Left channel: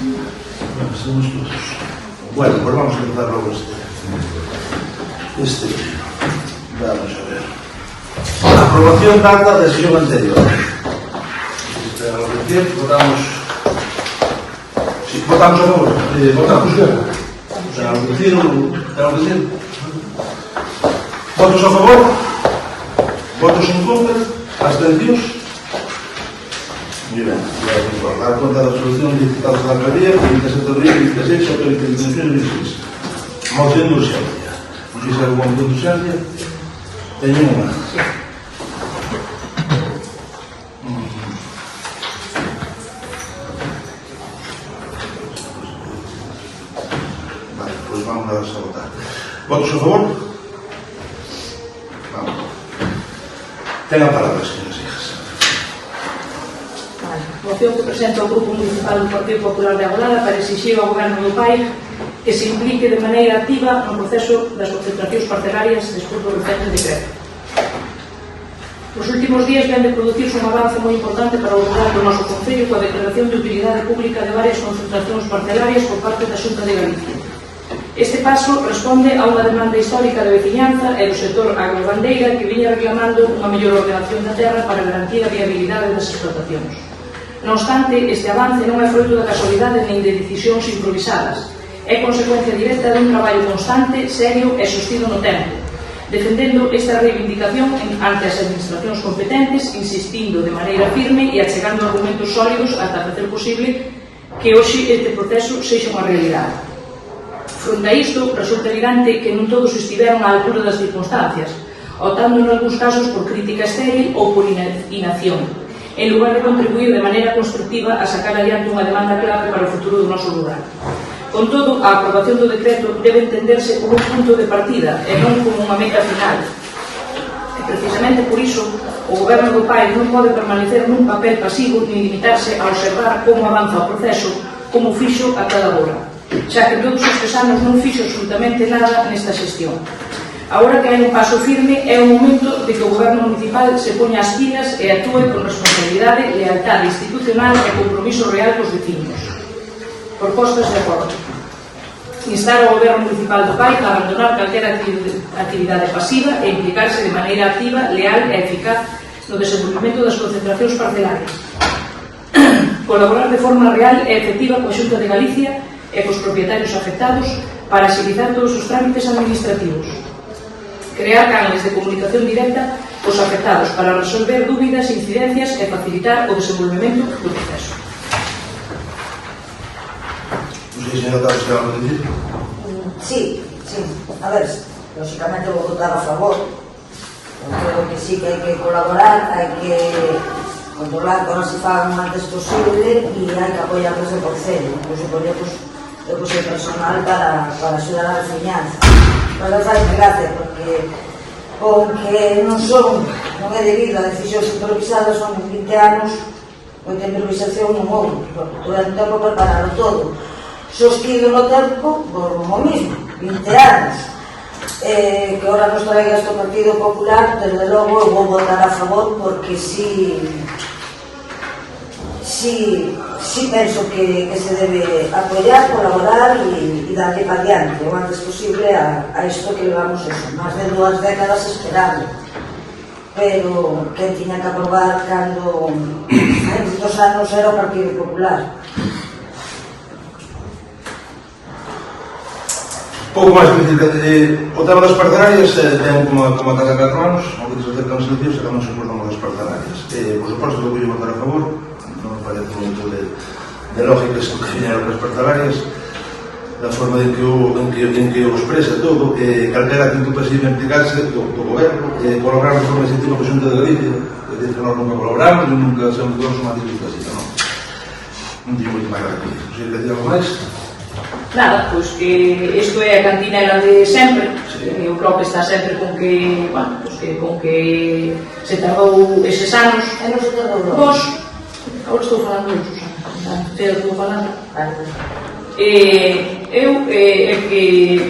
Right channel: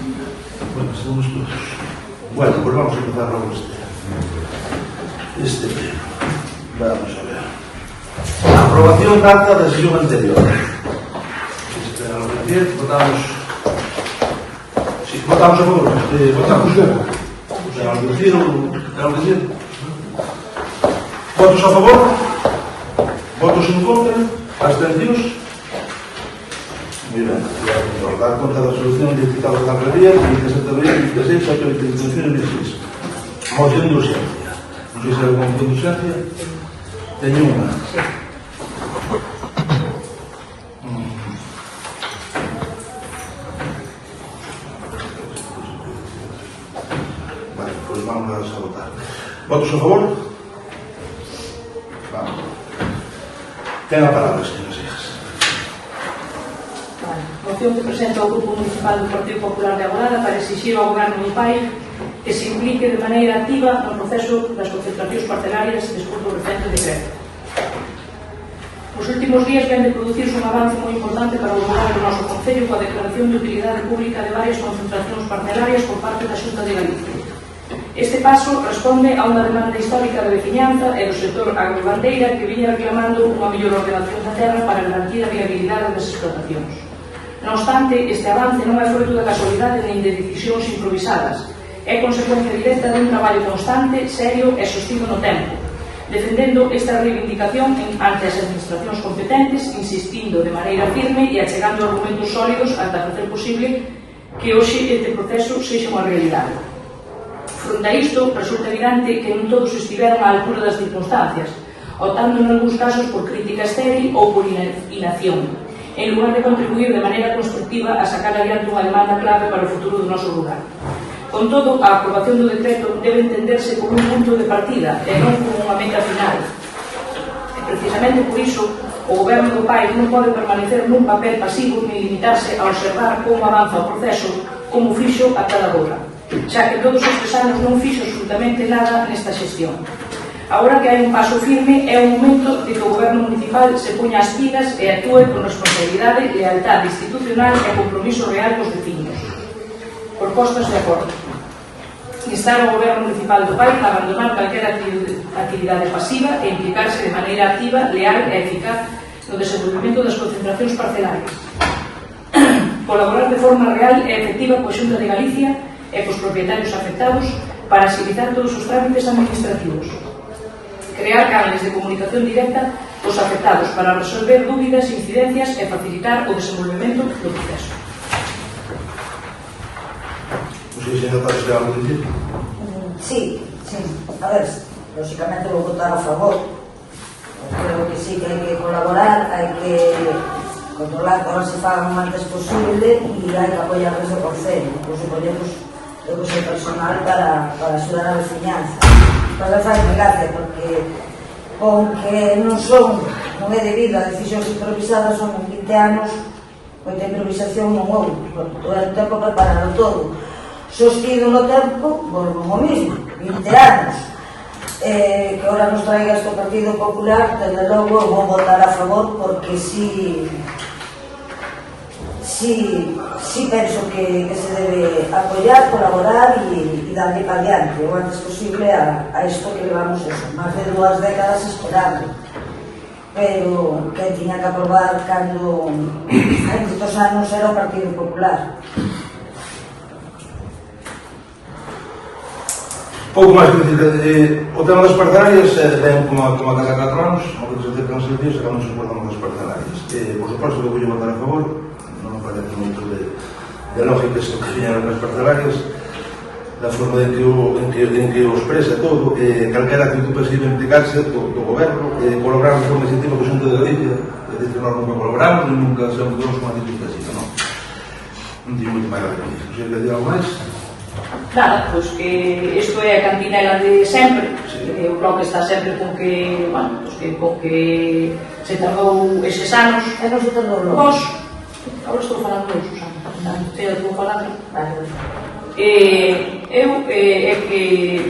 Bueno, estamos todos. Bueno, pues vamos a empezar luego este pleno. Vamos a ver. Aprobación de acta da sesión anterior. Votamos a favor. Votamos. Votos a favor? Votos en contra? Abstencións? Muy ben. Dar conta da resolución de diputados da Alcaldía, 27 de abril, 26, 8 de 16. Moción de urgencia. Non sei se hai alguna moción de urgencia. Teño unha. Vale, pois vamos a votar. Votos a favor? Vamos. Ten a palabra, señoras e hijas. Moción que presenta o Grupo Municipal do Partido Popular de Agolada para exixir ao Goberno do PAI que se implique de maneira activa no proceso das concentracións parcelarias despois do recente decreto. Os últimos días vén de producirse un avance moi importante para o Goberno do noso Concello coa declaración de utilidade pública de varias concentracións parcelarias por parte da Xunta de Galicia. Este paso responde a unha demanda histórica de veciñanza e do sector agrogandeira que viña reclamando unha mellor ordenación da terra para garantir a viabilidade das explotacións. Non obstante, este avance non é fruto de casualidade nin de decisións improvisadas. É consecuencia directa dun traballo constante, serio e sostido no tempo, defendendo esta reivindicación ante as administracións competentes, insistindo de maneira firme e achegando argumentos sólidos ata facer posible que hoxe este proceso sexa unha realidade. Fronte a isto, resulta evidente que non todos estiveron á altura das circunstancias, optando en algúns casos por crítica estéril ou por inacción, en lugar de contribuir de maneira constructiva a sacar adiante unha demanda clave para o futuro do noso lugar. Con todo, a aprobación do decreto debe entenderse como un punto de partida e non como unha meta final. E precisamente por iso, o Goberno do PAI non pode permanecer nun papel pasivo ni limitarse a observar como avanza o proceso, como fixo a cada hora, xa que todos estes anos non fixo absolutamente nada nesta xestión. Agora que hai un paso firme, é o momento de que o Goberno municipal se poña as pilas e actúe con responsabilidade, lealtade institucional e compromiso real cos vecinos. Propostas de acordo. Instar ao Goberno municipal do PAI a abandonar calquera actividade pasiva e implicarse de maneira activa, leal e eficaz no desenvolvemento das concentracións parcelarias. Colaborar de forma real e efectiva coa Xunta de Galicia e cos propietarios afectados para agilizar todos os trámites administrativos. Crear canales de comunicación directa cos afectados para resolver dúbidas, incidencias e facilitar o desenvolvemento do proceso. Non sei se non está que vamos a dicir. Sí. A ver, lógicamente vou votar a favor. Creo que sí que hai que colaborar, hai que controlar que non se faga o antes posible e hai que apoiar ese concello. Pois supoñemos o personal para axudar a veciñanza. Pero fai gracia porque con que non é debido a decisións improvisadas, son 20 anos onde a improvisación non houve, porque durante o tempo prepararon todo sostido no tempo, o mismo 20 anos que ahora nos traiga este Partido Popular, desde logo eu vou votar a favor porque sí penso que se debe apoiar, colaborar e darle para diante o antes posible a isto que levamos máis de 2 décadas esperando, pero que tiña que aprobar cando hai muitos anos era o Partido Popular. Pouco máis que dicir, o tema das parcelarias ten como a cada 4 anos, ao que se acercan as eleccións, e cando se acordamos das parcelarias. Por suposto, eu vou votar a favor, non me parece moito de lógica isto que viñeron das parcelarias, da forma en que o expresa todo, calquera actitud pasiva implicarse do goberno, colaborar de forma exceptiva co Xunta de Galicia, é dicir, que nós nunca colaboramos e nunca somos unha actitud pasiva, non teño moito máis que dicir. Se quer dicir algo máis? Nada, pois que isto é a cantinela de sempre, o bloque está sempre con que, bueno, pois que con que se tardou eses anos. E non se tardou non? Pois, agora estou falando de Susana, estou falando. Eu que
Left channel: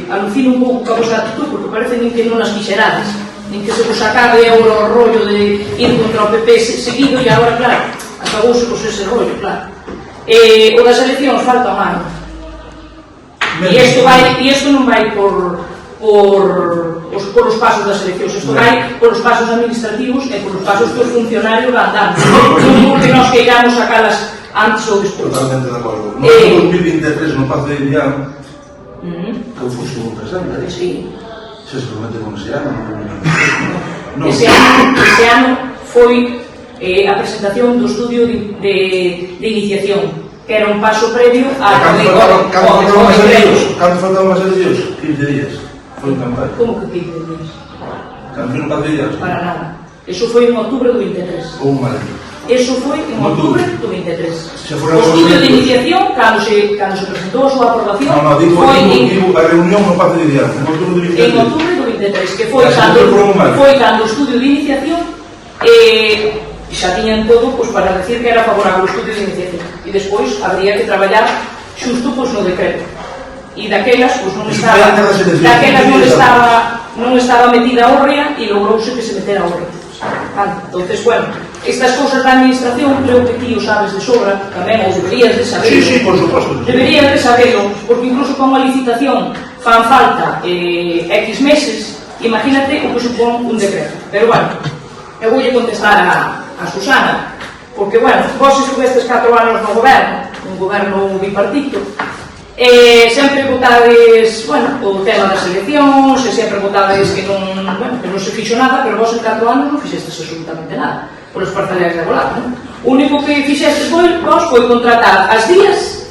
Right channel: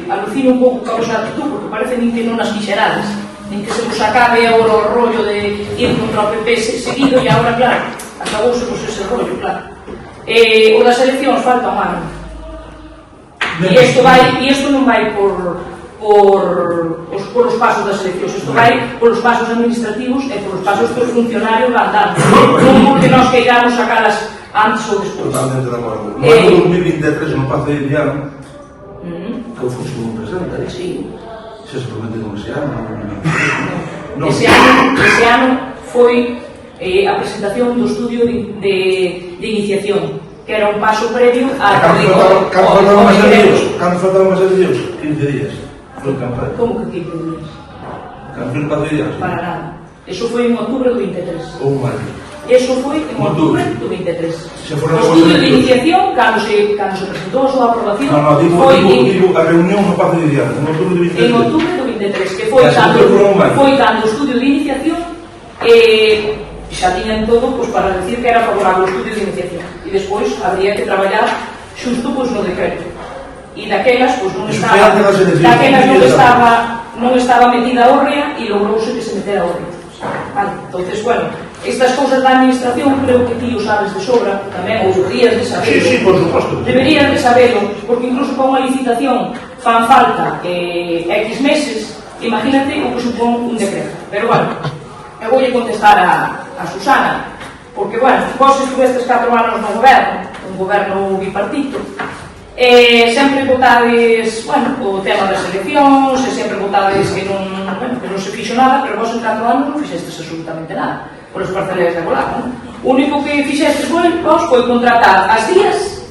alucino un pouco con a vosa actitud, porque parece nin que non as quixerades, nin que se vos acabe agora o rollo de ir contra o PP seguido, e agora, claro, acabouse ese rollo, claro. O das eleccións falta un ano. E isto non vai por os pasos das eleccións, isto vai por os pasos administrativos e por os pasos que os funcionarios van dando, non porque nos queiramos sacalas antes ou despois. Totalmente de acordo. No ano 2023, no Pazo de Vivian, que eu fui un presente ali. Sí. Se promete con ese ano. Ese ano foi a presentación do estudio de iniciación, que era un paso previo a... Cando faltaban as eleccións? 15 días. Foi campaña. Como que 15 días? Cando foi no Pazo de Vivian? Para nada. Eso foi en outubro do 23. Ou un maio. Eso foi en outubro do 23. O foron estudio de iniciación, cando se presentou a súa aprobación, digo a reunión no Pazo de Vivian, en outubro do 23. En outubro do 23, que foi cando o estudio de iniciación xa tiñan todo para decir que era favorable o estudio de iniciación. E despois habría que traballar xusto no decreto. E daquelas non estaba metida a Orrea e logrouse que se metera a Orrea. Entonces, bueno, estas cousas da administración creo que ti o sabes de sobra tamén, ou deberías de saberlo. Sí, por suposto. Deberías de saberlo, porque incluso con a licitación fan falta X meses, imagínate o que supón un decreto. Pero bueno, eu vou contestar a Susana, porque, bueno, vos estuvestes 4 anos no goberno, un goberno bipartito, sempre votades, bueno, o tema das eleccións, e sempre votades que non se fixo nada, pero vos en 4 anos non fixestes absolutamente nada, por os parcelarios de volar, non? O único que fixestes vos foi contratar as días,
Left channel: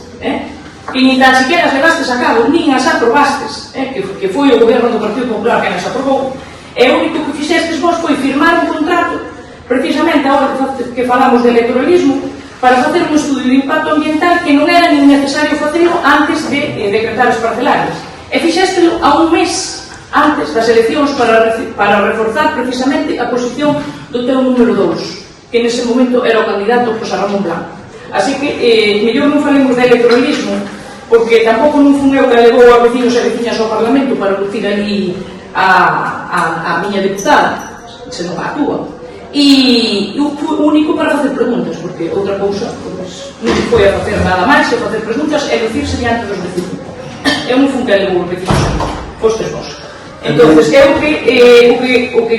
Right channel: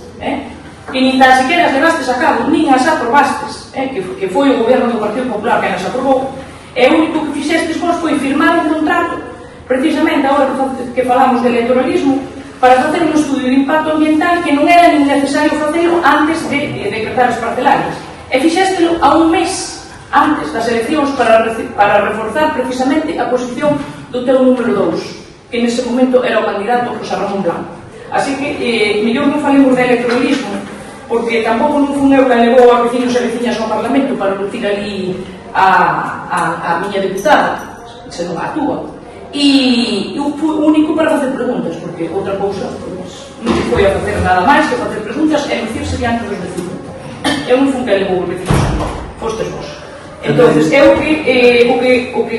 que nin tan siquiera as levastes a cabo, nin as aprobastes, que foi o goberno do Partido Popular que nas aprobou, e o único que fixestes vos foi firmar un contrato, precisamente agora que falamos de electoralismo, para facer un estudio de impacto ambiental que non era nin necesario facelo antes de decretar as parcelarias. E fixéstelo a un mes antes das eleccións para reforzar precisamente a posición do teu número 2, que nese momento era o candidato José Ramón Blanco. Así que, mellor non falemos de electoralismo, porque tampouco non fun eu que levou a vecinos e veciñas ao Parlamento para lucir ali a miña deputada, se non actúa. E o único para facer preguntas, porque outra cousa non se foi a facer nada máis que facer preguntas e dicirse diante dos vecinos. Eu non fun que levou os vecinos, fostes vos. Entón, o que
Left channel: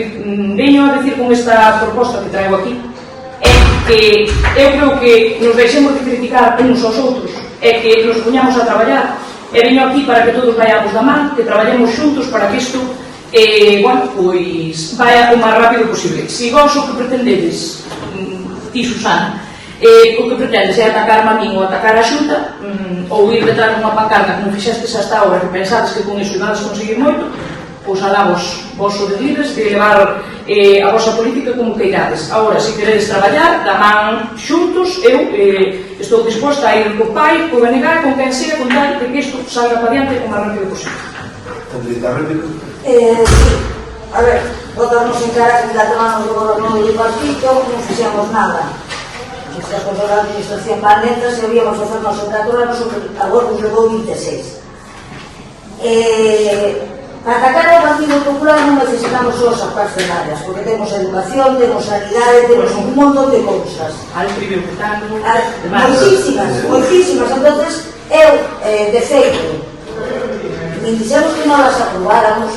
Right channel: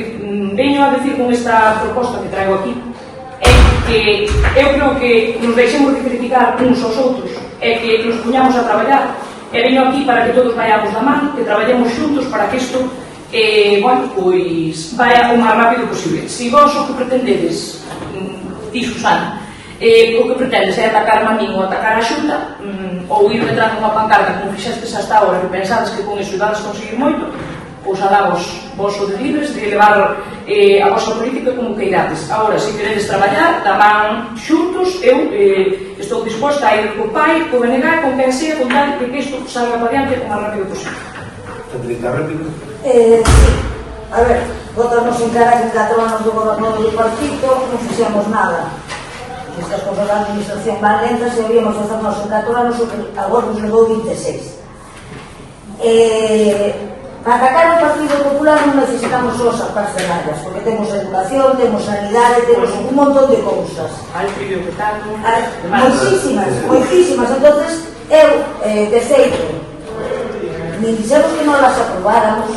veño a decir con esta proposta que traigo aquí é que eu creo que nos deixemos de criticar uns aos outros e que nos poñamos a traballar, e veño aquí para que todos vayamos da man, que traballemos xuntos para que isto pois vai o máis rápido posible. Se vos o que pretendedes, ti Susana, o que pretendes é atacar a min ou atacar a Xunta, ou ir detrás dunha pancarta como fixestes hasta ahora, que pensades que con iso ibades conseguir moito, pois alá vos o de libres de levar a vosa política como queirades. Agora, se queredes traballar, da man xuntos, eu estou disposta a ir co pai, co BNG, con quen sea, con tal de que isto salga para diante como máis rápido posible. ¿Tendrías réplica? Sí. A ver, votarnos en cara que 4 anos do goberno do partido non fixemos nada. Estas cosas da administración van lentas e habíamos de facer nosos 4 anos o que agora nos levou 26. Para atacar o Partido Popular non necesitamos só as parcelarias, porque temos educación, temos sanidade, temos un montón de cousas. Moitísimas. Entonces, eu, de feito, nin dixemos que non las aprobáramos,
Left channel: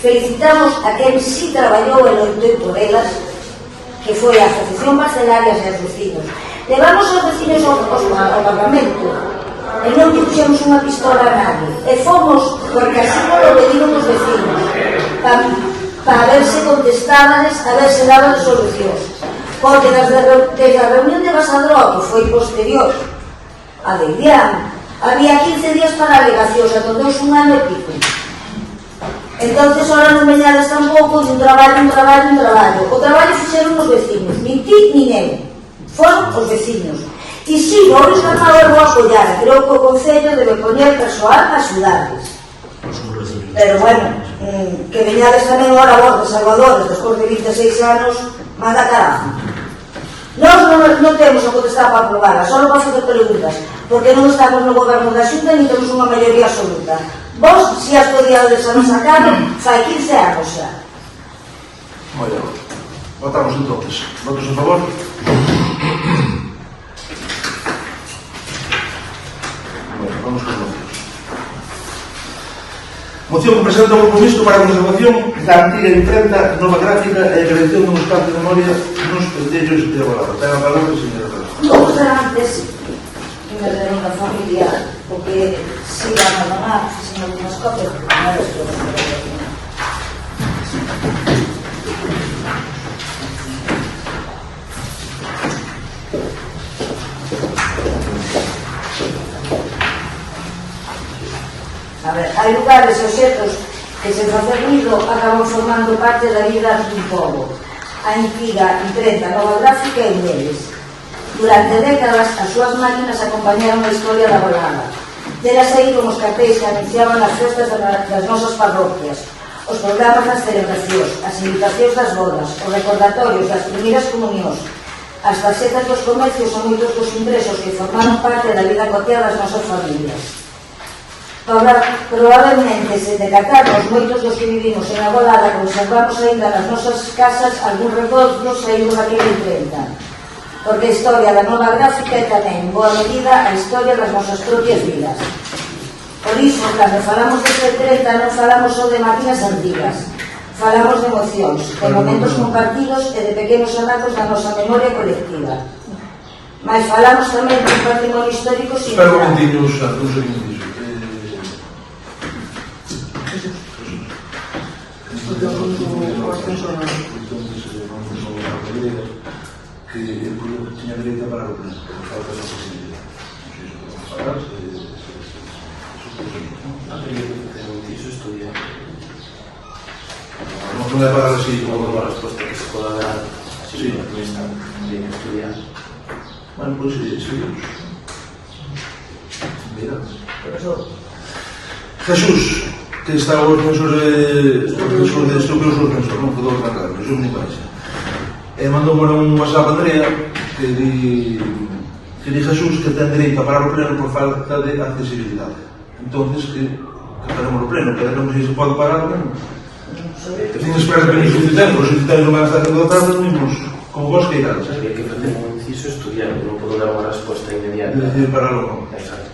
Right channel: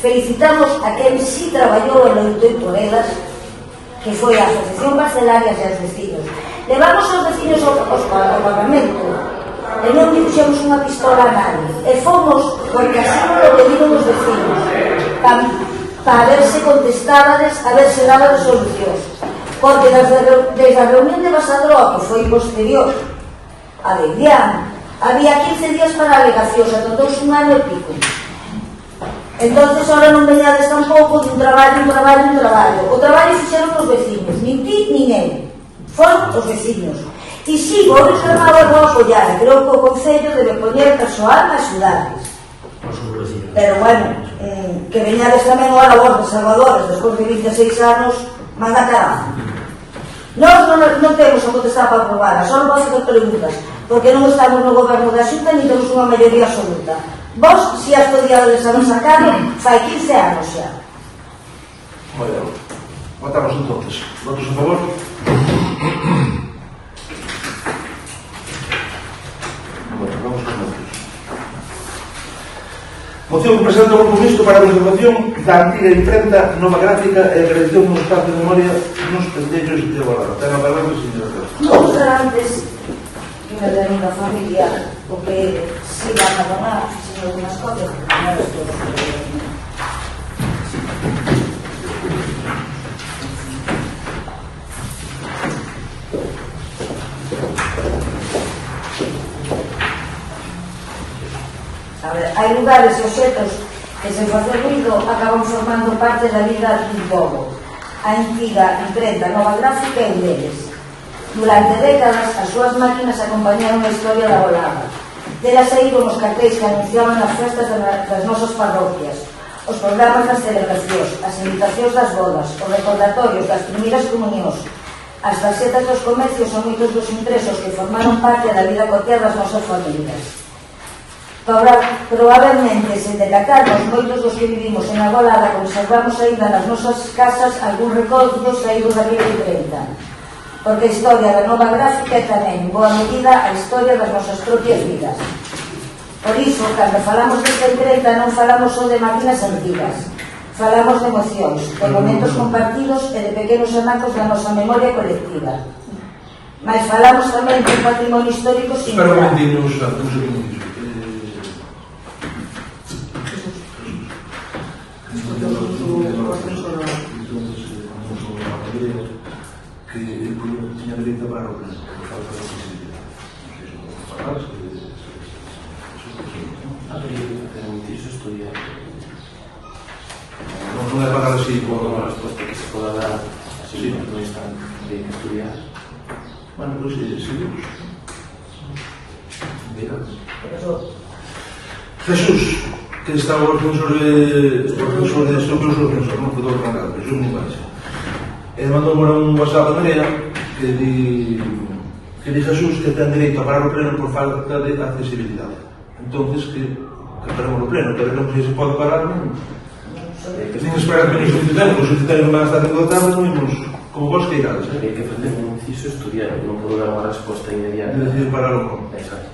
felicitamos a quen sí traballou en loitei por elas, que foi a Asociación Parcelarias e os vecinos. Levamos os vecinos ao Parlamento e non puxemos unha pistola a nadie, e fomos porque así non lo pediron os vecinos, para ver se contestábades, a ver se daban solucións, porque desde a reunión de Basadroa, que foi posterior a de Ilián, había 15 días para alegacións, entonces un ano e pico. Entonces ahora non veñades tampouco de un traballo. O traballo fixeron os vecinos, nin ti nin eu, foron os vecinos. E si, vou rescatar e vou apoiar, creo que o Concello debe poñer persoal a axudarles. Pero bueno, que veñades tamén agora vos de Salvadores, despois de 26 anos, manda carajo. Nós non temos a potestad para aprobar, só non vas facer preguntas, porque non estamos no goberno da Xunta e non temos unha maioría absoluta. Vos, se has podido a nosa cara, fai 15 anos xa. Moi ben. Votamos entonces. Votos a favor? Moción que presenta o Grupo Mixto para a conservación da antiga imprenta nova gráfica e a creación dun espacio de memoria nos pendellos de Agualada. Ten a palabra, señora Rosa. Vou ser antes que me den unha familia, porque si van a donar, señor Mascote, porque non é todo. Hai lugares e objetos que sen facer ruido acaban formando parte da vida dun pobo. A antiga imprenta nova gráfica é un deles. Durante décadas, as súas máquinas acompañaron a historia da Agualada. Terá saído nos cartéis que anunciaban as festas das nosas parroquias, os programas das celebracións, as invitacións das bodas, os recordatorios das primeiras comunións, as tarxetas dos comercios e moitos dos ingresos que formaron parte da vida cotiá das nosas familias. Probablemente, se decatarnos moitos dos que vivimos en Agualada, conservamos ainda nas nosas casas algún recordo saído daquela imprenta. Porque a historia da nova gráfica é tamén, en boa medida, a historia das nosas propias vidas. Por iso, cando falamos desta imprenta, non falamos só de máquinas antigas. Falamos de emocións, de momentos compartidos e de pequenos ematos da nosa memoria colectiva. Mas falamos tamén de un patrimonio histórico Espera un singular. momentinho, un segundo disso. Que el pueblo tenía derecho a pagar o pleno, por falta de accesibilidad. No sé si eso puede pagar, Eso estudia. no puede pagar así Como por... una respuesta que se pueda dar, si no están bien que estudiar. Bueno, pues sí. Mira. Jesús, que está o defensor de estúpidos o defensor, non quedou trancado, pero eu ni baixa. Mandou un WhatsApp a Andrea que di Jesús que ten dereito a parar o pleno por falta de accesibilidade. Entonces que paremos o pleno, pero non sei se pode parar, non? Que ten espera que non solicitemos, os solicitemos non van a estar dentro da tarde, non imos como vos que irades. Hay que hacer un inciso estudiar, no puedo dar una respuesta inmediata. É dicir, parar o non. Exacto.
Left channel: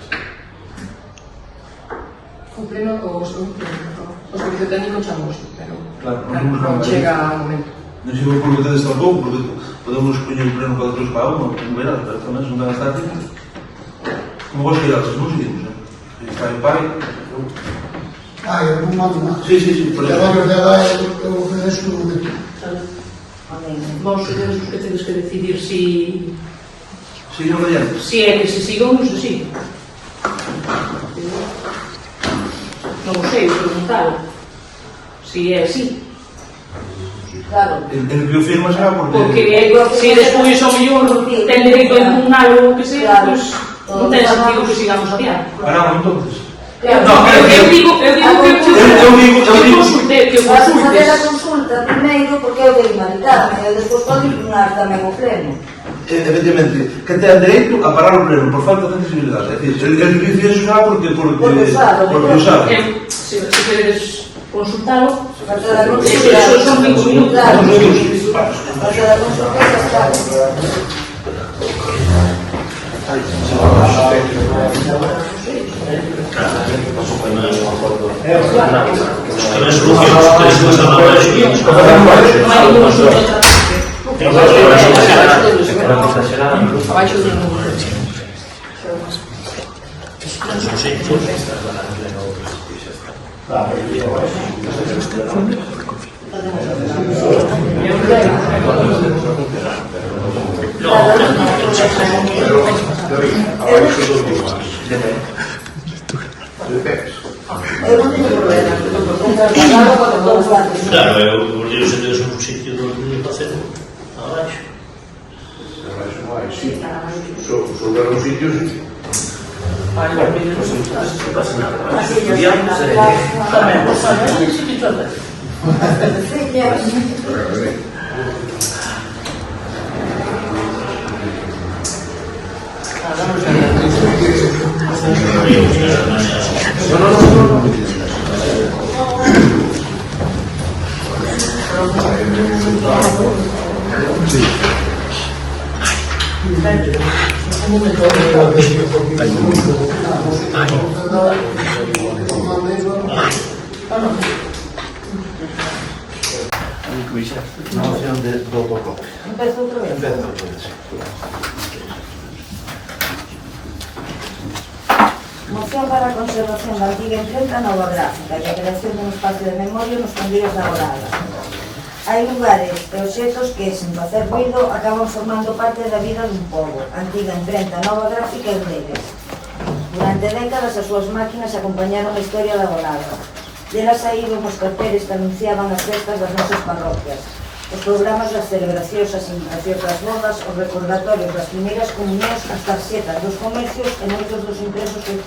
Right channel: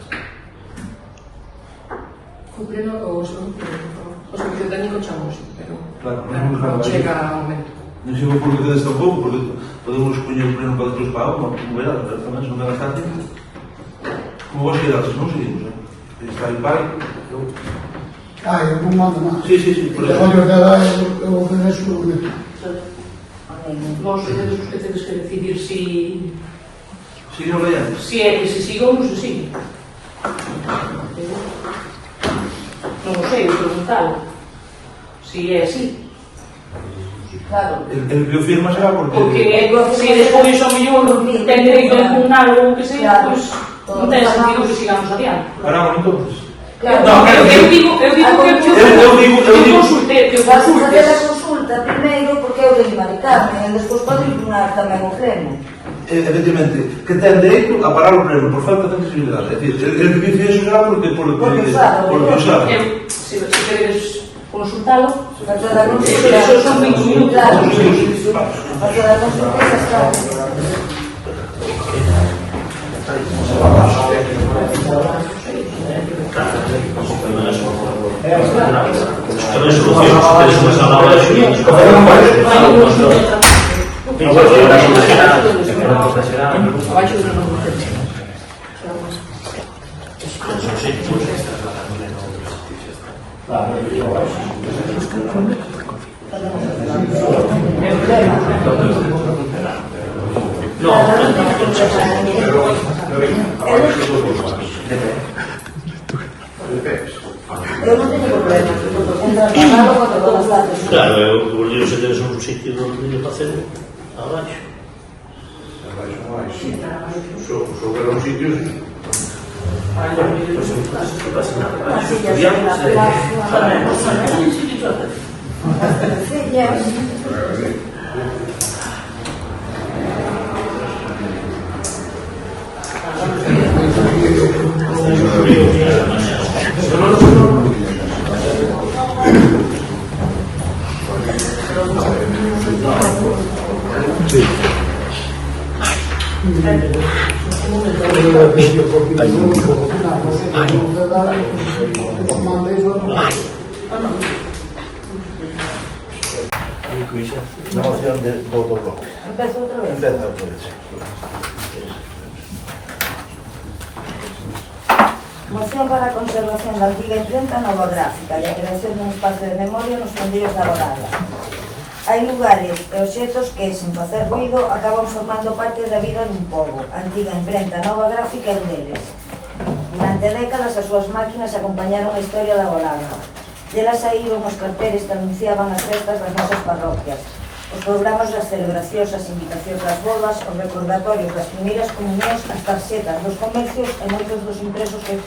O pleno ou o servicio técnico chamoso, pero Claro, non vamos a chega a momento. Non sei por que tedes tampouco, porque podemos poñer o pleno para outros para unha, como verás, pero tamén se non van a estar tempo. Como vos que irades, non seguimos, Está o pai, eu... eu non mando nada. Sí, por Porque eso. a verdade é que eu obedeço o documento. Vos sodes os que tedes que decidir Seguimos adiante. si é que se siga ou non se siga. Non o sei, preguntalo. Si é así. Claro. El biofirma será Porque se despois o mellor ten dereito a impugnar ou o que sea, pois non ten sentido que sigamos adiante. Paramos entonces. Claro. No, Eu digo que consulte, que o Vas a fazer a consultes. consulta primeiro porque eu de humanidade e despois pode impugnar tamén o pleno. Efectivamente, que ten dereito a parar o pleno por falta de accesibilidade. É dicir, el biofirma será porque o sabe. Se queredes consultalo, Facer a Eso son minutos. Claro. Son minutos. Facer a consulta e xa está. Abaixo do número. Eu non teño problema. Claro, eu se tedes un sitio do que facer abaixo. Sobre los sitios, No pasa nada. Estudiamos, do autocoque. Empezo outra vez. Empieza outra vez. Moción para a conservación da antiga imprenta nova gráfica e a creación dun espacio de memoria nos fundillos da Borada. Hai lugares e obxetos que, sen facer ruido, acaban formando parte da vida dun pobo. A antiga imprenta nova gráfica é un deles. Durante décadas as súas máquinas acompañaron a historia da Borada. Delas saíron os carteles que anunciaban as festas das nosas parroquias, os programas das celebracións, as invitacións das bodas, os recordatorios das primeiras comunións, as tarxetas dos comercios e moitos dos impresos que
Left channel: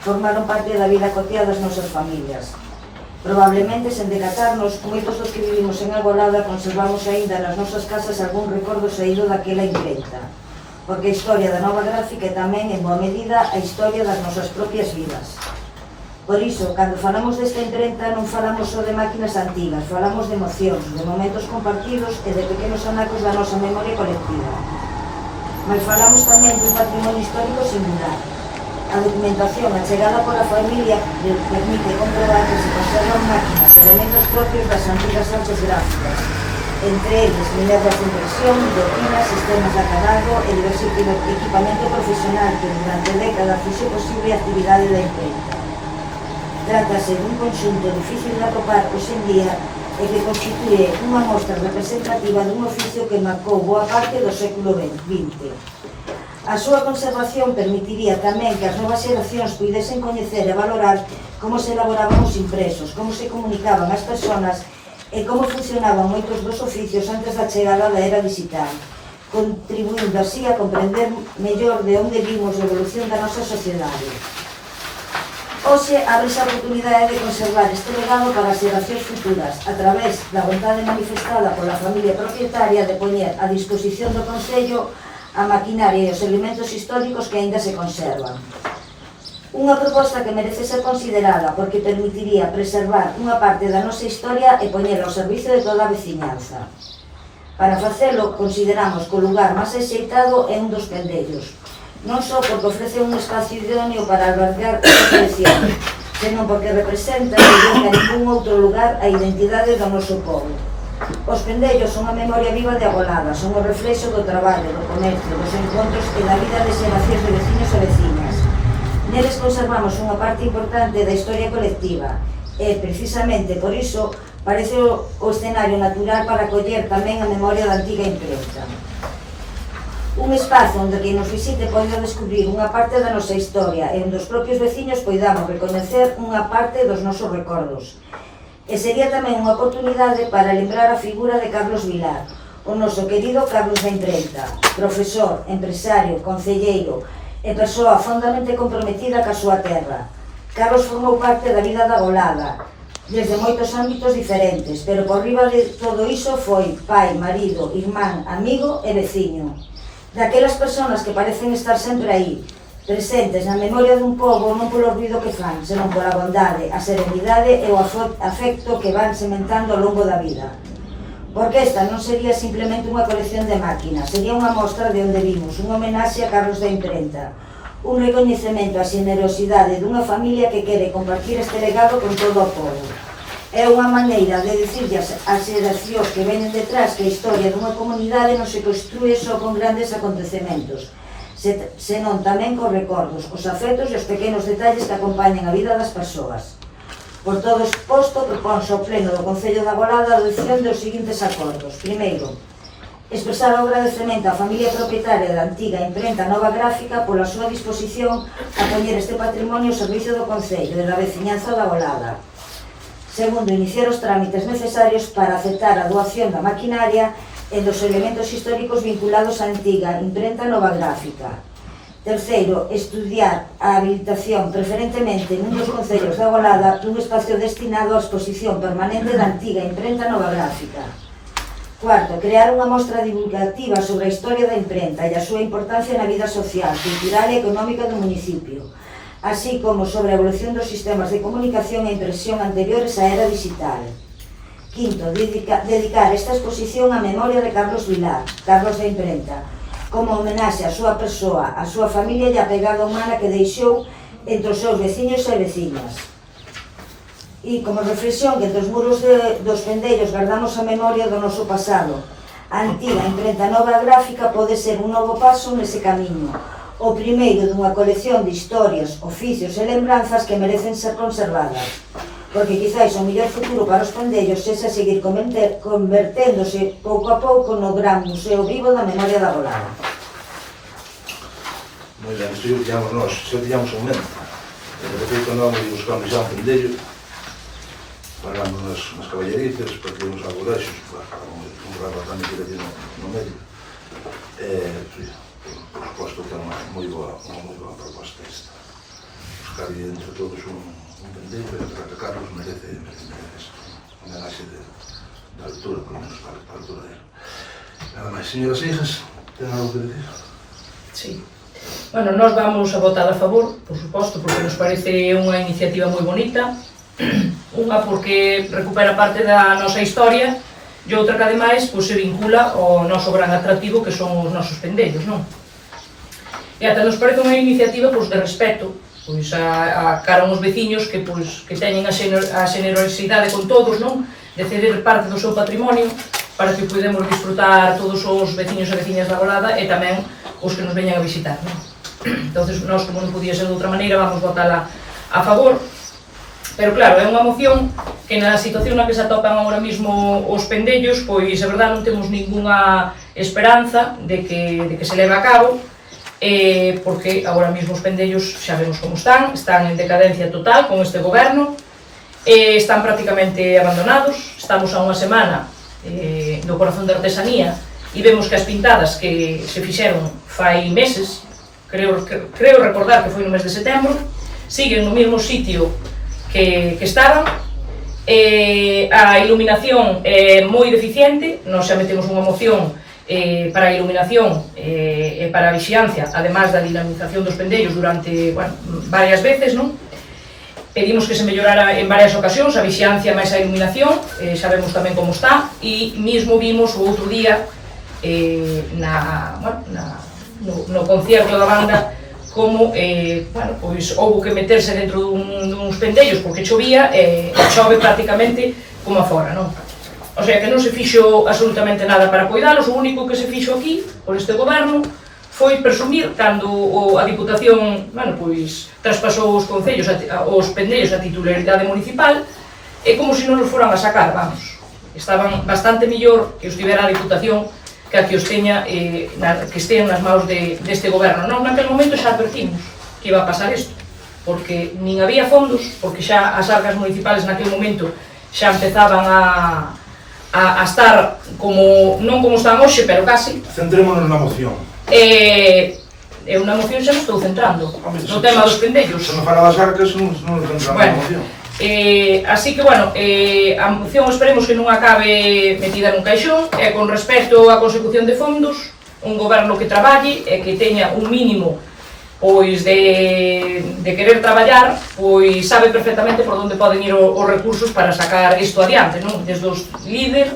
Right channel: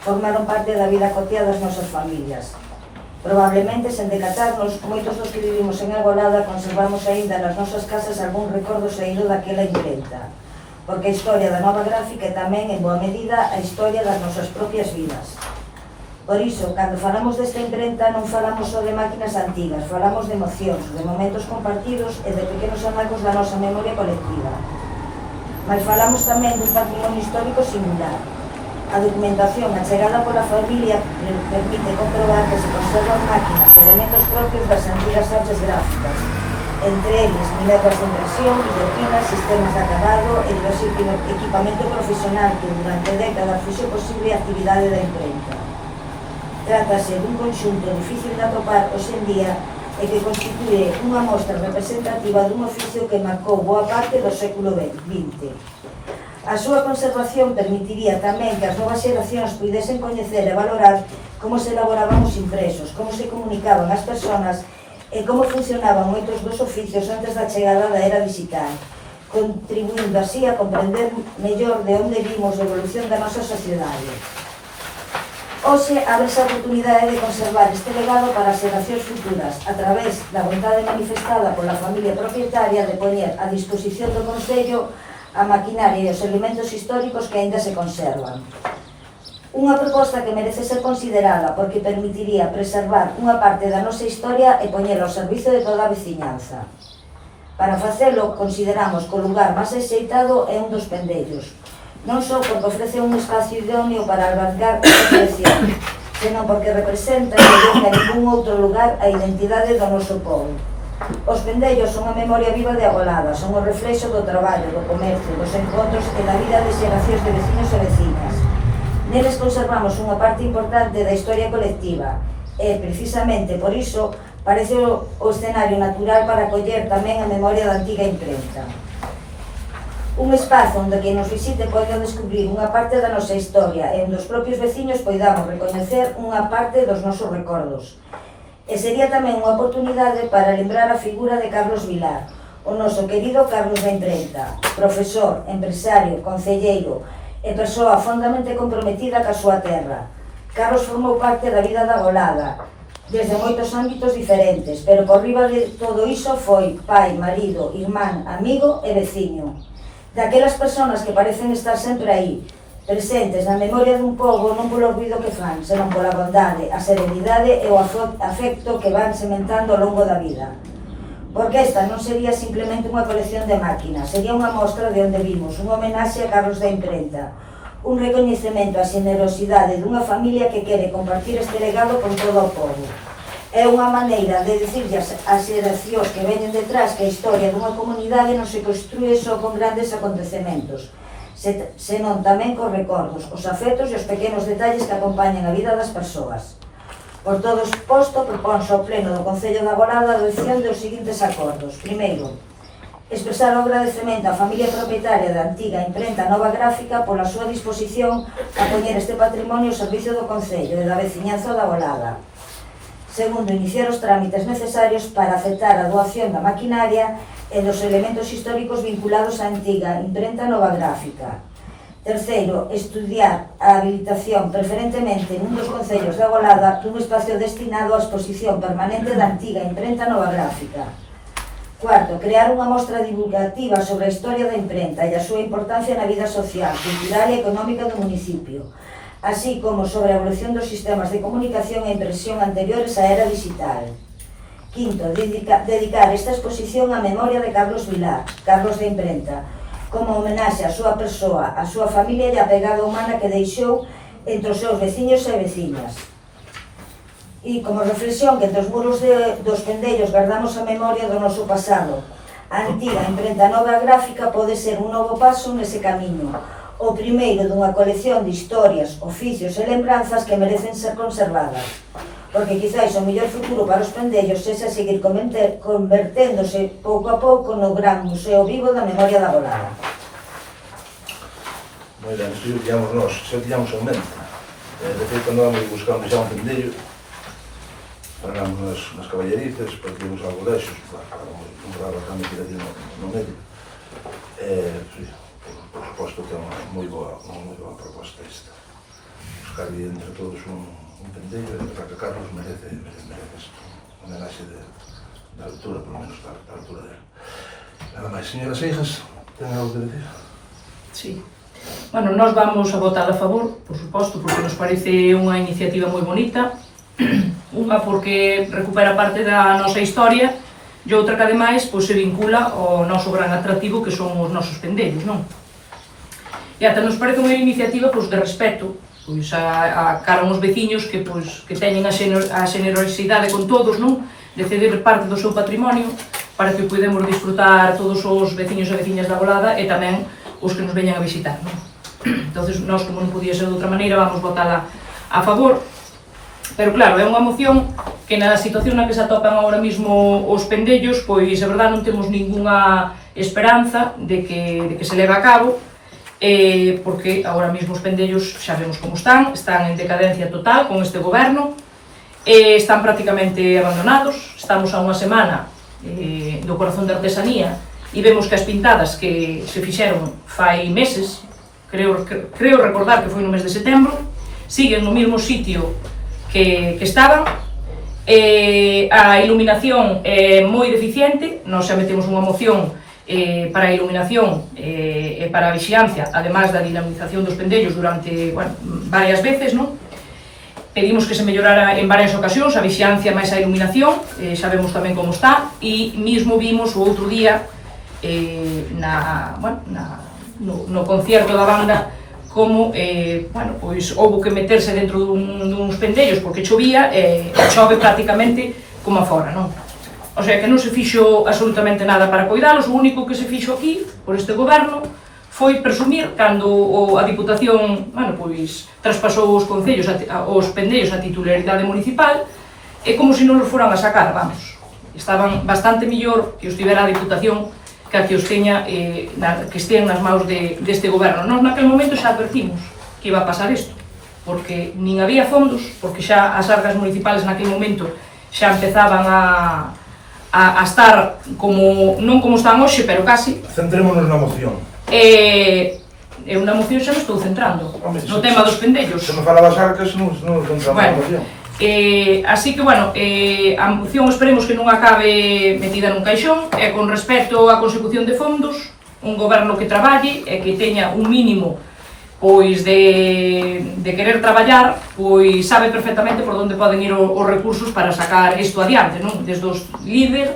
formaron parte da vida cotiá das nosas familias. Probablemente, sen decatarnos, moitos dos que vivimos en Agolada conservamos aínda nas nosas casas algún recordo saído daquela imprenta, porque a historia da nova gráfica é tamén, en boa medida, a historia das nosas propias vidas. Por iso, cando falamos desta imprenta, non falamos só de máquinas antigas, falamos de emocións, de momentos compartidos e de pequenos anacos da nosa memoria colectiva. Mas falamos tamén dun patrimonio histórico singular. A documentación achegada pola familia permite comprobar que se conservan máquinas, elementos propios das antigas artes gráficas, entre eles minervas de impresión, botinas, sistemas de acabado e diverso equipamento profesional que durante décadas fose posible a actividade da imprenta. Trátase dun conxunto difícil de atopar hoxe en día e que constitúe unha mostra representativa dun oficio que marcou boa parte do século XX. A súa conservación permitiría tamén que as novas xeracións puidesen coñecer e valorar como se elaboraban os impresos, como se comunicaban as persoas e como funcionaban moitos dos oficios antes da chegada da era digital, contribuindo así a comprender mellor de onde vimos a evolución da nosa sociedade. Hoxe ábrese a oportunidade de conservar este legado para as xeracións futuras a través da vontade manifestada pola familia propietaria de poñer a disposición do Concello a maquinaria e os elementos históricos que aínda se conservan. Unha proposta que merece ser considerada porque permitiría preservar unha parte da nosa historia e poñela ao servizo de toda a veciñanza. Para facelo, consideramos que o lugar máis axeitado é un dos pendellos, non só porque ofrece un espacio idóneo para albergar a colección, senón porque representa e dedica en un outro lugar a identidade do noso povo. Os pendellos son a memoria viva de Agolada, son o reflexo do traballo, do comercio, dos encontros e da vida de xeracións de vecinos e vecinas. Neles conservamos unha parte importante da historia colectiva e, precisamente por iso, parece o escenario natural para acoller tamén a memoria da antiga imprenta. Un espazo onde que nos visite poida descubrir unha parte da nosa historia e onde os propios veciños poidamos recoñecer unha parte dos nosos recordos. E sería tamén unha oportunidade para lembrar a figura de Carlos Vilar, o noso querido Carlos da Imprenta, profesor, empresario, concelleiro e persoa fondamente comprometida ca súa terra. Carlos formou parte da vida da Agolada, desde moitos ámbitos diferentes, pero por riba de todo iso foi pai, marido, irmán, amigo e veciño. Daquelas persoas que parecen estar sempre aí, presentes na memoria dun pobo non polo ruido que fan, senón pola bondade, a serenidade e o afecto que van sementando ao longo da vida. Porque esta non sería simplemente unha colección de máquinas, sería unha mostra de onde vimos, unha homenaxe a Carlos da Imprenta, un recoñecemento á xenerosidade dunha familia que quere compartir este legado con todo o pobo. É unha maneira de dicirlle ás xeracións que venen detrás que a historia dunha comunidade non se construe só con grandes acontecementos, senón tamén cos recordos, os afectos e os pequenos detalles que acompañan a vida das persoas. Por todo exposto, proponse ao Pleno do Concello da Agolada a adopción dos seguintes acordos. Primeiro, expresar o agradecemento á familia propietaria da antiga imprenta nova gráfica pola súa disposición a poñer este patrimonio ao servicio do Concello e da veciñanza da Agolada. Segundo, iniciar os trámites necesarios para aceptar a doación da maquinaria e dos elementos históricos vinculados á antiga imprenta nova gráfica. Terceiro, estudiar a habilitación preferentemente nun dos concellos da Agolada dun espacio destinado á exposición permanente da antiga imprenta nova gráfica. Cuarto, crear unha mostra divulgativa sobre a historia da imprenta e a súa importancia na vida social, cultural e económica do municipio, así como sobre a evolución dos sistemas de comunicación e impresión anteriores á era digital. Quinto, dedicar esta exposición á memoria de Carlos Vilar, Carlos da Imprenta, como homenaxe á súa persoa, á súa familia e á pegada humana que deixou entre os seus veciños e veciñas. E como reflexión que entre os muros dos pendellos guardamos a memoria do noso pasado, A antiga imprenta nova gráfica pode ser un novo paso nese camiño, o primeiro dunha colección de historias, oficios e lembranzas que merecen ser conservadas, porque quizáis o mellor futuro para os pendellos sexa seguir converténdose pouco a pouco no gran museo vivo da memoria da Golada. Moi ben, isto digamos nós, xa tiñamos en mente. De feito, non buscamos xa un pendello, paramos nas caballerices, partimos a colexos, un grado bastante que aquí no medio. Por suposto que é unha moi boa proposta esta. Buscar entre todos un pendello, e creo que Carlos merece un homenaxe de altura, por menos da altura dele. Nada máis, señoras e hijas, ten algo que decir? Sí. Bueno, nós vamos a votar a favor, por suposto, porque nos parece unha iniciativa moi bonita. Unha porque recupera parte da nosa historia e outra que ademais pois, se vincula ao noso gran atractivo que son os nosos pendellos, non? E ata nos parece unha iniciativa pois, de respeto pois, a cara aos veciños que, pois, que teñen a xenerosidade con todos, non? De ceder parte do seu patrimonio para que podemos disfrutar todos os veciños e veciñas da Golada e tamén os que nos veñan a visitar, non? Entonces, nós, como non podía ser de outra maneira, vamos votala a favor. Pero claro, é unha moción que na situación na que se atopan agora mesmo os pendellos, pois, é verdade, non temos ningunha esperanza de que se leve a cabo, porque agora mesmo os pendellos xa vemos como están en decadencia total con este goberno, están prácticamente abandonados, estamos a unha semana do corazón da artesanía, e vemos que as pintadas que se fixeron fai meses, creo recordar que foi no mes de setembro, siguen no mesmo sitio que estaban, a iluminación é moi deficiente, nós xa metemos unha moción para a iluminación e para a vixiancia, además da dinamización dos pendellos durante varias veces, non? Pedimos que se mellorara en varias ocasións a vixiancia máis a iluminación, sabemos tamén como está, e mesmo vimos o outro día no concierto da banda como pois houbo que meterse dentro duns pendellos porque chovía e chove prácticamente como afora, non? O sea que non se fixo absolutamente nada para coidalos, o único que se fixo aquí por este goberno foi presumir cando a Diputación, pois traspasou os concellos, os pendellos a titularidade municipal, e como se non os foran a sacar, vamos. Estaban bastante mellor que os tivera a Diputación que os teña, que estean nas maus deste goberno. Non, naquel momento xa advertimos que iba a pasar isto, porque nin había fondos, porque xa as arcas municipales naquel momento xa empezaban a estar como, non como están hoxe, pero casi. Centrémonos na moción. É unha moción xa me estou centrando no tema dos pendellos. Se me fala das arcas, non nos centramos na moción. Así que, a moción esperemos que non acabe metida nun caixón, e con respecto á consecución de fondos, un goberno que traballe e que teña un mínimo pois de querer traballar, pois sabe perfectamente por onde poden ir os recursos para sacar isto adiante, non? Desde os líder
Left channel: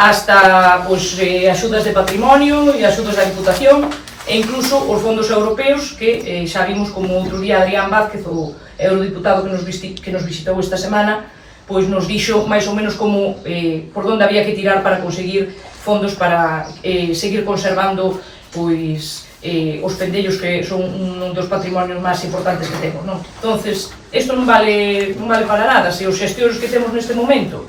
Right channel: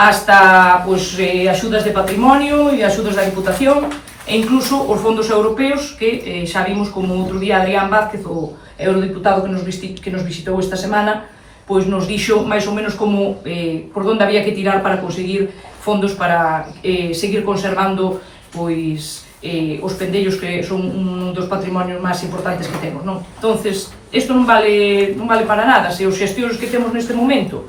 hasta pois axudas de patrimonio e axudas da Diputación e incluso os fondos europeos que xa vimos como outro día Adrián Vázquez, o eurodiputado que nos visitou esta semana, pois nos dixo máis ou menos como por onde había que tirar para conseguir fondos para seguir conservando pois os pendellos que son un dos patrimonios máis importantes que temos, non? Entonces, isto non vale para nada, se os xestións que temos neste momento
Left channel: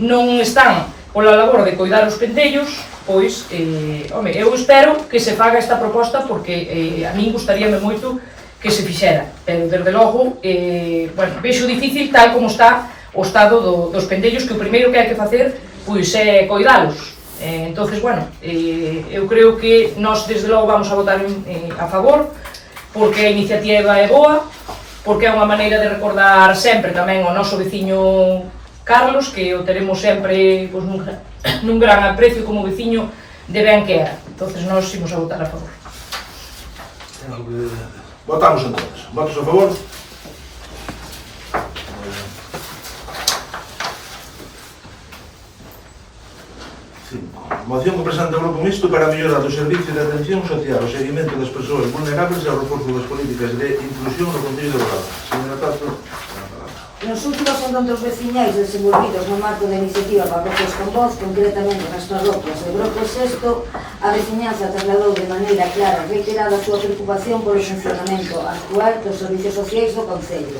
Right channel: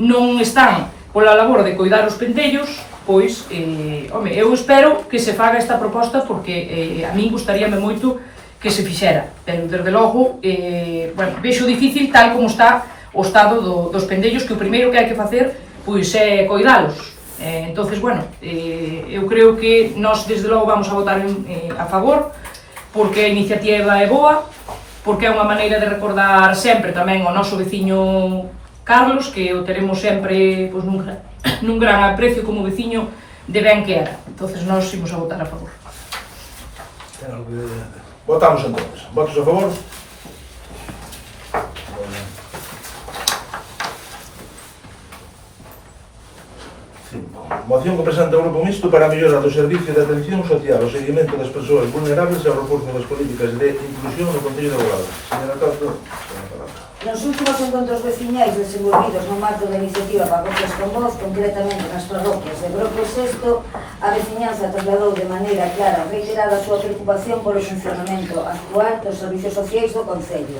non están pola labor de coidar os pendellos, pois, eu espero que se faga esta proposta porque a min gustaríame moito que se fixera, pero desde logo, vexo difícil tal como está o estado dos pendellos, que o primeiro que hai que facer pois é coidalos. Entonces, eu creo que nós desde logo vamos a votar a favor, porque a iniciativa é boa, porque é unha maneira de recordar sempre tamén o noso veciño Carlos, que o teremos sempre pois, nun gran aprecio como veciño de ben que era. Entonces, nós imos a votar a favor. Votamos entonces. Votos a favor? Moción que presenta o Grupo Mixto para a mellora do servicio de atención social, o seguimento das persoas vulnerables e o reforzo das políticas de inclusión no Concello de Bordalo. Señora Castro, a palabra. Nos últimos encontros veciñais desenvolvidos no marco da iniciativa Parroquias con Voz, concretamente nas parroquias de Broco e Sesto, a veciñanza trasladou de maneira clara e reiterada a súa preocupación polo funcionamento actual dos servicios sociais do Concello.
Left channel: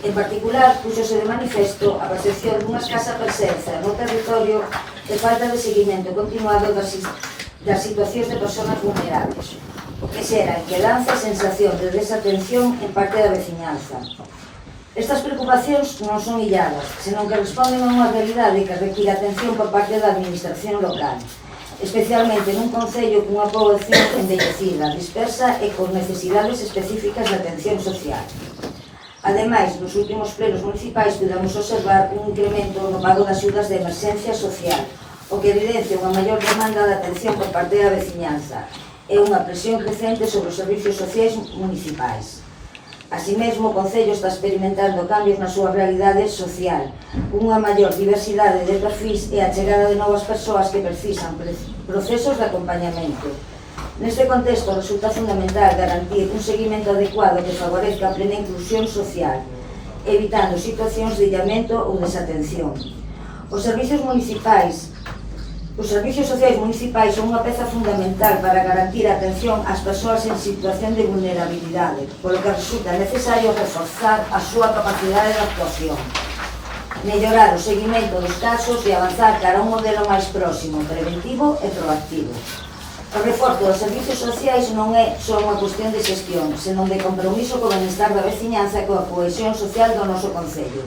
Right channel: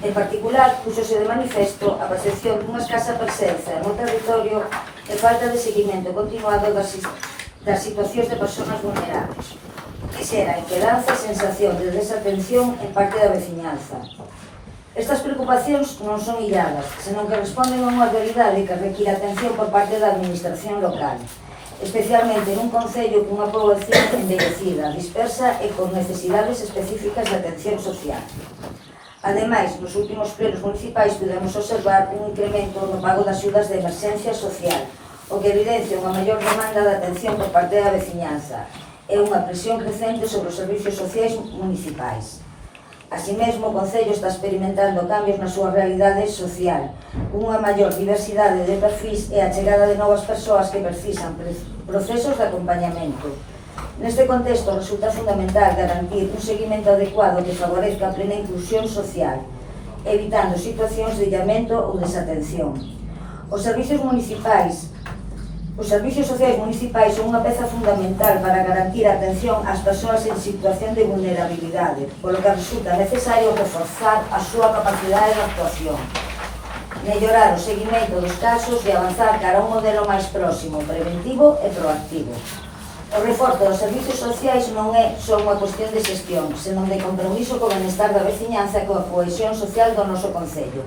En particular, puxose de manifesto a percepción dunha escasa presenza no territorio e falta de seguimento continuado das situacións de persoas vulnerables, que xera inquedanza e sensación de desatención en parte da veciñanza. Estas preocupacións non son illadas, senón que responden a unha realidade que require atención por parte da administración local, especialmente nun concello cunha poboación envellecida, dispersa e con necesidades específicas de atención social. Ademais, nos últimos plenos municipais pudemos observar un incremento no pago das axudas de emerxencia social, o que evidencia unha maior demanda de atención por parte da veciñanza e unha presión crecente sobre os servicios sociais municipais. Así mesmo, o Concello está experimentando cambios na súa realidade social, unha maior diversidade de perfis e a chegada de novas persoas que precisan procesos de acompañamento. Neste contexto, resulta fundamental garantir un seguimento adecuado que favorezca a plena inclusión social, evitando situacións de illamento ou desatención. Os servicios sociais municipais son unha peza fundamental para garantir a atención ás persoas en situación de vulnerabilidade, polo que resulta necesario reforzar a súa capacidade de actuación, mellorar o seguimento dos casos e avanzar cara a un modelo máis próximo, preventivo e proactivo. O reforzo dos servicios sociais non é só unha cuestión de xestión, senón de compromiso co benestar da veciñanza e coa cohesión social do noso concello.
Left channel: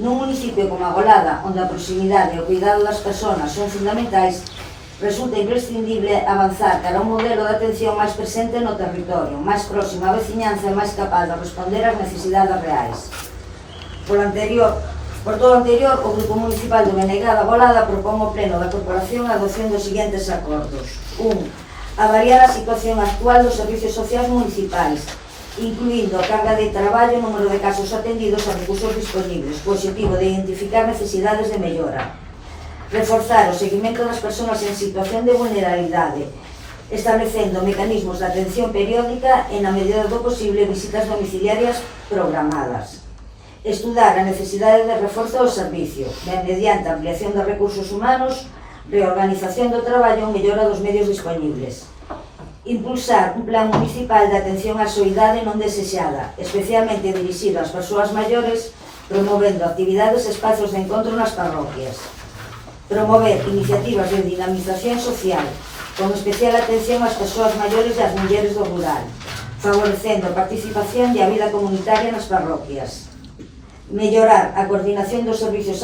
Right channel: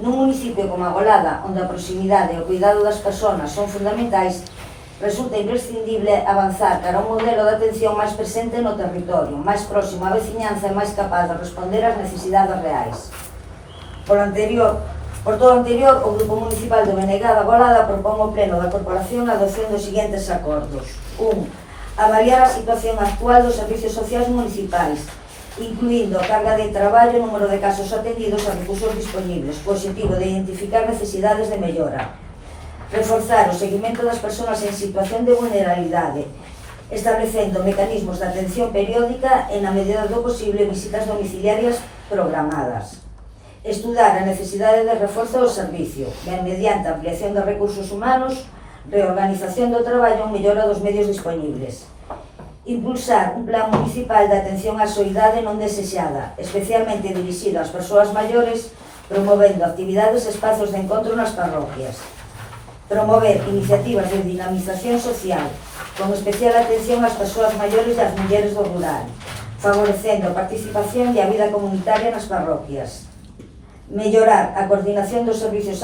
Nun municipio como Agolada, onde a proximidade e o cuidado das persoas son fundamentais, resulta imprescindible avanzar cara a un modelo de atención máis presente no territorio, máis próximo á veciñanza e máis capaz de responder ás necesidades reais. Por todo o anterior, o Grupo Municipal de Menegada Agolada propón ao Pleno da Corporación a adopción dos seguintes acordos. 1. Avaliar a situación actual dos servicios sociais municipais, incluindo a carga de traballo, número de casos atendidos e recursos disponibles, co objetivo de identificar necesidades de mellora. Reforzar o seguimento das persoas en situación de vulnerabilidade, establecendo mecanismos de atención periódica e, na medida do posible, visitas domiciliarias programadas. Estudar a necesidade de reforzo do servicio, mediante ampliación de recursos humanos, reorganización do traballo e mellora dos medios disponibles. Impulsar un plan municipal de atención á soidade non desexada, especialmente dirixido ás persoas maiores, promovendo actividades e espazos de encontro nas parroquias. Promover iniciativas de dinamización social, con especial atención ás persoas maiores e ás mulleres do rural, favorecendo a participación e a vida comunitaria nas parroquias. Mellorar a coordinación dos servicios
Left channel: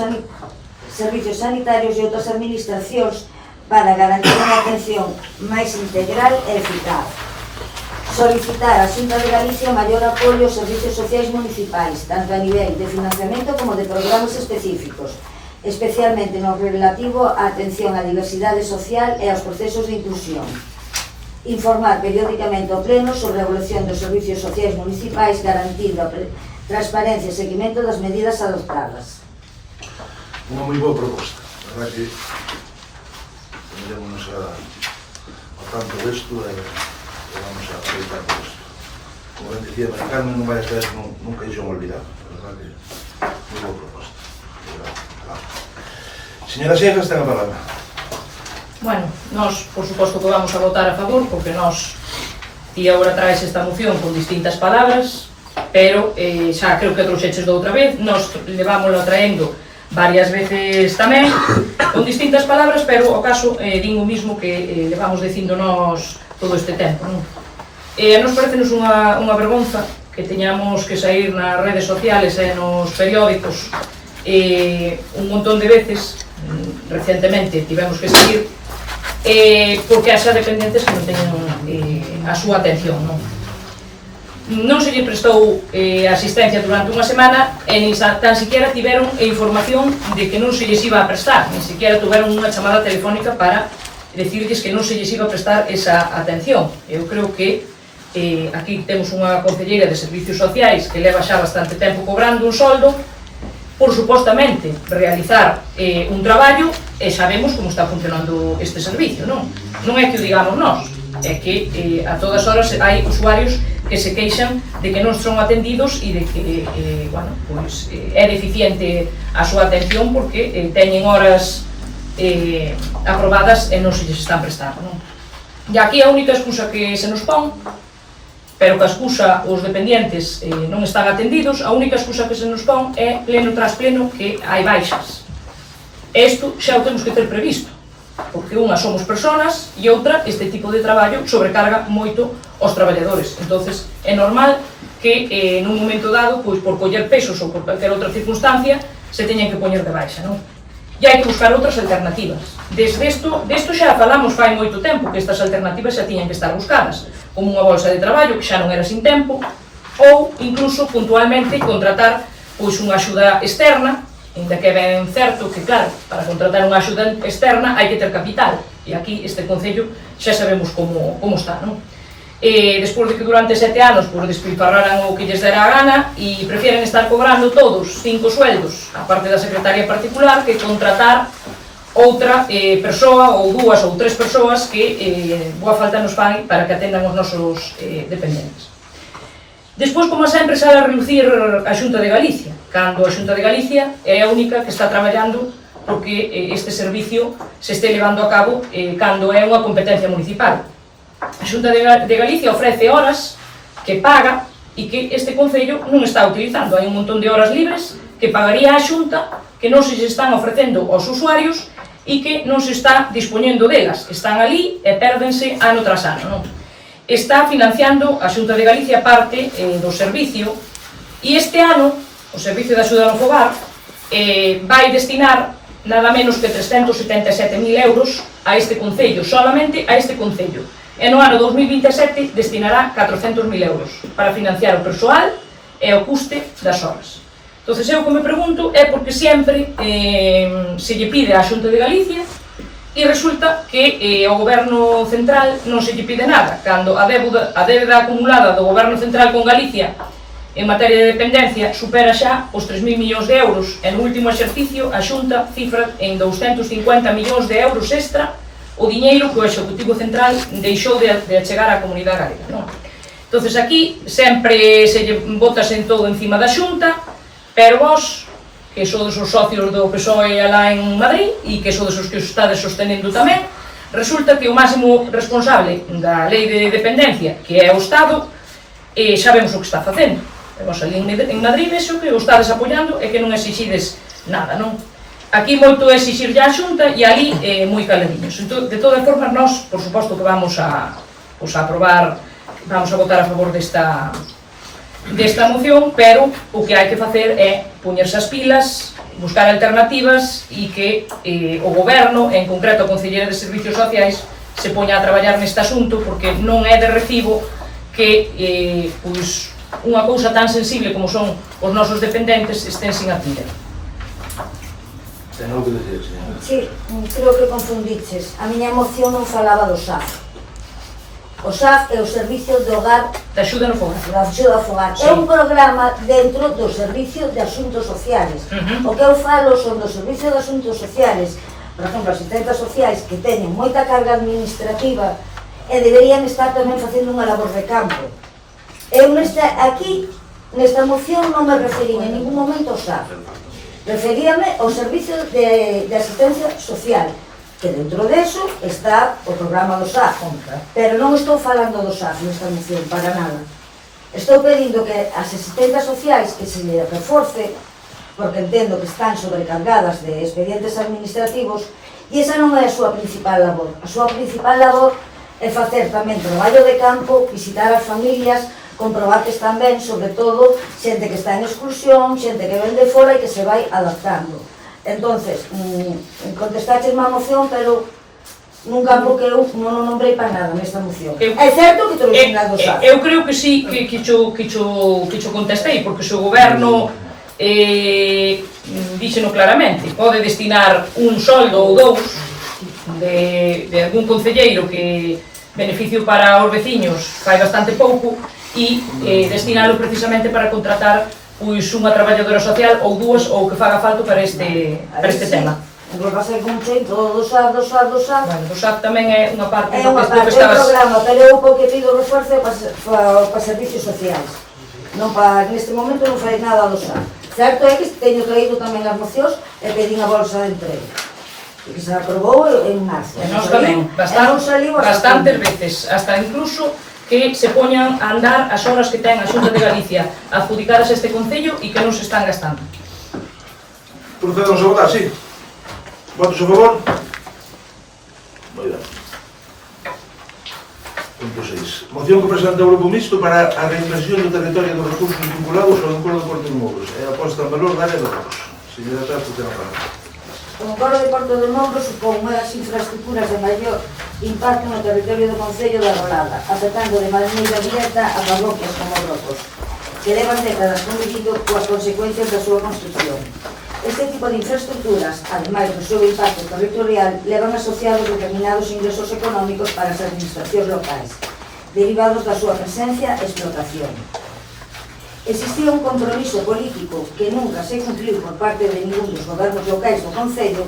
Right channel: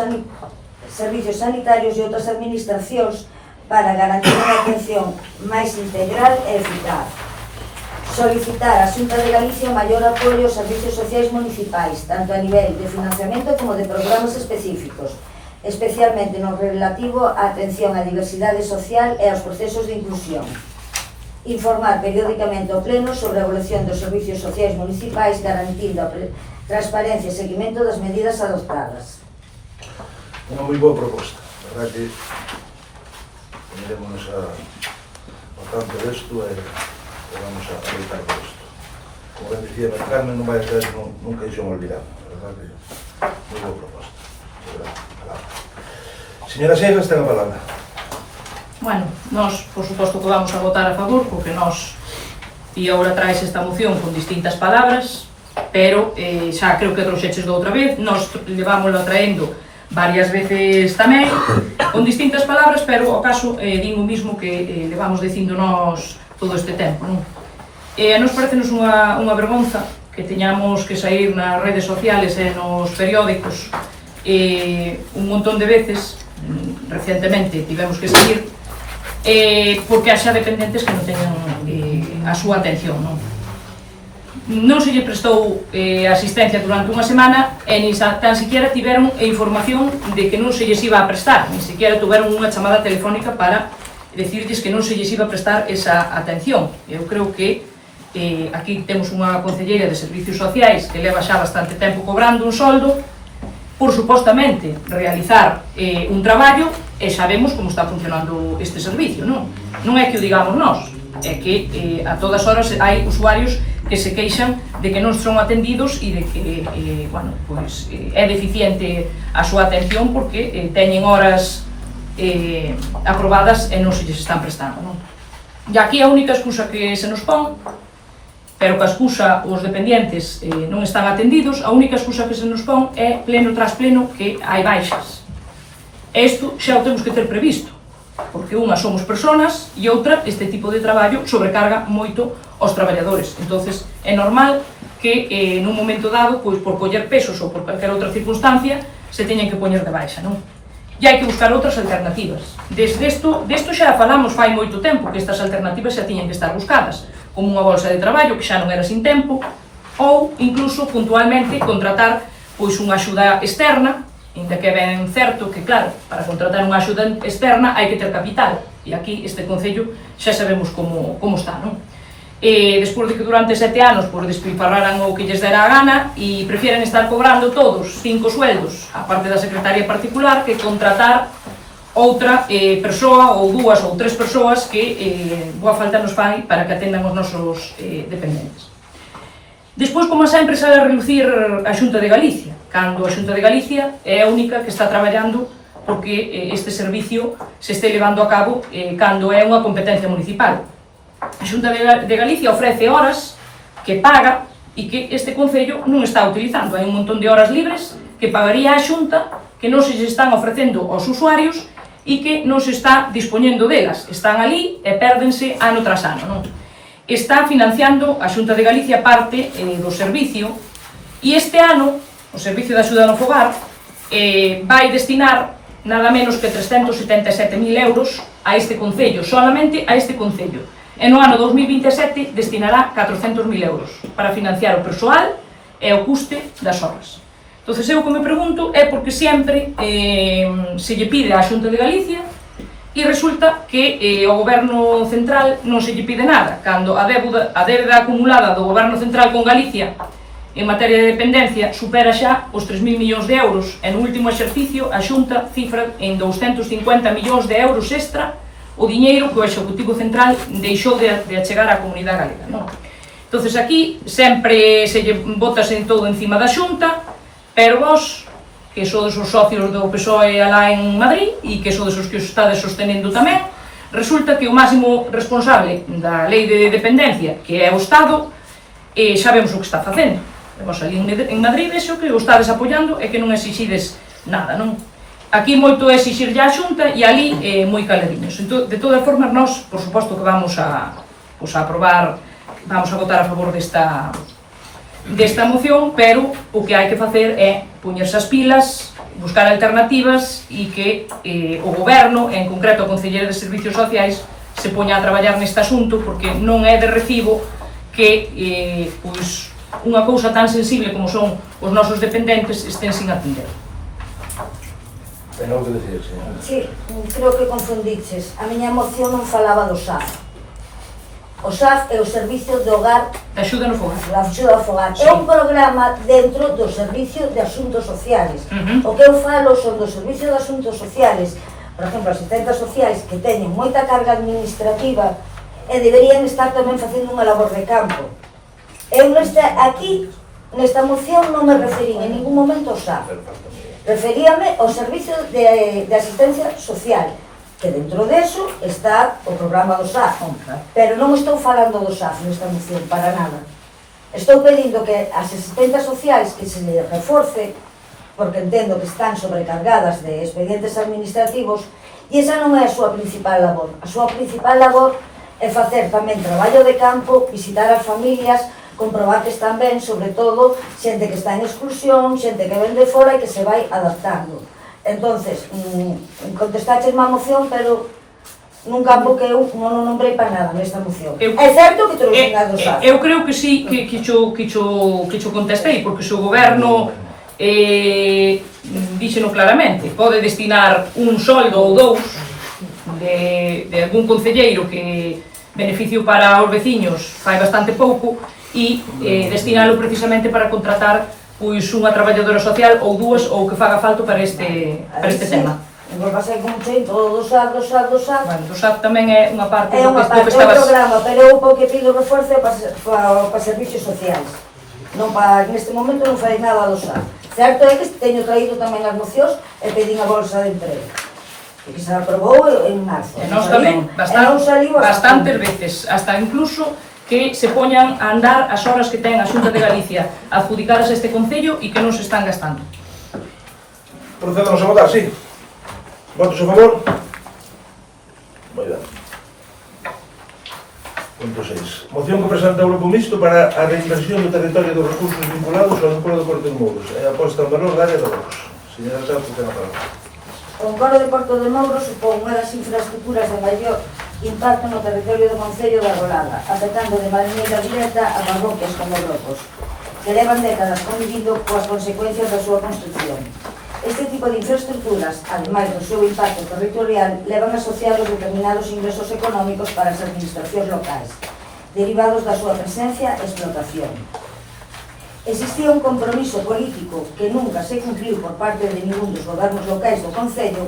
sanitarios e outras administracións para garantir unha atención máis integral e eficaz. Solicitar á Xunta de Galicia maior apoio aos servicios sociais municipais, tanto a nivel de financiamento como de programas específicos, especialmente no relativo á atención á diversidade social e aos procesos de inclusión. Informar periódicamente ao Pleno sobre a evolución dos servicios sociais municipais, garantindo a transparencia e seguimento das medidas adoptadas. Unha moi boa proposta, verdad que poneremos a tanto desto e vamos a aproveitar por isto. Como ben dicía María Carmen, non vai a ser nunca iso olvidado, verdad que moi boa proposta. Señora Seixas, ten a palabra. Bueno, nós, por suposto que vamos a votar a favor, porque nós e agora traes esta moción con distintas palabras, pero xa creo que trouxeches de outra vez, nós levámoslo traendo varias veces tamén, con distintas palabras, pero o caso din o mismo que levamos dicindo nós todo este tempo, non? A nos parecenos unha vergonza que teñamos que sair nas redes sociales e nos periódicos un montón de veces, recentemente tivemos que sair, porque haxa dependentes que non teñen a súa atención, non? Non se lle prestou asistencia durante unha semana e nin tan siquiera tiveron información de que non se lles iba a prestar, nin siquiera tuveron unha chamada telefónica para decirles que non se lles iba a prestar esa atención. Eu creo que aquí temos unha concelleira de Servicios Sociais que leva xa bastante tempo cobrando un soldo, por supostamente realizar un traballo e sabemos como está funcionando este servicio, non? Non é que o digamos nós, é que a todas horas hai usuarios que se queixan de que non son atendidos e de que bueno, pues, é deficiente a súa atención porque teñen horas aprobadas e non se lles están prestando, non? E aquí a única excusa que se nos pon, pero que a excusa os dependientes non están atendidos, a única excusa que se nos pon é pleno tras pleno que hai baixas. Isto xa o temos que ter previsto, porque unha somos personas e outra este tipo de traballo sobrecarga moito aos traballadores. Entonces é normal que nun momento dado, pois por coller pesos ou por calquer outra circunstancia, se teñen que poñer de baixa, non? E hai que buscar outras alternativas. Desto xa falamos fai moito tempo, que estas alternativas xa tiñan que estar buscadas, como unha bolsa de traballo que xa non era sin tempo, ou incluso puntualmente contratar pois unha axuda externa, ainda que ben certo que, claro, para contratar unha axuda externa hai que ter capital, e aquí este concello xa sabemos como está, non? Despois de que durante 7 anos pois, despilfarraran o que lles dera a gana e prefieren estar cobrando todos 5 sueldos, a parte da secretaria particular, que contratar outra persoa ou 2 ou 3 persoas que boa falta nos fai para que atendan os nosos dependentes. Despois, como sempre, sale a reducir a Xunta de Galicia, cando a Xunta de Galicia é a única que está traballando porque este servicio se este levando a cabo cando é unha competencia municipal. A Xunta de Galicia ofrece horas que paga e que este concello non está utilizando. Hai un montón de horas libres que pagaría a Xunta que non se están ofrecendo aos usuarios e que non se está dispoñendo delas. Están ali e pérdense ano tras ano, non? Está financiando a Xunta de Galicia parte do servicio e este ano o Servicio de Axuda no Fogar vai destinar nada menos que 377.000 euros a este concello, solamente a este concello. E no ano 2027 destinará 400.000 euros para financiar o persoal e o custe das horas. Entón, eu o que me pregunto é porque sempre se lle pide á Xunta de Galicia e resulta que ao Goberno Central non se lle pide nada, cando a débeda acumulada do Goberno Central con Galicia en materia de dependencia supera xa os 3.000 millóns de euros e no último exercicio a Xunta cifra en 250 millóns de euros extra o diñeiro que o Executivo Central deixou de achegar á comunidade galega, non? Entón, aquí sempre se lle botase todo encima da Xunta, pero vos, que sodes os socios do PSOE alá en Madrid e que sodes os que os estades sostenendo tamén, resulta que o máximo responsable da lei de dependencia, que é o Estado, sabemos o que está facendo. E vos ali en Madrid vexo que o estades apoiando e que non exixides nada, non? Aquí moito é exixir a Xunta e ali moi caladiños. Entón, de todas formas, nós, por suposto, que vamos a aprobar, vamos a votar a favor desta moción, pero o que hai que facer é poñerse as pilas, buscar alternativas e que o Goberno, en concreto a Consellería de Servicios Sociais, se poña a traballar neste asunto, porque non é de recibo que unha cousa tan sensible como son os nosos dependentes estén sin atender. Ten algo que decir, señora? Sí, creo que confundiches. A miña moción non falaba do SAF. O SAF é o Servicio de Hogar De axuda no fogar. da Axuda ao Fogar. É un programa dentro do Servicio de Asuntos Sociales. O que eu falo son do Servicio de Asuntos Sociales, por exemplo, asistentes sociais que teñen moita carga administrativa e deberían estar tamén facendo unha labor de campo. Eu aquí, nesta moción, non me referí en ningún momento ao SAF. Referíame ao Servicio de Asistencia Social, que dentro deso está o programa do SAF, pero non estou falando do SAF nesta moción, para nada. Estou pedindo que as asistentas sociais que se le reforce, porque entendo que están sobrecargadas de expedientes administrativos, e esa non é a súa principal labor. A súa principal labor é facer tamén traballo de campo, visitar as familias, comprobar que están ben, sobre todo xente que está en exclusión, xente que ven de fora e que se vai adaptando. Entonces, contestaches má moción, pero nun campo que eu non o nombrei para nada nesta moción. É certo que trouxen a do SAF. Eu creo que sí, que cho contestei, porque se o Goberno díxeno claramente, pode destinar un soldo ou dous de algún concelleiro que beneficio para os veciños fai bastante pouco e destinalo precisamente para contratar pois unha traballadora social ou dúas ou que faga falta para este tema. Entón, vai ser un cheito do SAD. Bueno, o SAD tamén é unha parte É do unha que parte do estabas... programa, pero eu o que pido refuerzo é para servicios sociais. Non para, neste momento non fai nada do SAD. Certo é que teño traído tamén as mocións e pedín a bolsa de emprego. E que se aprobou en marzo. E nós tamén, bastantes veces, hasta incluso que se poñan a andar as horas que ten a Xunta de Galicia adjudicadas a este Concello e que non se están gastando. Procedemos a votar, sí. Votos a favor? Moi ben. Punto 6. Moción que presenta o Grupo Mixto para a reinversión do territorio dos recursos vinculados ao Encoro de Porto de Mouros e a posta en valor da área do Lagos. Señora Tarto, ten a palabra. O Encoro de Porto de Mouros supón unhas infraestructuras de maior impacto no territorio do Concello da Rolada, afectando de maneira directa a parroquias como Brocos, que levan décadas convivindo coas consecuencias da súa construcción. Este tipo de infraestructuras, ademais do seu impacto territorial, levan asociados determinados ingresos económicos para as administracións locais, derivados da súa presencia e explotación. Existía un compromiso político que nunca se cumpliu por parte de ningún dos gobernos locais do Concello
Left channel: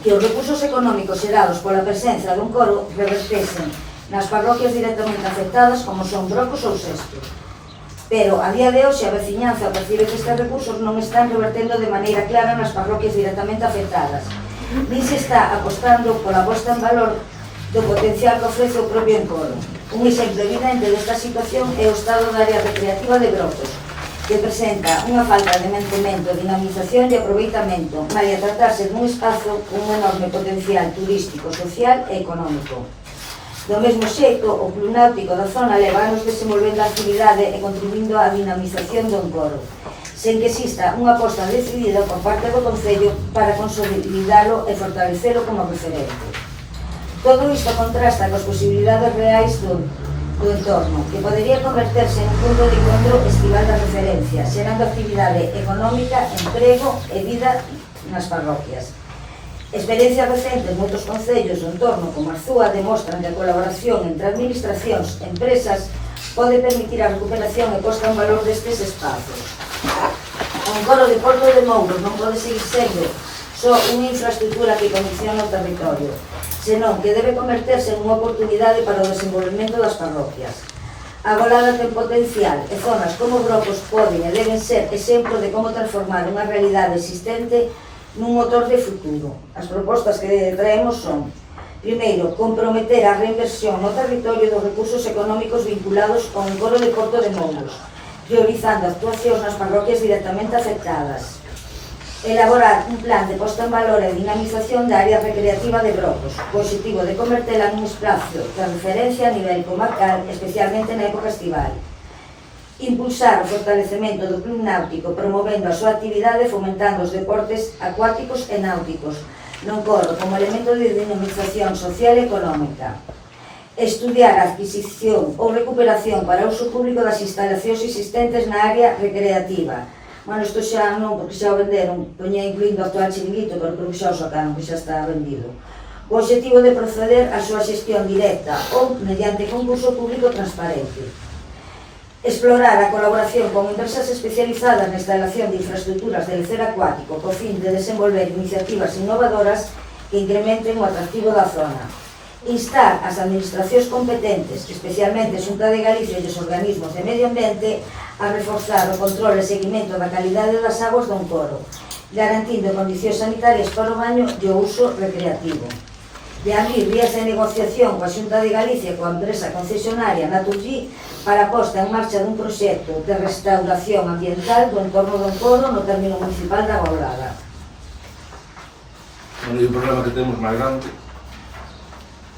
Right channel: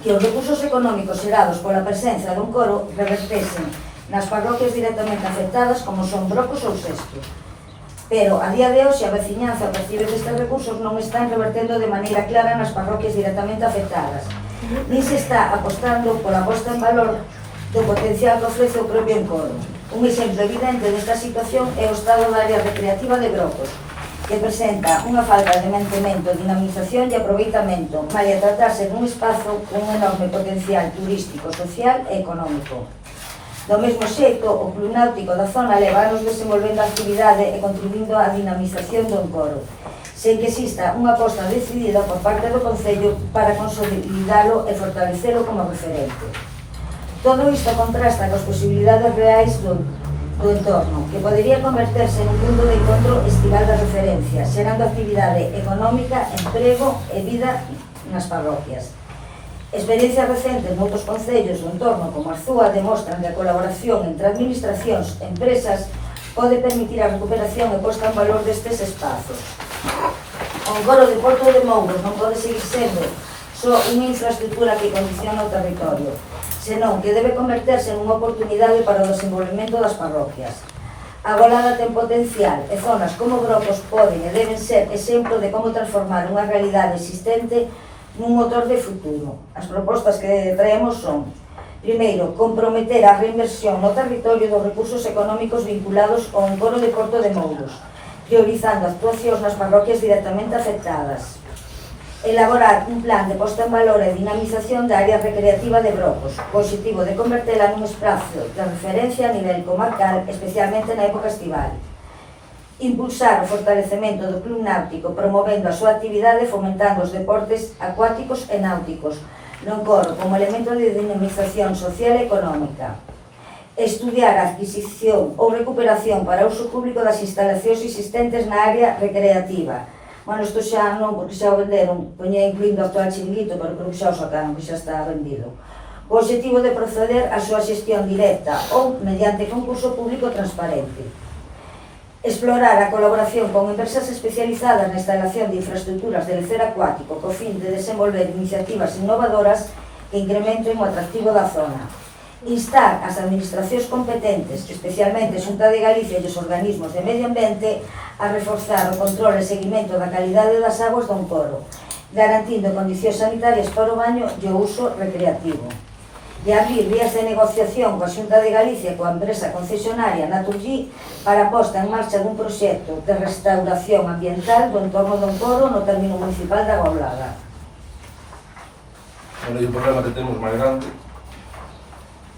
que os recursos económicos xerados pola presenza dun coro revertesen nas parroquias directamente afectadas como son Brocos ou Sesto. Pero, a día de hoxe, a veciñanza a partir destes recursos non están revertendo de maneira clara nas parroquias directamente afectadas. Nin se está apostando pola posta en valor do potencial que ofrece o propio Encoro. Un exemplo evidente desta situación é o estado da área recreativa de Brocos, que presenta unha falta de mantemento, dinamización e aproveitamento, mal a tratarse dun espazo con un enorme potencial turístico, social e económico. Do mesmo xeito, o club náutico da zona leva anos desenvolvendo a actividade e contribuindo á dinamización do Encoro, sen que exista unha aposta decidida por parte do Concello para consolidalo e fortalecelo como referente. Todo isto contrasta coas posibilidades reais do entorno, que podería converterse en un punto de encontro estival da referencia, xerando actividade económica, emprego e vida nas parroquias. Experiencias recentes noutros concellos do entorno como Arzúa demostran que a colaboración entre administracións e empresas pode permitir a recuperación e posta en valor destes espazos. O Encoro de Porto de Mouros non pode seguir sendo só unha infraestructura que condiciona o territorio, senón que debe converterse en unha oportunidade para o desenvolvemento das parroquias. A Golada ten potencial e zonas como Brocos poden e deben ser exemplo de como transformar unha realidade existente nun motor de futuro. As propostas que traemos son: primeiro, comprometer a reinversión no territorio dos recursos económicos vinculados ao Encoro de Porto de Mouros, priorizando actuacións nas parroquias directamente afectadas. Elaborar un plan de posta en valor e dinamización da área recreativa de Brocos, co objetivo de convertela nun espazo de referencia a nivel comarcal, especialmente na época estival. Impulsar o fortalecemento do club náutico, promovendo a súa actividade e fomentando os deportes acuáticos e náuticos, no Encoro como elemento de dinamización social e económica. Estudiar a adquisición ou recuperación para uso público das instalacións existentes na área recreativa. Bueno, isto xa non, porque xa o venderon, poñía incluindo o actual chiringuito, pero creo que xa o sacaron, que xa está vendido. O objetivo de proceder á súa xestión directa ou mediante concurso público transparente. Explorar a colaboración con empresas especializadas na instalación de infraestructuras de lecer acuático co fin de desenvolver iniciativas innovadoras que incrementen o atractivo da zona. Instar as administracións competentes, especialmente Xunta de Galicia e os organismos de medio ambiente, a reforzar o control e seguimento da calidade das aguas do Encoro, garantindo condicións sanitarias para o baño e o uso recreativo. De abrir vías de negociación coa Xunta de Galicia e coa empresa concesionaria Naturgy para a posta en marcha dun proxecto de restauración ambiental do entorno do Encoro no término municipal da Golada. Bueno, e o problema que temos máis grande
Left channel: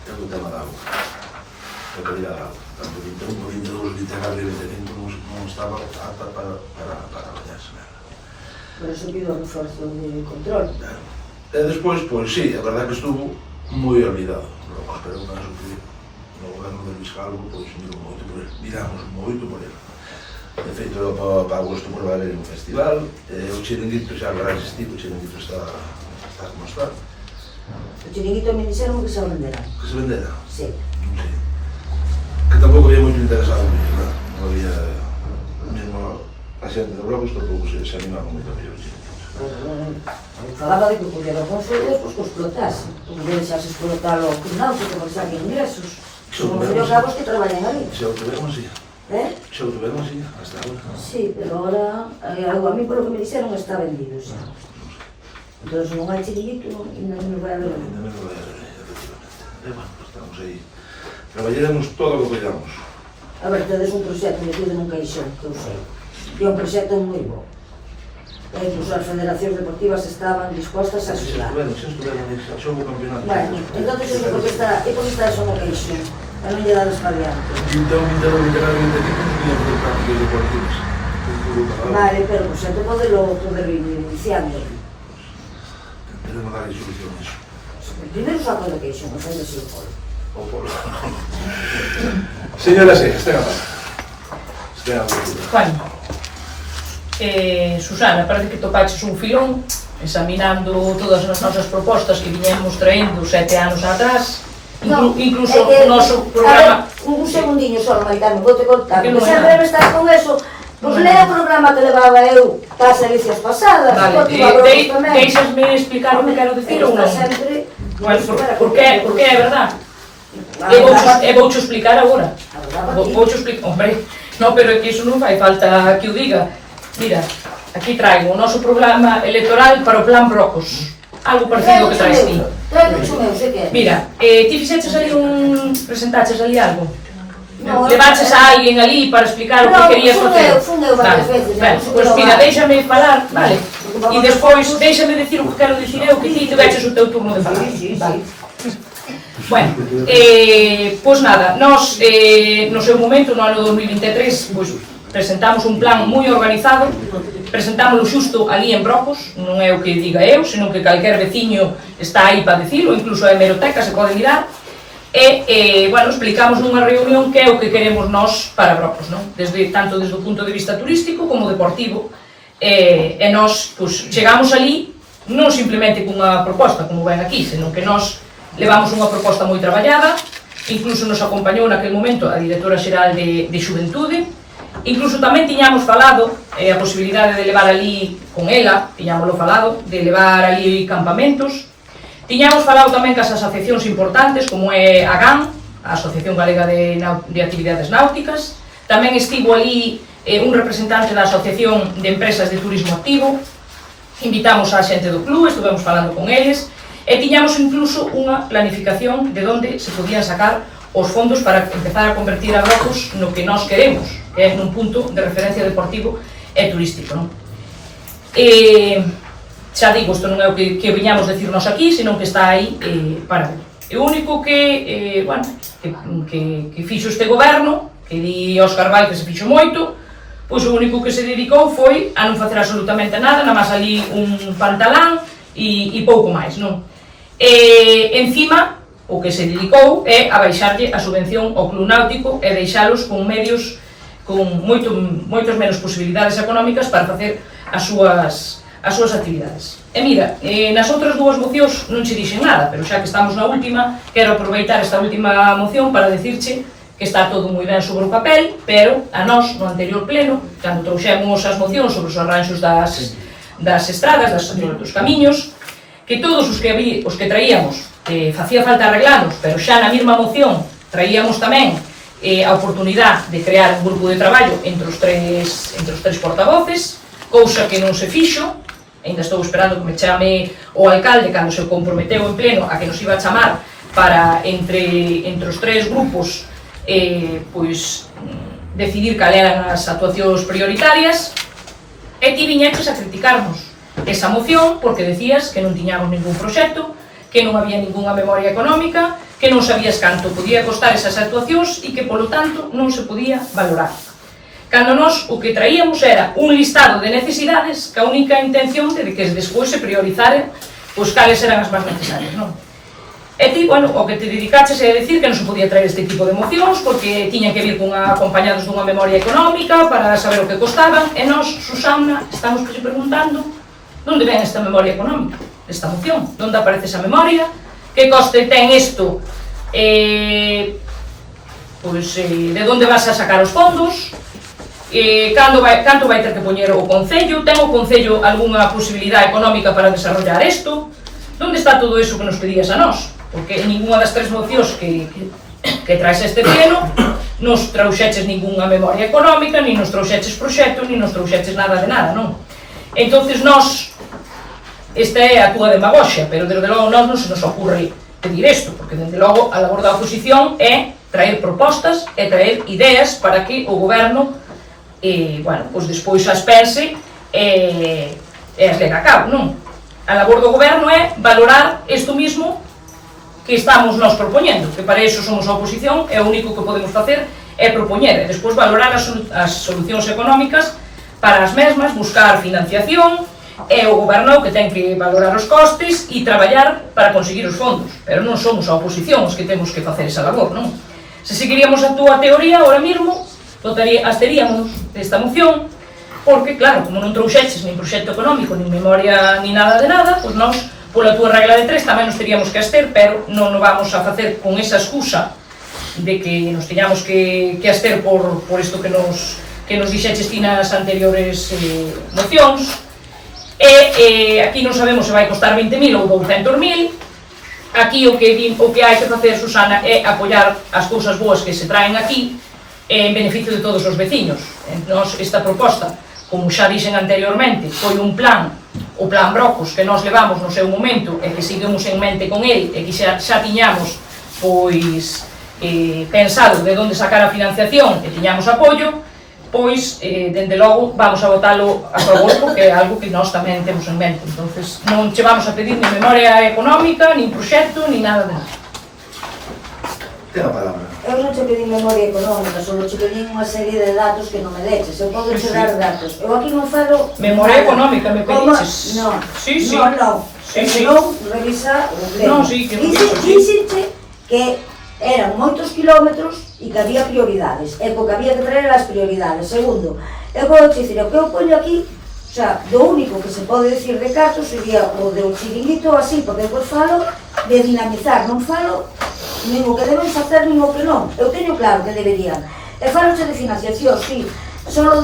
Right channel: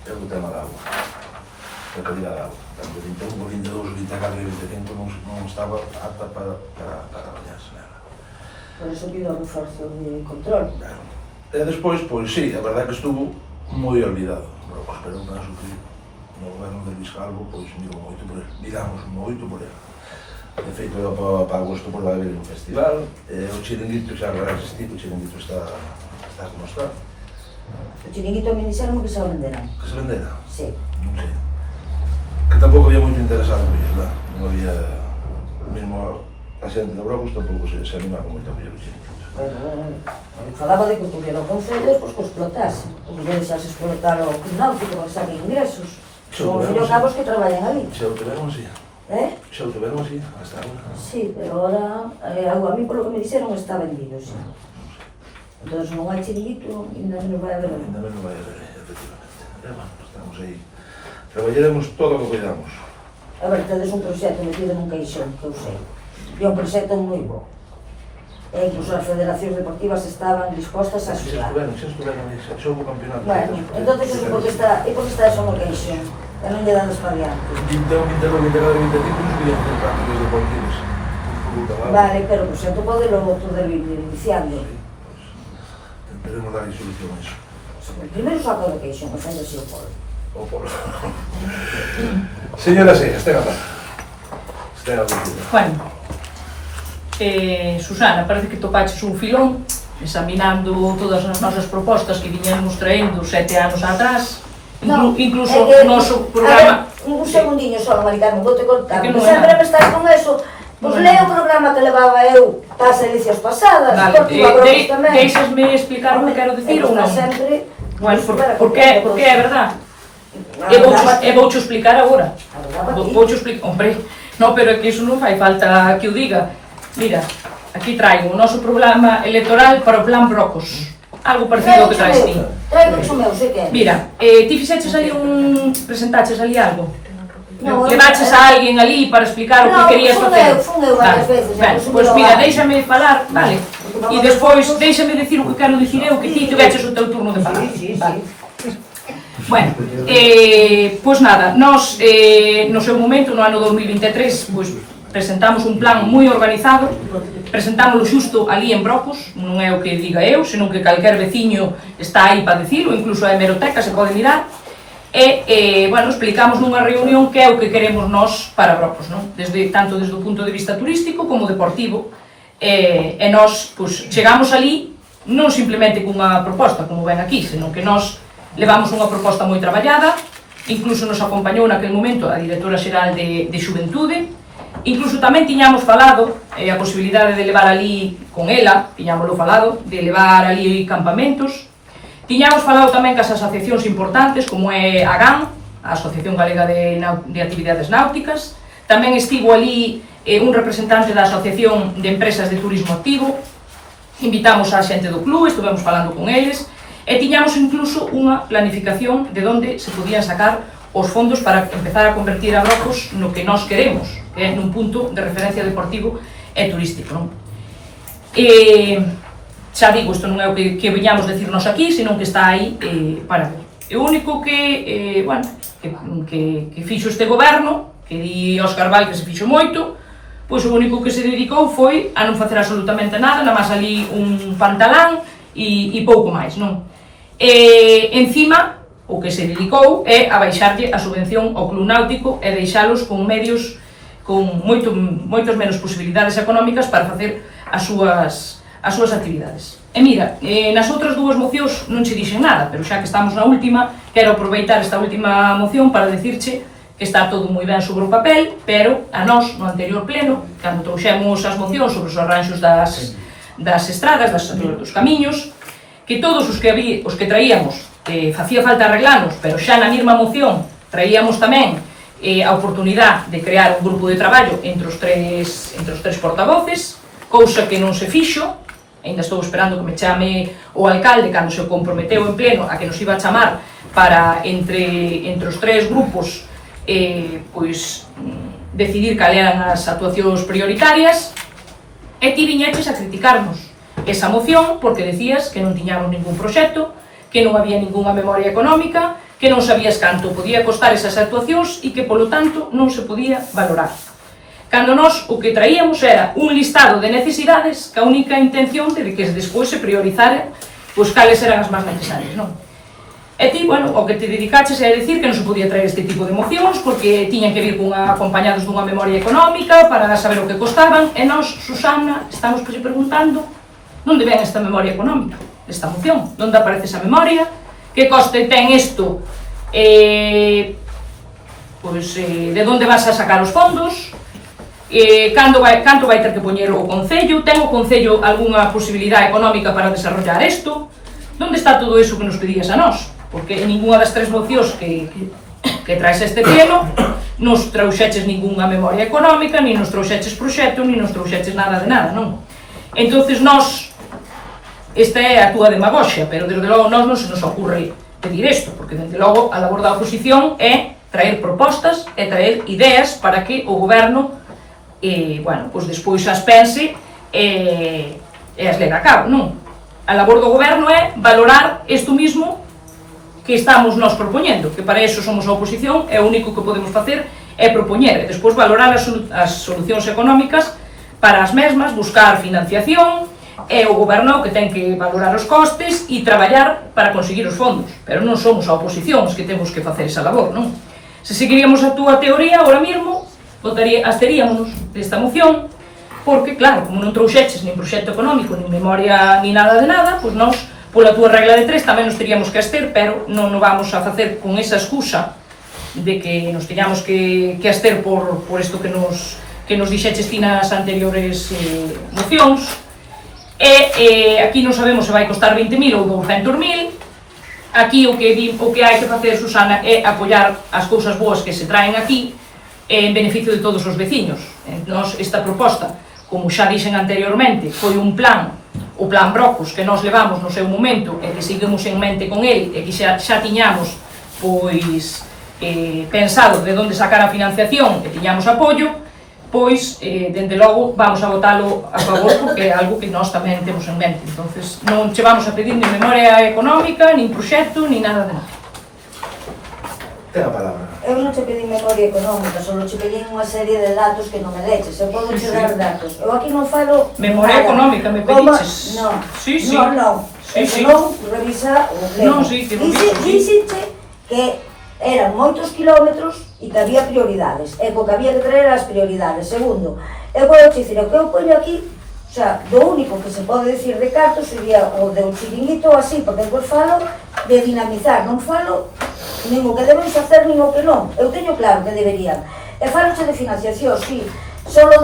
é o tema da auga, a calidad da auga. Tanto 21, 22, 24 e 25 non estaba apta para bañarse nada. Por eso pido un reforzo de control. E despois, pois sí, a verdade que estuvo moi olvidado, pero non sufrir. No goberno de Luís Calvo, pois miramos moito por ele. De feito, para agosto por haber un festival, o chiringuito xa vai existir, o chiringuito está como está. O chiringuito me dixeron que se o venderán. Que se vendera? Sí. Non sei. Que tampouco había moito interesado en ele, non había mesmo a xente de Brogos tampouco se animaron moito a mellor. Falaba de que pudiera o Concello despois que o explotase. O que deixase explotar o náutico para sacar ingresos. Son os cabos que traballan ali. Xa o tuveron así. Xa o tuveron así, hasta agora. Sí, pero ahora, a mí polo que me dixeron está vendido xa. Entón non hai chiringuito, ainda non vai haber. Ainda non vai haber, efectivamente. Bueno, estamos aí. Traballaremos todo o que pollamos. A ver, tedes un proxecto metido nun caixón, que eu sei. E un proxecto moi bo. E incluso as federacións deportivas estaban dispostas a axudar. Bueno, xa houve campeonato. Bueno, entón eu digo que está eso no caixón. E non lle dan espadiante. 21, 22, 23, 25 non podían hacer cambios deportivos. Vale, pero o proxecto poder ir iniciando. Tenemos dar solución a iso. Primeiro saco de caixón, e fendese o polo. O polo. Señora, sí, estén a paz. Estén a paz. Bueno, Susana, parece que topaches un filón examinando todas as nosas propostas que viñemos traendo 7 anos atrás, incluso o noso programa. A ver, un segundinho só, Maritano, vou te contar, Que porque non é sempre nada. me estás con eso. Pois lea o programa que levaba eu das edicias pasadas, Vale, porque iba a tamén. deixasme explicar o que quero dicir ou non? Sempre... Bueno, porque é verdad. E voucho explicar agora. Voucho explicar, hombre, no, pero é que iso non fai falta que o diga. Mira, aquí traigo o noso programa electoral para o plan Brocos. Algo parecido ao que traes ti. Traigo o meu, sei que é. Mira, ti fixeches ali presentaches ali algo? No, Levaches a alguén ali para explicar o que querías facer? Fun eu varias veces. Pois mira, déixame falar, vale? E despois déixame dicir o que quero dicir eu, que ti tiveches o teu turno de falar. Vale. Bueno, pois nada, nós no seu momento, no ano 2023, pois presentamos un plan moi organizado, presentámoslo xusto ali en Brocos, non é o que diga eu, senón que calquer veciño está aí para dicilo, incluso a hemeroteca se pode mirar, e, bueno, explicamos nunha reunión que é o que queremos nós para Brocos, non? Tanto desde o punto de vista turístico como deportivo, e nós, pois, chegamos ali non simplemente cunha proposta, como ven aquí, senón que nós levamos unha proposta moi traballada, incluso nos acompañou naquele momento a directora xeral de Xuventude, incluso tamén tiñamos falado a posibilidade de levar ali con ela, tiñámoslo falado, de levar ali campamentos, tiñamos falado tamén cas asociacións importantes como é a GAN, a Asociación Galega de Actividades Náuticas, tamén estivo ali un representante da Asociación de Empresas de Turismo Activo, invitamos a xente do club, estuvemos falando con eles, e tiñamos incluso unha planificación de onde se podían sacar os fondos para empezar a convertir a Brocos no que nós queremos, que é nun punto de referencia deportivo e turístico, non? Xa digo, isto non é o que viñamos decirnos aquí, senón que está aí para ver. E o único que, bueno, que fixo este goberno, que di Óscar Val que se fixo moito, pois o único que se dedicou foi a non facer absolutamente nada, nada máis ali un pantalán e pouco máis, non? Encima, o que se dedicou é a baixarlle a subvención ao club náutico e deixalos con medios con moitas menos posibilidades económicas para facer as súas actividades. E mira, nas outras dúas mocións non se dixen nada, pero xa que estamos na última, quero aproveitar esta última moción para decirche que está todo moi ben sobre o papel, pero a nós, no anterior pleno, cando trouxemos as mocións sobre os arranxos das estradas, dos camiños, que todos os que traíamos facía falta arreglamos, pero xa na mesma moción traíamos tamén a oportunidade de crear un grupo de traballo entre os tres portavoces, cousa que non se fixo, ainda estou esperando que me chame o alcalde cando se comprometeu en pleno a que nos iba a chamar para entre os tres grupos pois decidir cal eran as actuacións prioritarias, e ti viñeches a criticarnos esa moción porque decías que non tiñamos ningún proxecto, que non había ninguna memoria económica, que non sabías canto podía costar esas actuacións e que, polo tanto, non se podía valorar. Cando nós o que traíamos era un listado de necesidades que a única intención de que despois se priorizaren pois cales eran as máis necesarias, non? E ti, bueno, o que te dedicaches é a decir que non se podía traer este tipo de mocións porque tiñan que vir acompañados dunha memoria económica para saber o que costaban, e nós, Susana, estamos preguntando onde ven esta memoria económica desta moción, onde aparece esa memoria, que coste ten isto, pois de onde vas a sacar os fondos, canto vai ter que poñer o Concello? Ten o Concello algunha posibilidade económica para desarrollar isto? Onde está todo iso que nos pedías a nós? Porque en ninguna das tres mocións que traes este pleno nos trouxeches ninguna memoria económica, ni nos trouxeches proxecto, ni nos trouxeches nada de nada, non? Entonces nós, esta é a túa demagoxia, pero desde logo nós non se nos ocurre pedir isto, porque desde logo a labor da oposición é traer propostas e traer ideas para que o goberno pois despois as pense e as leva a cabo, non? A labor do goberno é valorar isto mismo que estamos nós propoñendo, que para iso somos a oposición e o único que podemos facer é propoñer e despois valorar as solucións económicas para as mesmas, buscar financiación e o goberno que ten que valorar os costes e traballar para conseguir os fondos, pero non somos a oposición os que temos que facer esa labor, non? Se seguiríamos a túa teoría, ahora mesmo absteríamos desta moción, porque, claro, como non trouxeches nin proxecto económico, nin memoria, nin nada de nada, pois nós, pola túa regla de 3, tamén nos teríamos que abster, pero non o vamos a facer con esa excusa de que nos teñamos que abster por isto que nos dixeches ti nas anteriores mocións. E aquí non sabemos se vai costar 20.000 ou 200.000. Aquí o que hai que facer, Susana, é apoiar as cousas boas que se traen aquí en beneficio de todos os veciños. Nos, esta proposta, como xa dixen anteriormente, foi un plan, o plan Brocos, que nós levamos no seu momento e que seguimos en mente con ele e que xa tiñamos pois pensado de onde sacar a financiación e tiñamos apoio, pois, dende logo, vamos a votalo a favor porque é algo que nós tamén temos en mente. Entonces, non che vamos a pedir nin memoria económica, nin proxecto, nin nada de nada. Ten a palabra. Eu non te pedí memoria económica, só te pedí unha serie de datos que non me deches. Eu podo che dar datos. Eu aquí non falo... Memoria económica, me pediches. Non. Sí. Non. Sí. Non, revisa o pleno. Non, sí, que non viso, sí. Díxete que eran moitos kilómetros e que había prioridades. E porque había que traer as prioridades. Segundo, eu vou dicir, o que eu poño aquí, o sea, do único que se pode decir de cartos sería o de un chiringuito así, porque eu falo de dinamizar, non falo nin o que deben facer, nin o que non. Eu teño claro que deberían. E faloche de financiación, sí. Solo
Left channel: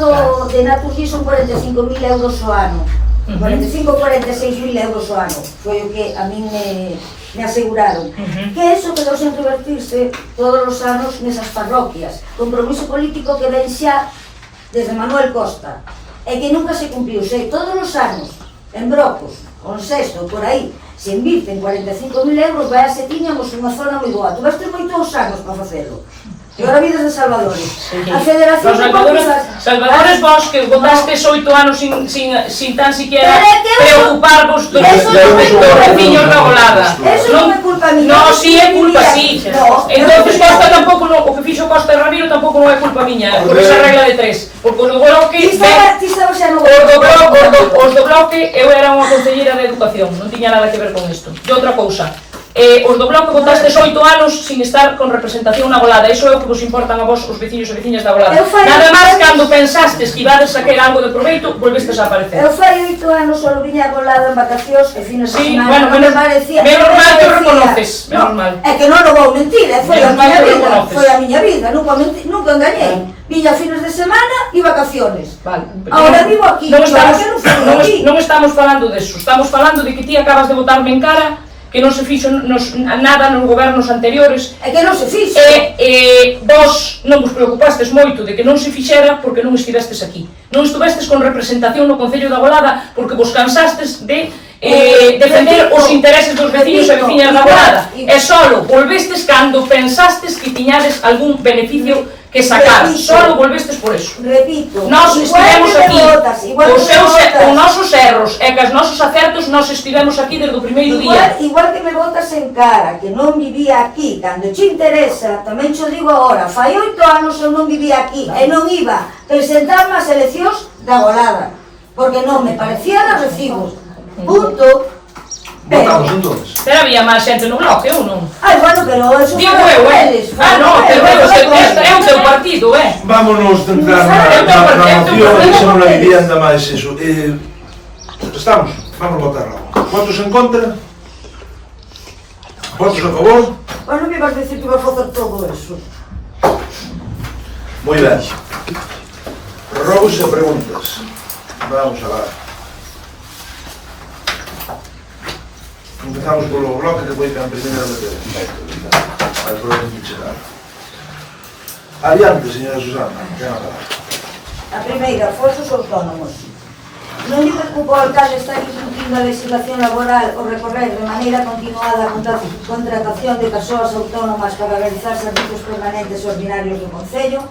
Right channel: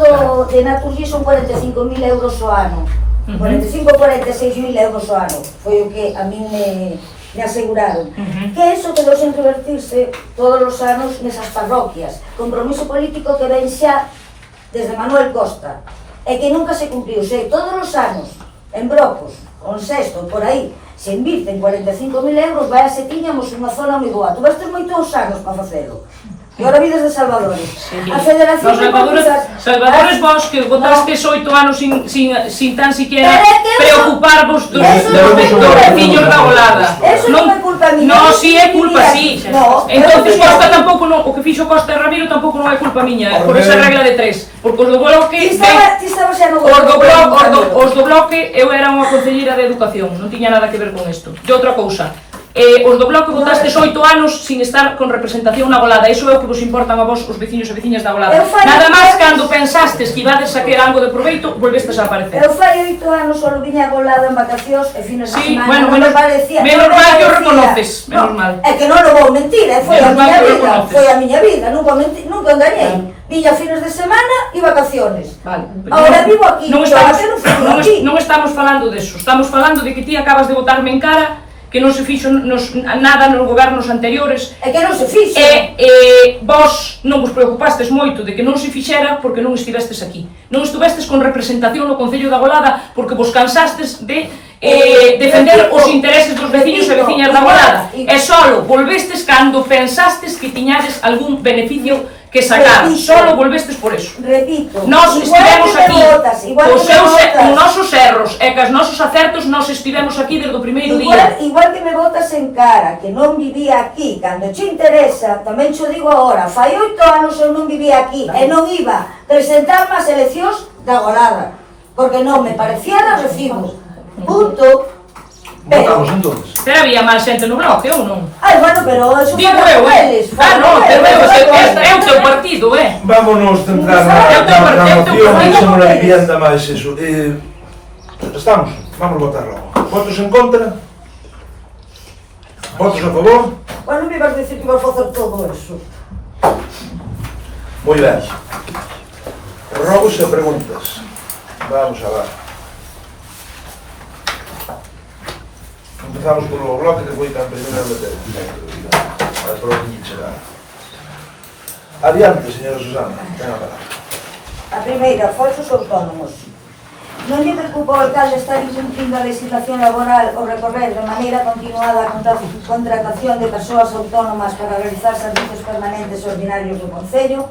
de Naturgy son 45.000 euros ao ano. 45 ou 46.000 euros ao ano. Foi o que a min me aseguraron. Que eso quedou sen revertirse todos os anos nesas parroquias. Compromiso político que ven xa desde Manuel Costa. E que nunca se cumpriu. Sei, todos os anos, en Brocos, con Sexto, por aí, se invirten 45.000 euros, vai a se tiñamos unha zona moi boa. Tu vas ter moitos anos para facelo. E agora vidas de Salvadores. A Federación de Salvadores vos que votastes 8 anos sin tan siquiera preocuparvos dos veciños da Bolada. Eso non é culpa miña. Non, si é culpa, si. Entonces Costa tampouco, o que fixo Costa e Ramiro tampouco non é culpa miña, por esa regla de 3. Porque os do Bloque... Ti estabas xa no Bloque. Os do Bloque, eu era unha concelleira de Educación, non tiña nada que ver con isto. E outra cousa, os do Bloque votastes 8 anos sin estar con representación na Bolada. Iso é o que vos importan a vos os veciños e veciñas da Bolada. Nada máis cando pensastes que ibades saquer algo de proveito, volvestes a aparecer. Eu fai 8 anos solo viña a Bolada en vacacións e fines de semana. Bueno, menos mal que o reconoces, menos mal. É que non o vou mentir, foi a miña vida, nunca engañei. Viña fines de semana e vacaciones. Ahora vivo aquí, non estamos falando deso, estamos falando de que ti acabas de botarme en cara que non se fixo nada nos gobernos anteriores. É que non se fixo. E vos non vos preocupastes moito de que non se fixera porque non estivestes aquí. Non estuvestes con representación no Concello da Bolada porque vos cansastes de defender os intereses dos veciños e veciñas da Bolada. E solo volvestes cando pensastes que tiñades algún beneficio que sacar, solo volvestes por eso. Repito, nós estivemos aquí, os nosos erros e os nosos acertos, nós estivemos aquí desde o primeiro día. Igual que me botas en cara, que non vivía aquí, cando te interesa, tamén te digo agora, fai 8 anos eu non vivía aquí, e non iba a presentarme ás eleccións da Bolada, porque non me parecía de recibo. Punto. Votamos entonces. Pero había máis xente no Bloque, ou non? Ai, bueno, pero eso digo eu, non, pero é o teu partido, Vámonos centrar na moción de sobre a vivienda máis eso. Estamos, vamos votar logo. Votos en contra? Votos a favor? Bueno, me vas dicir que vas facer todo eso. Moi ben. Robos e preguntas. Vamos a ver. Empezamos polo bloque que foi tan primeiro de Pedro. A ver por onde chegar. Adiante, señora Susana. Ten a palabra. A primeira, falsos autónomos. Non lle preocupa ao alcalde estar incumplindo a legislación laboral ou recorrer de maneira continuada a contratación de persoas autónomas para realizar servizos permanentes e ordinarios do Concello,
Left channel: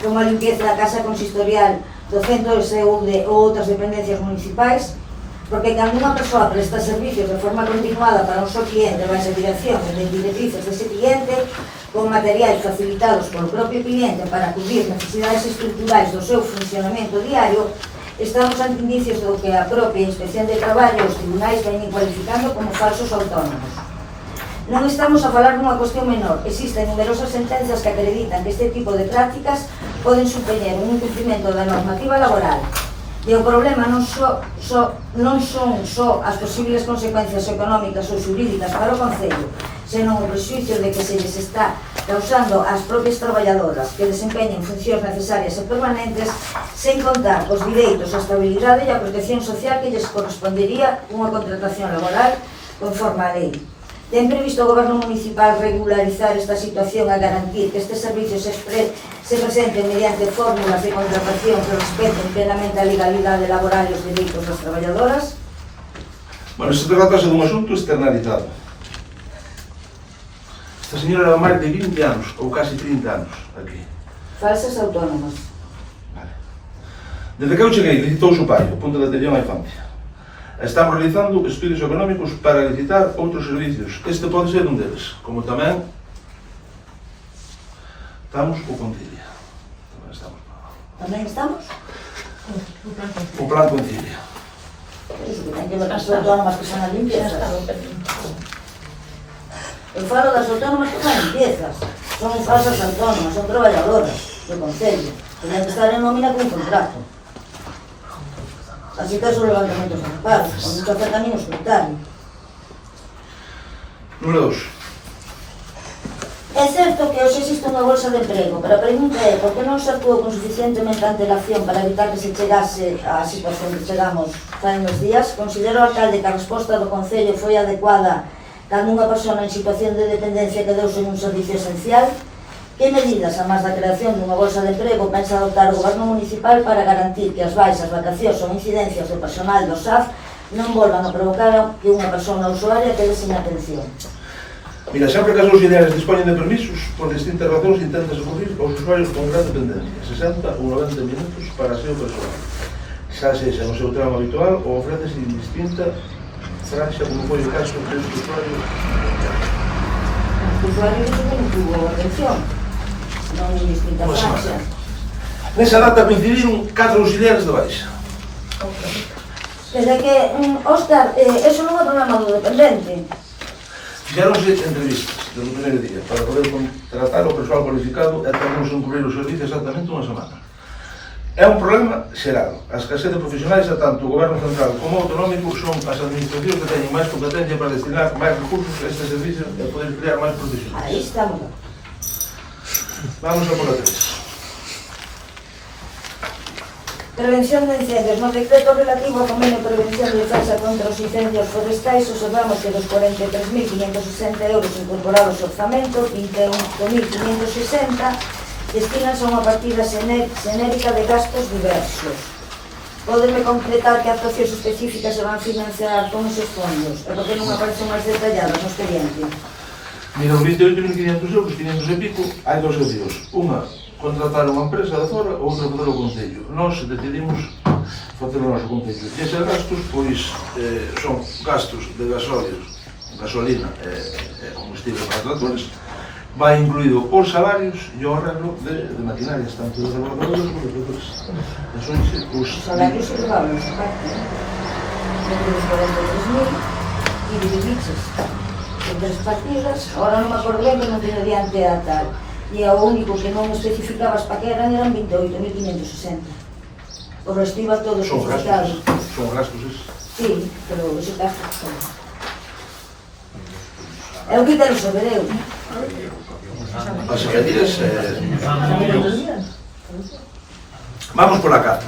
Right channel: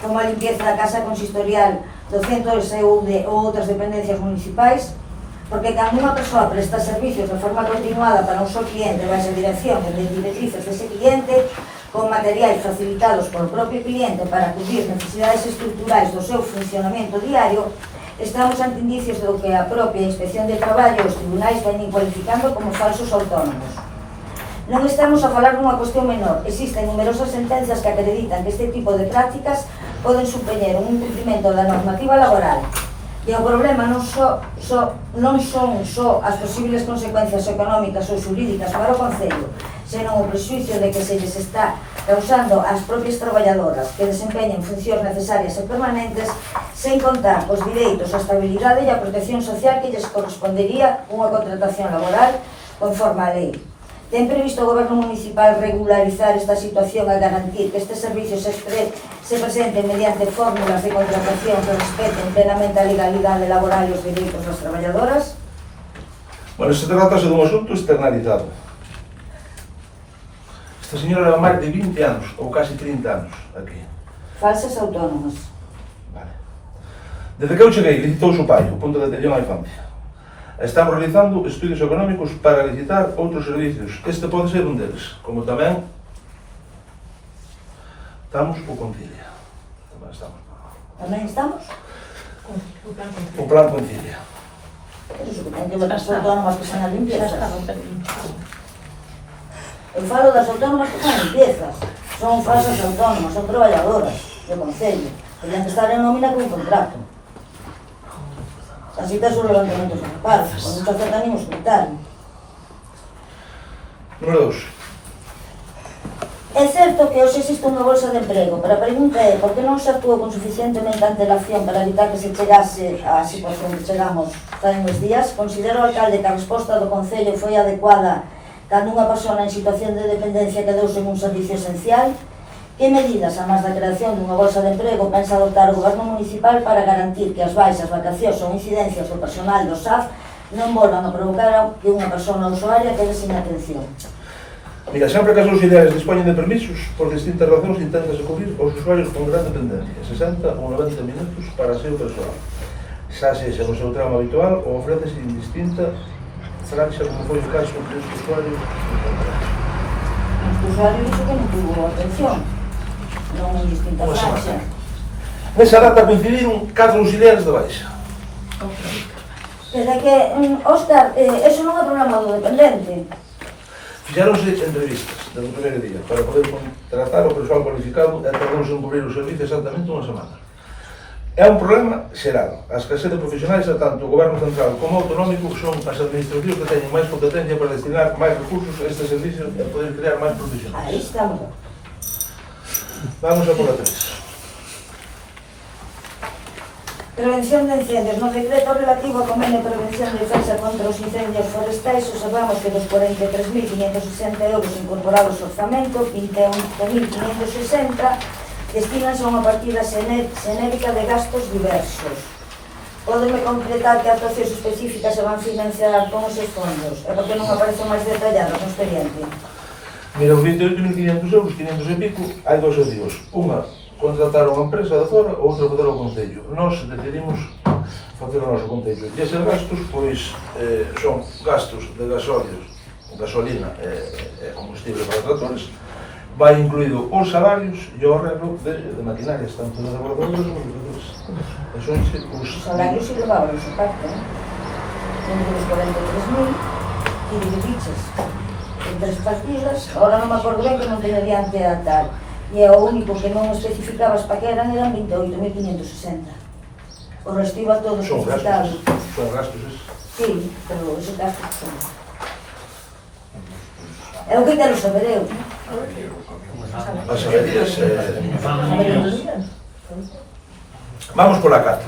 como a limpieza da casa consistorial, do centro de saúde ou outras dependencias municipais, porque cando unha persoa presta servicios de forma continuada para un só cliente baixo a dirección e directrices dese cliente, con materiais facilitados polo propio cliente para cubrir necesidades estruturais do seu funcionamento diario, estamos ante indicios do que a propia Inspección de Traballo e os tribunais veñen cualificando como falsos autónomos. Non estamos a falar dunha cuestión menor. Existen numerosas sentencias que acreditan que este tipo de prácticas poden supoñer un incumprimento da normativa laboral. E o problema non son só as posibles consecuencias económicas ou xurídicas para o Concello, senón o prexuicio de que se lles está causando ás propias traballadoras que desempeñen funcións necesarias e permanentes sen contar os direitos, a estabilidade e a protección social que lles correspondería unha contratación laboral conforme a lei. Ten previsto o Goberno Municipal regularizar esta situación e garantir que estes servicios se presenten mediante fórmulas de contratación que respeten plenamente a legalidade laboral e os dereitos das traballadoras? Bueno, se tratase dun asunto externalizado. Esta señora leva máis de 20 anos, ou casi 30 anos, aquí. Falsas autónomas. Vale. Desde que eu cheguei, licitouse o pai, o punto de atención á infancia. Estamos realizando estudios económicos para licitar outros servicios. Este pode ser un deles, como tamén estamos o Concilia. Tamén estamos? O plan Concilia. Iso que ten que ver as autónomas que son as limpiezas. Eu falo das autónomas que son limpiezas. Son falsas autónomas, son traballadoras do Concello. Tenían que estar en nómina con un contrato. Así que son levantamentos ocupados, con mucho acercamiento escrutario. Número 2. É certo que hoxe existe unha bolsa de emprego, pero a pregunta é por que non se actuou con suficientemente antelación para evitar que se chegase á situación que chegamos en uns días. Considera o alcalde que a resposta do Concello foi adecuada cando unha persona en situación de dependencia quedouse en un servicio esencial? Que medidas, a máis da creación dunha bolsa de emprego, pensa adoptar o Goberno Municipal para garantir que as baixas, vacacións ou incidencias do personal do SAF non volvan a provocar que unha persona usuaria quede sin atención? Mira, sempre que as auxiliares dispoñen de permisos, por distintas razóns intentan socorrer aos usuarios con gran dependencia, 60 ou 90 minutos para aseo persoal. Xa sexa no seu tramo habitual ou ofrece indistinta franxa como foi o caso deste usuario. O usuario dice que non tuvo atención, non en distintas franxas. Nesa data coincidiron 4 auxiliares de baixa. Desde que, Óscar, eso non é problema do dependente. Fixáronse entrevistas desde o primeiro día para poder contratar o persoal cualificado e tardamos en cubrir o servicio exactamente unha semana. É un problema xeral. A escasez de profesionais a tanto o Goberno Central como o autonómico son as administracións que teñen máis competencia para destinar máis recursos a este servicio e poder crear máis profesionais. Aí estamos. Vamos a por a 3. Prevención de incendios. No decreto relativo ao convenio de prevención de defensa contra os incendios forestais, observamos que dos 43.560 euros incorporados ao orzamento, 21.560 destinanse a unha partida xenérica de gastos diversos. Pódeme completar que actuacións específicas se van financiar con esos fondos? E por que non aparecen máis detalladas no expediente? Mira, os 28.500 euros, 500 e pico, hai dos envíos. Unha, contratar unha empresa de fora, outra fazer o Concello. Nós decidimos facer o noso Concello. E eses gastos, pois, son gastos de gasóleos, gasolina e combustible para tratores, vai incluído os salarios e o arreglo de maquinarias, tanto de laboratorios como de tratores. Os salarios se levaban esa parte, entre os 43.000 e dividiches en 3 partidas. Ahora non me acordo ben que non teño diante a tal. E o único que non especificabas para que eran 28.560. O resto iba todo especificado. Son gastos esos. Sí, pero ese gasto son. É o que quero saber eu. As secretarías, Vamos por la 4.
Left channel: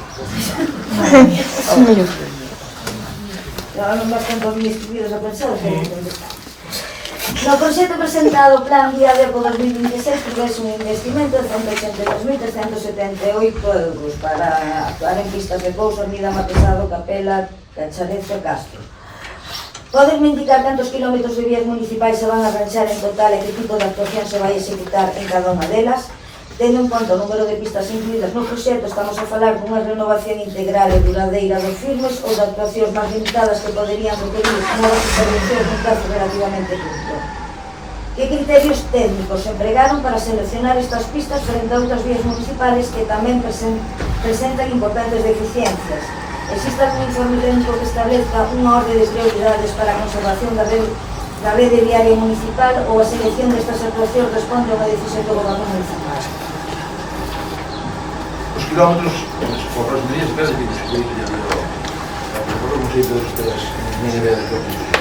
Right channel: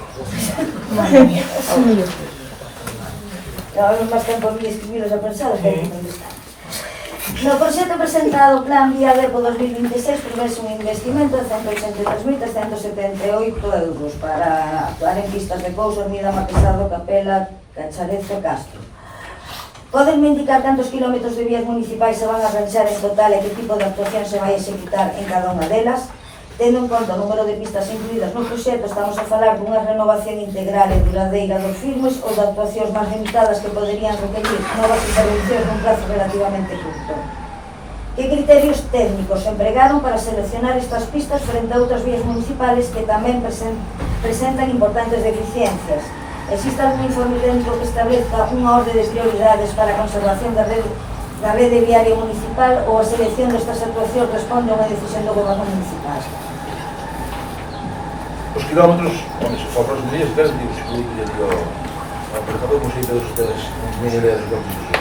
Llevamos bastante os días escribidos a pensar que onde está. No proxecto presentado Plan Vía Verbo 2026 prevese un investimento de 183.378 euros para actuar en pistas de Pouso, Ermida, Marquesado, Capela, Cachareza e Castro. Podenme indicar cantos kilómetros de vías municipais se van a arranxar en total e que tipo de actuación se vai executar en cada unha delas? Tendo en conta o número de pistas incluídas no proxecto, estamos a falar dunha renovación integral e duradeira dos firmes ou de actuacións máis limitadas que poderían requerir novas intervencións nun plazo relativamente curto. Que criterios técnicos se empregaron para seleccionar estas pistas frente a outras vías municipales que tamén presentan importantes deficiencias? Existe algún informe técnico que establezca unha orde de prioridades para a conservación da rede viaria municipal ou a selección destas actuacións responde a unha decisión do goberno municipal? Os kilómetros, por próximo día, espero que os políticos de por favor, non sei todos ustedes, ni idea de lo que es.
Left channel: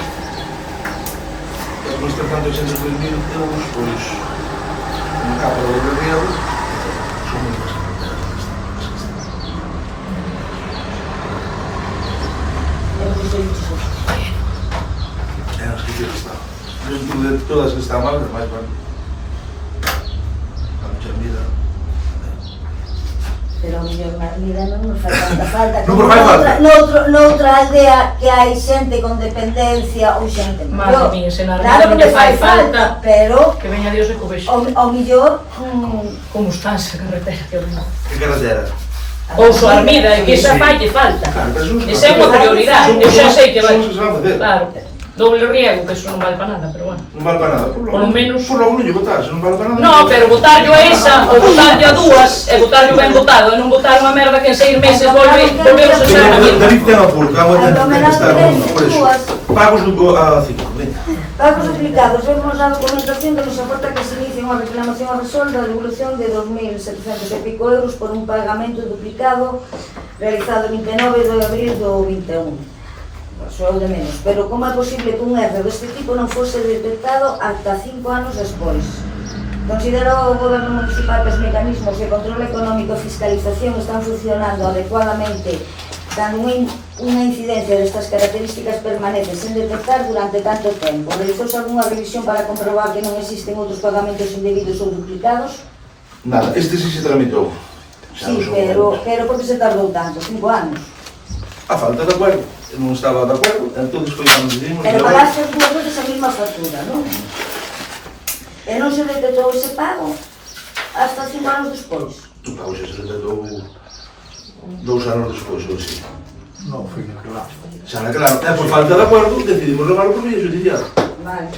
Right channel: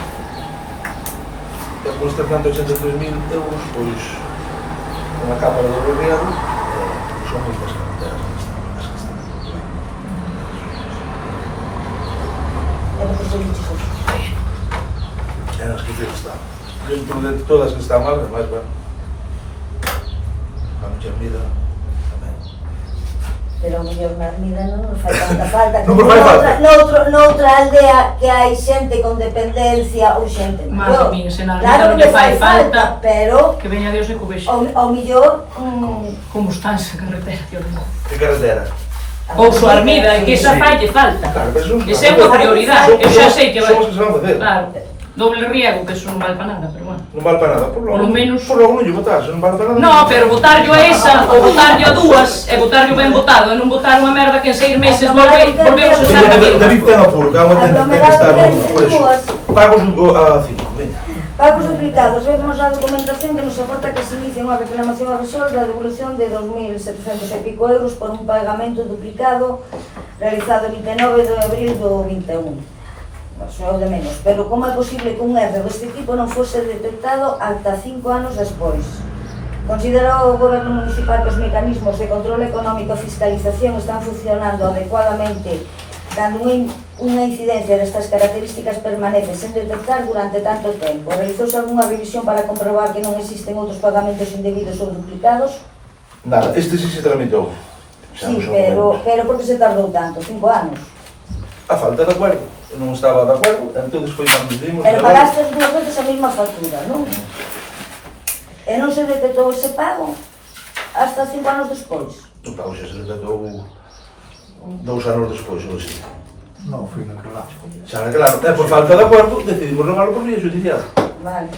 Despois de 383.000 euros, pois, unha capa de riego, son moi bastante. Eran as que están. Dentro de todas que están mal, además, bueno, a noche mira. Pero o mellor na vida non nos fai tanta falta. Non nos fai falta. Noutra aldea que hai xente con dependencia ou xente Madre maior. mía, se na Claro renta non que lle fai falta, pero que veña Dios e co vexo. ao mellor Como está esa carretera, que horror. Que carretera? Pouso Armida, que esa falle falta. Claro, pero son- Esa é unha prioridade, eu xa sei que vai. Son os que se van a facer. Claro, doble riego, que eso non vale para nada, pero bueno. Non vale para nada. Por lo menos- Por lo menos votar, se non vale para nada. No, pero botarllo a esa, ou botarllo a dúas, e botarllo ben botado, e non botar unha merda que en 6 meses volvemos a ser a David mesma. ten apuro, que agora ten que estar por eso. Pagos a 5. pagos duplicados. Vemos a documentación que nos aporta que se inicia unha reclamación a resol da devolución de 2.700 e pico euros por un pagamento duplicado realizado el 29 de abril do 21. Só de menos, pero como é posible que un erro deste tipo non fose detectado ata 5 anos despois? Considerou o goberno municipal que os mecanismos de control económico e fiscalización están funcionando adecuadamente cando unha incidencia destas características permanece sen detectar durante tanto tempo? Realizouse algunha revisión para comprobar que non existen outros pagamentos indebidos ou duplicados? Nada, este sí se tramitou. Sí, pero por que se tardou tanto? 5 anos? A falta de acuerdo. Eu non estaba de acuerdo, entón foi cando decidimos... Pero pagaste dúas veces a mesma factura, non? E non se detectou ese pago hasta 5 anos despois. O pago xa se detectou 2 anos despois, ou así. No, foi claro. Xa, claro, e por falta de acuerdo, decidimos levarlo por vía judicial. Vale.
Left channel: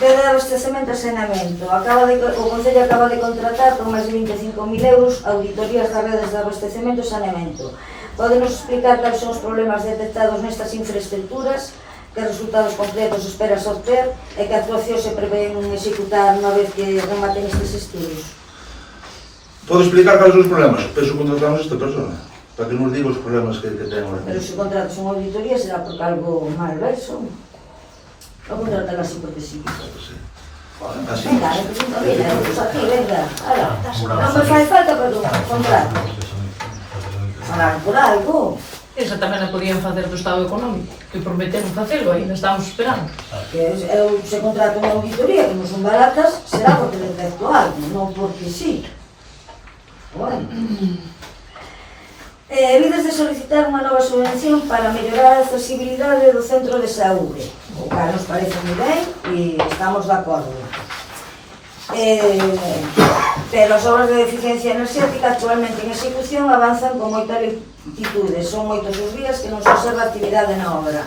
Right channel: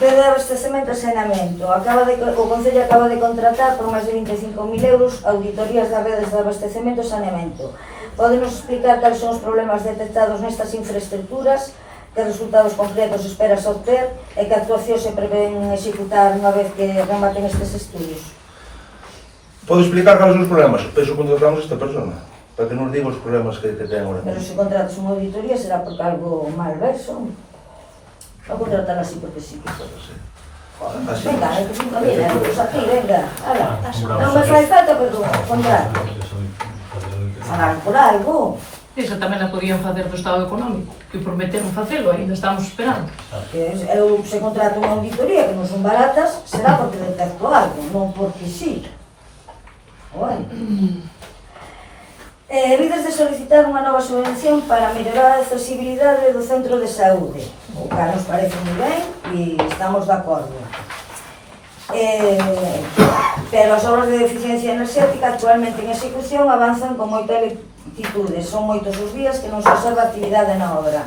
Rede de abastecemento e saneamento. O Concello acaba de contratar por máis de 25.000 euros auditorías das redes de abastecemento e saneamento. Podenos explicar cales son os problemas detectados nestas infraestructuras, que resultados concretos esperas obter e que actuacións se prevén executar unha vez que rematen estes estudos? Podo explicar cales son os problemas? Penso que contratamos esta persona, para que nos diga os problemas que ten ahora Pero mesmo. se contratas unha auditoría será porque algo mal verso. Non contratar así porque sí. Así. Venga, aquí, venga. Non me fai falta, pero contrato. Falaron por algo. Esa tamén a podían facer do Estado Económico, que prometeron facelo, ainda estamos esperando. Que eu se contrato unha auditoría que non son baratas, será porque detecto algo, non porque sí. Bueno. Vides de solicitar unha nova subvención para mellorar a accesibilidade do centro de saúde, o que nos parece moi ben e estamos de acordo. Pero as obras de eficiencia enerxética actualmente en execución avanzan con moita lentitude, son moitos os días que non se observa actividade na obra.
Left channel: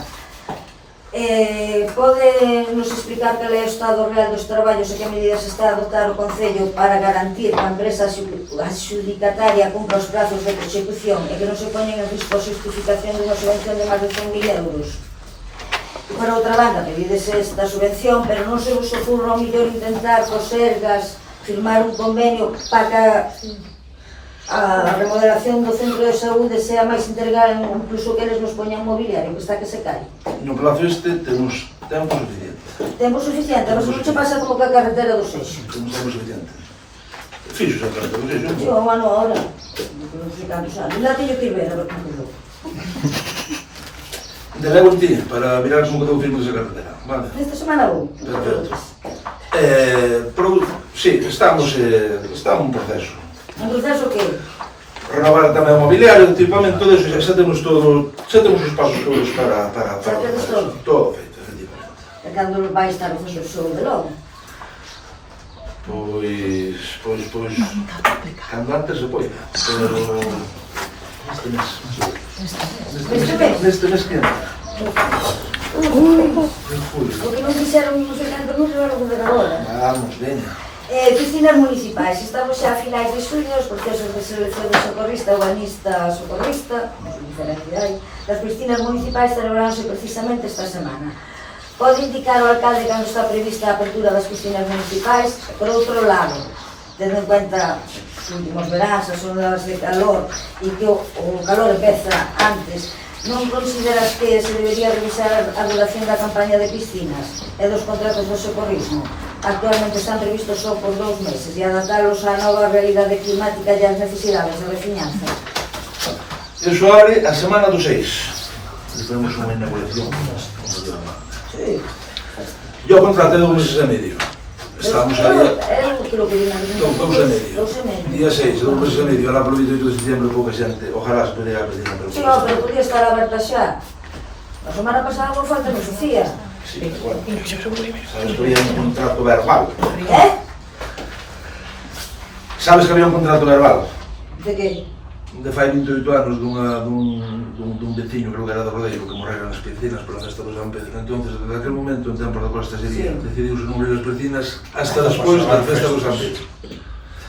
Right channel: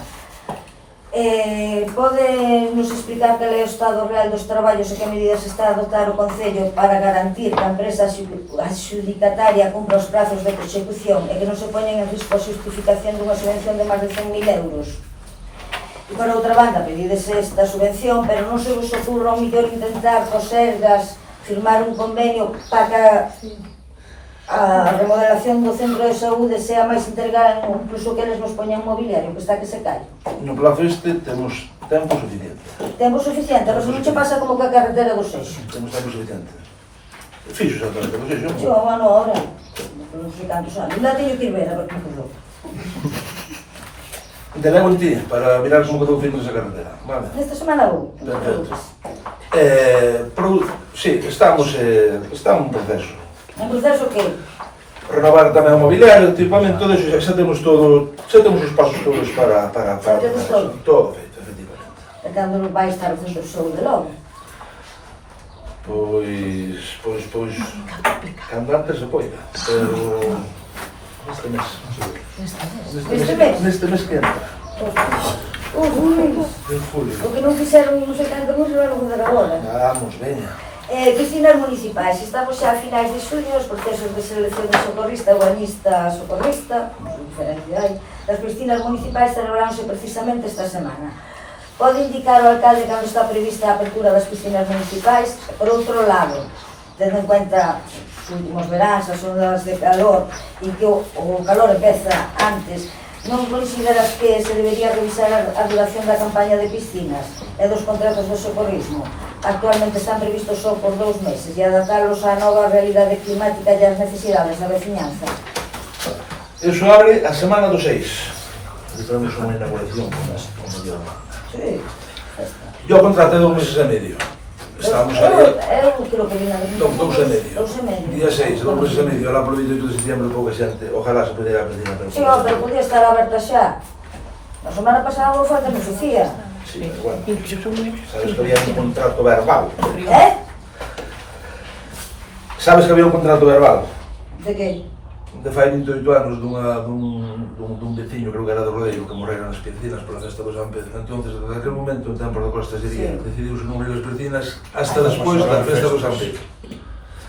Pode nos explicar cal é o estado real dos traballos e que medidas está a adoptar o Concello para garantir que a empresa adxudicataria cumpra os prazos de execución e que non se poñen en risco a justificación dunha subvención de máis de 100.000 euros? E por outra banda, pedides esta subvención, pero non se vos ocurra ao mellor intentar cos Sergas firmar un convenio para que a remodelación do centro de saúde sea máis integral, incluso que eles nos poñan mobiliario, que está que se cae. No plazo este temos tempo suficiente. Tempo suficiente, a ver se non che pasa como que a carretera do Seixo. Temos tempo suficiente. Fixo exactamente o que fixo. Yo, un ano ahora, non sei cantos anos, ainda teño que ir ver a ver como quedou. De levo en ti, para mirar como quedou o filme desa carretera. Vale. Nesta semana vou. Perfecto. Sí, estamos un proceso. En proceso que? Renovar tamén o mobiliario, equipamento, todo eso, xa temos os pasos todos para Xa temos todo? Todo feito, efectivamente. E cando vai estar o centro de saúde logo? Pois, cando antes se poida, pero neste mes. Neste mes que entra. O que non fixeron nos 70 minutos era o de agora. Vamos, veña. Piscinas municipais, estamos xa a finais de xullo, os procesos de selección de socorrista, urbanista, socorrista, diferencia hai, das piscinas municipais celebraránse precisamente esta semana. Pode indicar o alcalde cando está prevista a apertura das piscinas municipais? Por outro lado, tendo en cuenta os últimos veráns, as ondas de calor e que o calor empeza antes, non consideras que se debería revisar a duración da campaña de piscinas e dos contratos de socorrismo? Actualmente están previstos só por 2 meses e adaptalos á nova realidade climática e ás necesidades da veciñanza. Eso abre a semana do 6. Estamos unha inauguración como yo. Sí. Yo contraté 2 meses e medio. Estamos aí Eu creo que viene a 2 e medio. 2 e medio. Día 6, 2 meses e medio. Ahora polo 28 de setembro pouca xente. Ojalá se pudiera pedir un Sí, no, pero podía estar aberta xa. A semana pasada vos falta Sofía. Sí, bueno. Sabes que había un contrato verbal. Sabes que había un contrato verbal? De que? De fai 28 anos dun veciño, creo que era do Rodeiro, que morrera nas piscinas pola festa do San Pedro. Entonces, desde aquel momento, en tempo da Costa sería, decidiuse non abrir as piscinas hasta despois da festa do San Pedro.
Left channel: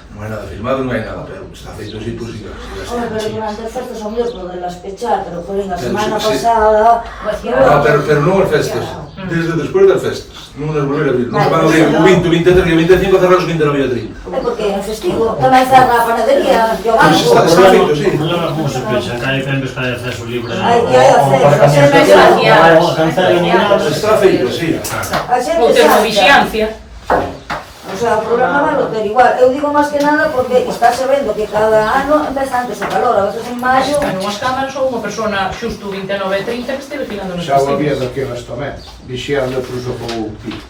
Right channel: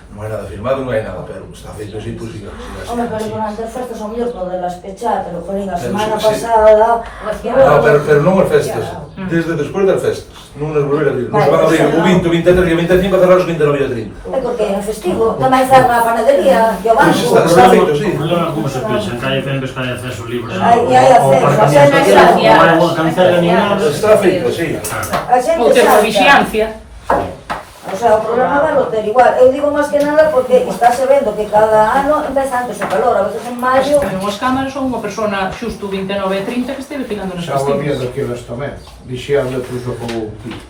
Non hai nada firmado, non hai nada, pero está feito así, pois sí. Hombre, pero durante as festas son mellor podelas pechar, pero jolín, a semana pasada... No, pero non as festas, desde despois das festas, non as volver a abrir. Non se van a abrir o 20, o 23 e o 25 a cerrar os 29 e o 30. É porque en festivo tamén se na panadería, que o Pois banco... está feito, sí. Ahora como se pensa, en calle Pembes que hai acceso libre. Hai acceso, Está feito, sí. a xente Ou salta. termovigilancia. O sea, o problema vai ter igual. Eu digo máis que nada porque estáse vendo que cada ano empeza antes o calor, a veces en maio... Pero as cámaras son unha persona xusto 29 e 30 que esteve tirando nos Xa o había festivos. daquelas tamén. Dixían de cruzo con o tío.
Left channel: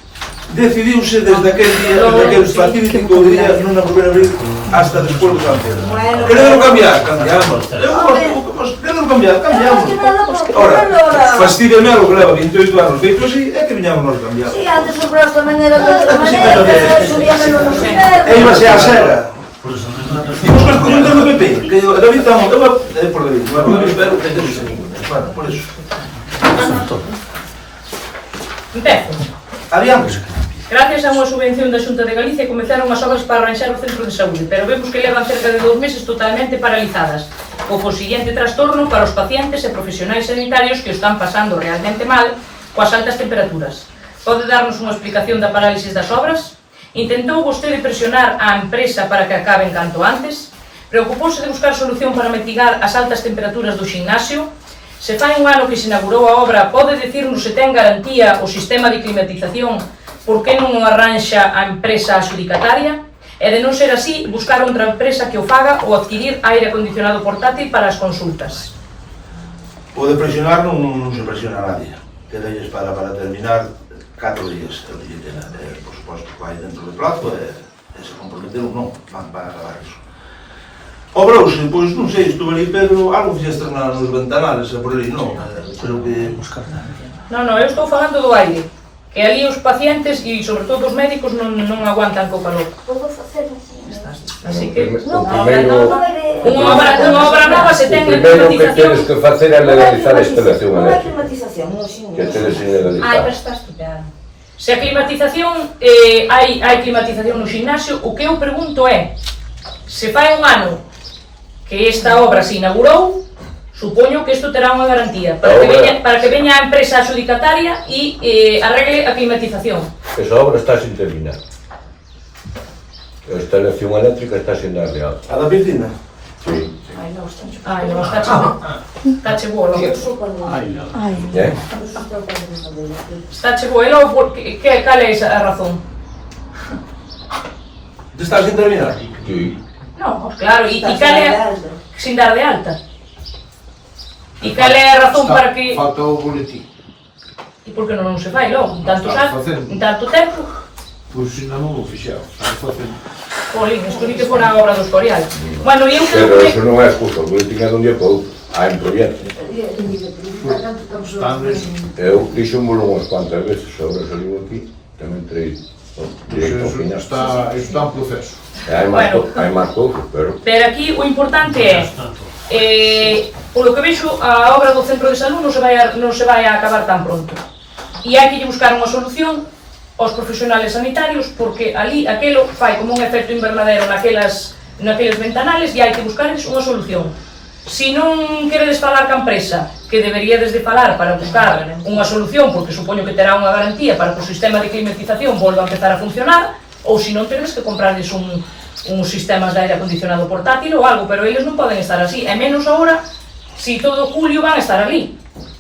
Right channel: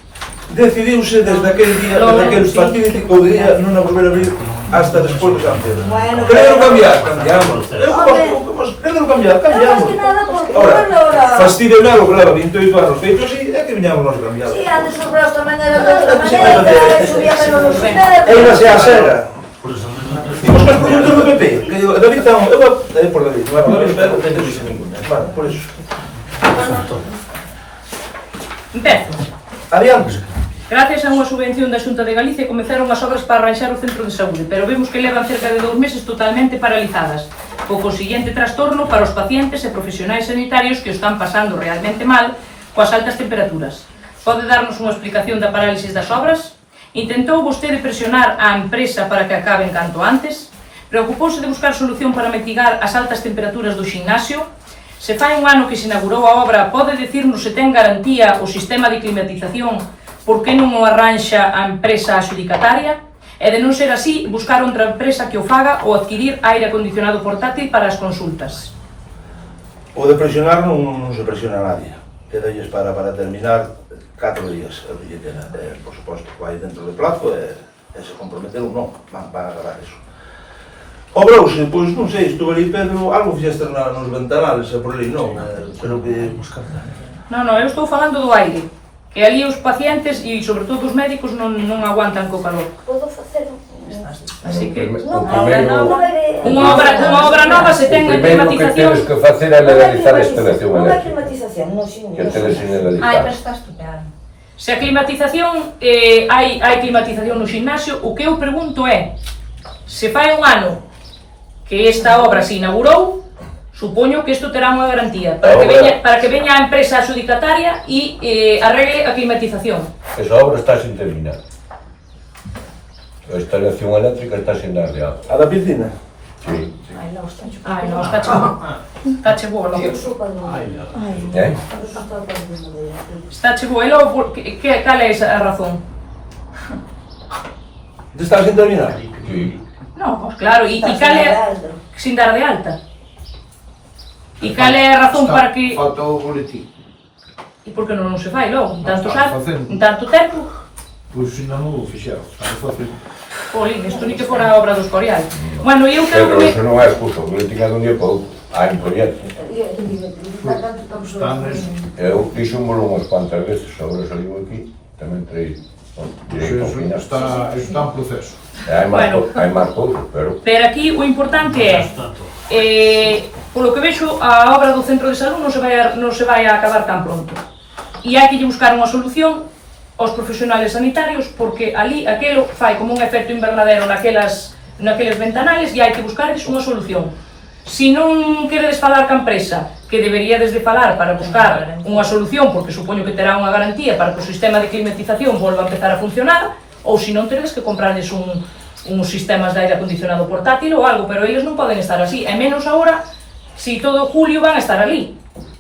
Decidiuse desde aquel día, desde aquel fatídico día, non a volver a abrir hasta despois do San Pedro. Bueno, Quereron cambiar, cambiamos. Quereron cambiar, cambiamos. Máis que nada porque Ahora, ahora... fastidio algo que leva 28 anos feito así, é que viñamos nos cambiar. Sí, antes os brazos tamén eran de outra maneira, subíamelo nos E invernos... iba a sera. Dimos que escollo do PP, que David estamos, eu por David, pero ten que ser bueno, por eso. Empezo. Adiante. Gracias a unha subvención da Xunta de Galicia comezaron as obras para arranxar o centro de saúde, pero vemos que levan cerca de 2 meses totalmente paralizadas, co consiguiente trastorno para os pacientes e profesionais sanitarios que o están pasando realmente mal coas altas temperaturas. Pode darnos unha explicación da parálisis das obras? Intentou vostede presionar a empresa para que acaben canto antes? Preocupouse de buscar solución para mitigar as altas temperaturas do ximnasio? Se fai un ano que se inaugurou a obra, pode dicirnos se ten garantía o sistema de climatización, por que non o arranxa a empresa adxudicataria? E de non ser así, buscar outra empresa que o faga ou adquirir aire acondicionado portátil para as consultas. O de presionar non se presiona a nadie. Quedalles para terminar 4 días el billetera. Por suposto, vai dentro de plazo e se comprometeron non, van a agarrar iso. Obrouse, pois non sei, estuve ali Pedro, algo fixeste nos ventanales, por ali non, pero que... Non, eu estou falando do aire, que ali os pacientes e sobre todo os médicos non aguantan co calor. Podo facer Así que O primeiro unha obra nova se ten a que tienes climatización. que facer é legalizar a instalación non hai eléctrica. climatización, non, Que tenes sin legalizar. Está estupeado. Se a climatización, hai climatización no ximnasio, o que eu pregunto é, se fai un ano que esta obra se inaugurou, supoño que isto terá unha garantía para que veña a empresa adxudicataria e arregle a climatización. Esa obra está sin terminar. A instalación eléctrica está sin darle agua. A da piscina? Sí. Ai, non, está chupado. Ai, non, está che boa, non? ¿Eh? Está che boa, e logo, cal é a razón? Está sin terminar? Sí. Non, pois claro, e Está cal é... alta. Sin dar de alta. E cal é a razón para que... Falta o boletín. E por que non se fai logo? En tanto, Está facendo. en tanto tempo? Pois ainda non o fixeron. Está facendo. Olín, isto ni que fora a obra do Escorial. Bueno, e eu creo Pero que... eso non é excusa, o boletín é dun día para outro. Hai un proxecto. Eu fixémolo unhas cuantas veces, agora salimos aquí, tamén traí directo ao final. Está en proceso. Hai máis cousas, pero... Pero aquí o importante é... polo que vexo, a obra do centro de salud non se vai a acabar tan pronto. E hai que lle buscar unha solución aos profesionales sanitarios, porque ali aquelo fai como un efecto invernadero naqueles ventanales e hai que buscarles unha solución. Si non queredes falar ca empresa, que deberíades de falar para buscar unha solución, porque supoño que terá unha garantía para que o sistema de climatización volva a empezar a funcionar, ou se non tedes que comprarles uns sistemas de aire acondicionado portátil ou algo, pero eles non poden estar así, e menos agora, si todo julio van a estar ali,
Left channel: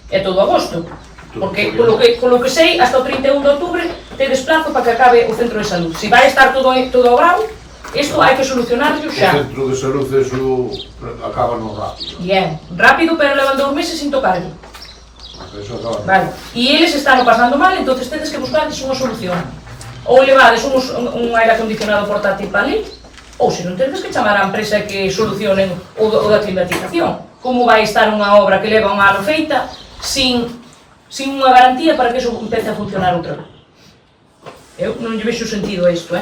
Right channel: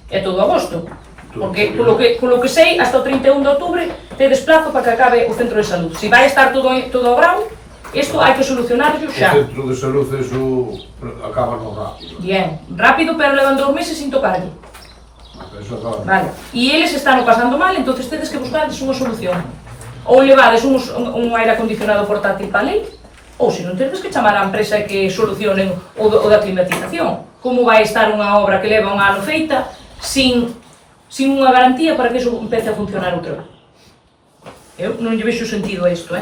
e todo agosto. Porque, polo que sei, hasta o 31 de outubro tedes plazo para que acabe o centro de salud. Si vai estar todo bravo, isto hai que solucionarlo xa. O centro de salud eso acaba no rápido. Bien, rápido, pero levan 2 meses sin tocarlo. Eso acaba. Vale. E eles están pasando mal, entonces tedes que buscarles unha solución. Ou levades un aire acondicionado portátil para ali, ou se non tedes que chamar á empresa que solucionen o da climatización. Como vai estar unha obra que leva un ano feita sin unha garantía para que eso empece a funcionar outra vez? Eu non lle vexo sentido a isto,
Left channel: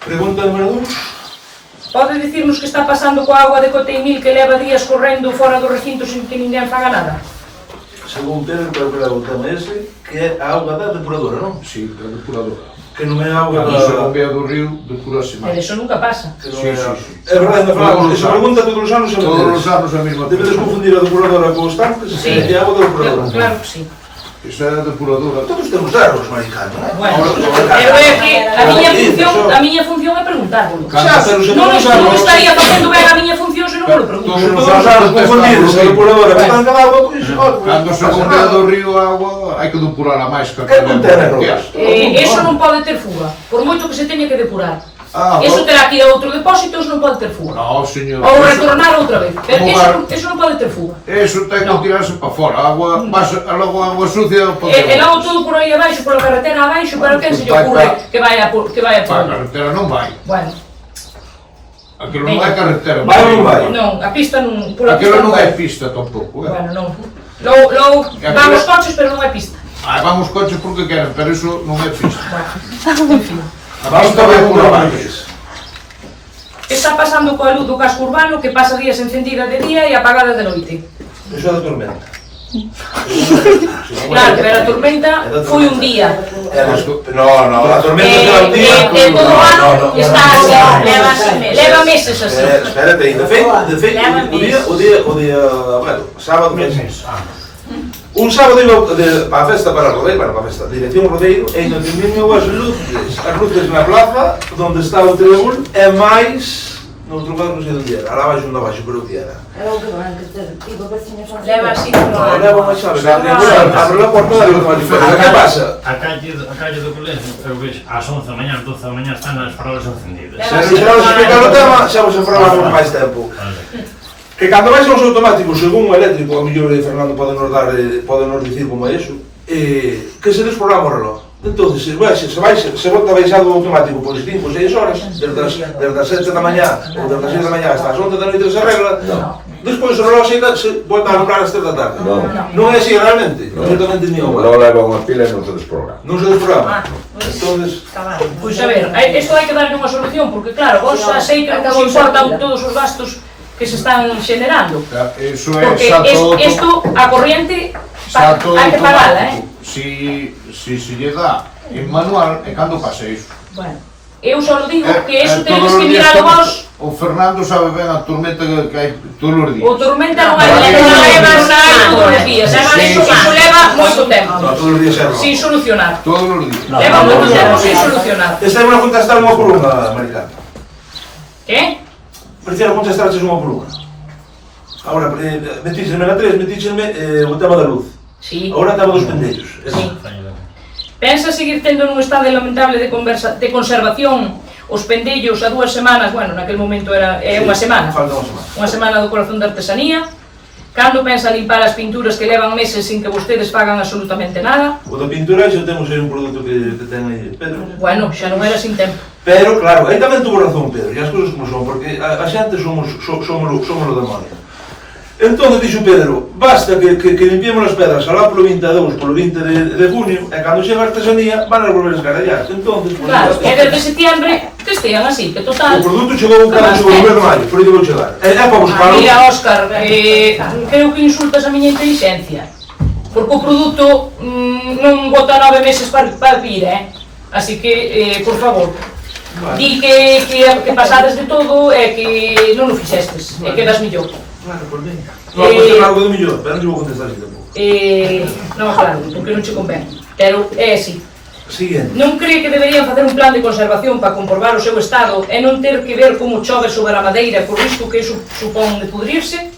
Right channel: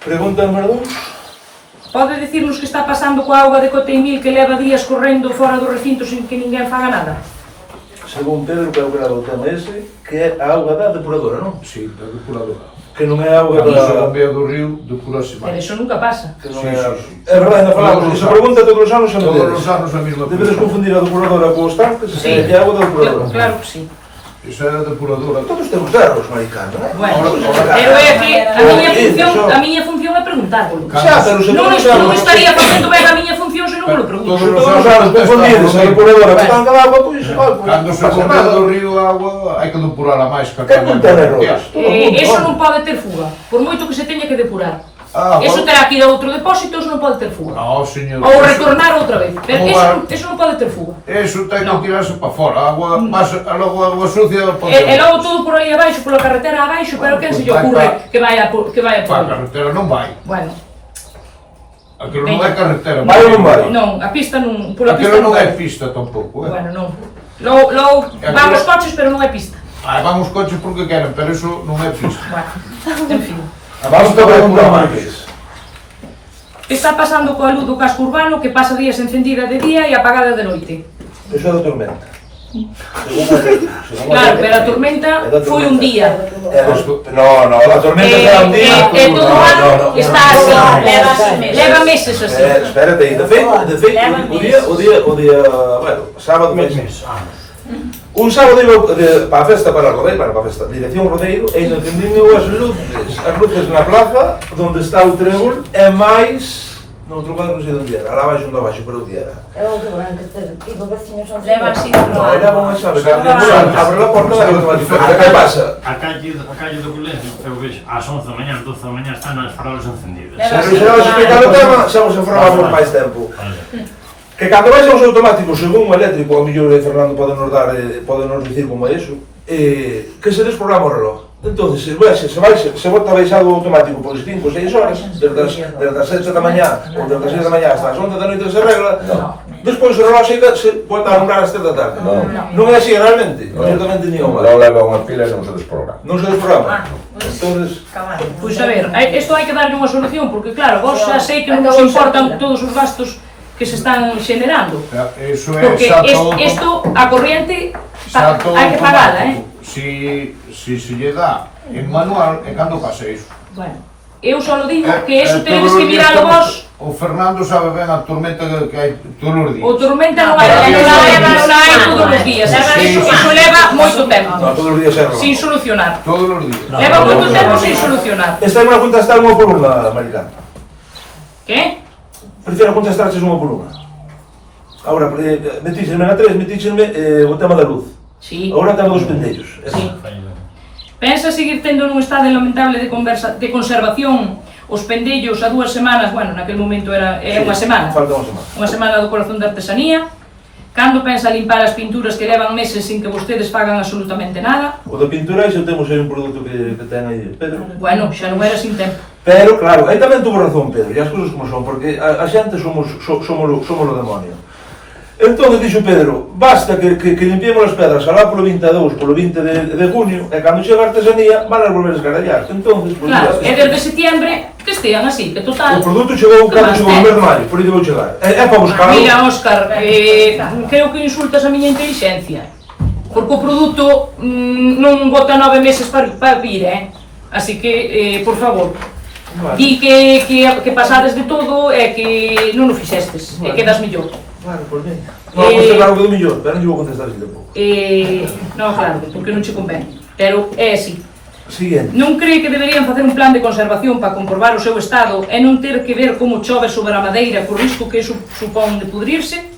Pregunta número 2. Pode dicirnos que está pasando coa auga de Coteimil que leva días correndo fora do recinto sin que ninguén faga nada? Según Pedro, creo que era o tema ese, que é a auga da depuradora, non? Sí, da depuradora. Que non é a auga Cando se da... bombea do río, depurase Pero máis. eso nunca pasa. Que non Sí, é a... sí, sí. É verdade, ainda falamos, esa pregunta todos os anos Todos os anos a mesma Debedes pregunta. confundir a depuradora con os tanques, Sí. e a auga da depuradora. Claro que sí. Esa é a depuradora. Todos temos erros, maricano, non? Bueno, pero é que a miña función é preguntárvolo. Xa, pero se Non todos os non anos... estaría facendo ben a miña función se non me lo pregunto. Todos Todos os anos confundides a depuradora con tanta auga, pois... Cando se bombea do río a agua, hai que depurala máis que Que non ten erros. Eso non pode ter fuga, por moito que se teña que depurar. Ah, Eso terá que ir a outro depósito, eso non pode ter fuga. No, señor. Ou retornar outra vez, pero eso non pode ter fuga. Eso ten que tirarse para fora. A agua, logo a agua sucia... E logo todo por aí abaixo, pola carretera abaixo, para que se lle ocurre que vai a Para a por... carretera non vai. Bueno, Aquilo non é carretera. Vai ou non vai? non, a pista non... Pola pista Aquilo non vai. é pista tampouco, Bueno, non. Logo van os coches, pero non hai pista. Vamos coches porque queren, pero eso non é pista. Bueno, en fin. Vamos a ver por Márquez. Está pasando coa luz do casco urbano que pasa días encendida de día e apagada de noite. Eso é da tormenta. Claro, pero a tormenta foi un día. No, a tormenta será un día. Todo o ano está así, leva meses así. Espérate, de feito, o día, bueno, sábado meses. Un sábado iba para a festa para a festa, dirección Rodeiro, e ainda encendiño as luces na plaza, onde está o trébol, e máis, noutro lado non sei onde era, alá baixo, pero onde era. É o que van que ter tido veciños son... Leva así No, leva unha chave, abre la porta da automática, que pasa? A calle do colegio, eu vexo, ás 11 da mañá, ás 12 da mañá, están as farolas encendidas. Se non se nos explicar o tema, xa vos informamos máis tempo. Que cando vais aos automáticos, según o eléctrico, a mellor Fernando podenos dicir como é iso, que se desprograma o reloj. Entón, se bota baixado automático por 5 ou 6 horas, desde as 7 da mañá ou desde as 6 da mañá hasta as 11 da noite se arregla, despois o reloj se volta a lembrar as 3 da tarde. Non é así realmente, absolutamente ni igual. Non leva unha pila e non se desprograma. Non se desprograma. Entonces, Pois a ver, isto hai que darlle unha solución, porque claro, vos xa sei que non vos importan todos os gastos que se están xenerando. Eso é Porque xa todo... isto, a corriente, xa todo hai que pagala, automático. Si se lle dá en manual, e cando pasa iso? Bueno, eu só digo que eso tedes que miralo vos. O Fernando sabe ben a tormenta que hai todos os días. O tormenta non hai todos os días, iso leva moito tempo, todos os días é reloj. sin solucionar. Todos os días. Leva moito tempo sin solucionar. Esta é unha contestar unha por unha, Maricano. Que? Prefiero contestarches unha por unha. Agora, metíxeme na 3, metíxeme o tema da luz. Sí. Agora temos dos pendellos. Sí. Pensa seguir tendo nun estado lamentable de conservación os pendellos a 2 semanas, bueno, naquele momento era unha semana. Falta unha semana. Unha semana do corazón da artesanía. Cando pensa limpar as pinturas que levan meses sin que vostedes fagan absolutamente nada? O da pintura xa temos aí un produto que ten aí Pedro. Bueno, xa non era sin tempo. Pero, claro, aí tamén tuvo razón Pedro, e as cousas como son, porque a xente somos o demonio. Entón, dixo Pedro, basta que limpiemos as pedras alá polo 22, polo 20 de junio, e cando chega a artesanía, van a volver a escarallar. Entón, Claro, e desde setembro que estean así, que total... o produto chegou cando chegou o mes de maio, por aí vou chegar. É para buscar. Mira, Óscar, creo que insultas a miña inteligencia. Porque o produto non bota 9 meses para vir, Así que, por favor, di que pasades de todo e que non o fixestes, e quedas millor. Claro, por ben. Non, pois claro que do millor, pero non te vou contestar así tampouco. Non, claro, porque non che convén. Pero é así. Siguiente. Non cree que deberían facer un plan de conservación para comprobar o seu estado e non ter que ver como chove sobre a madeira por risco que supón de pudrirse?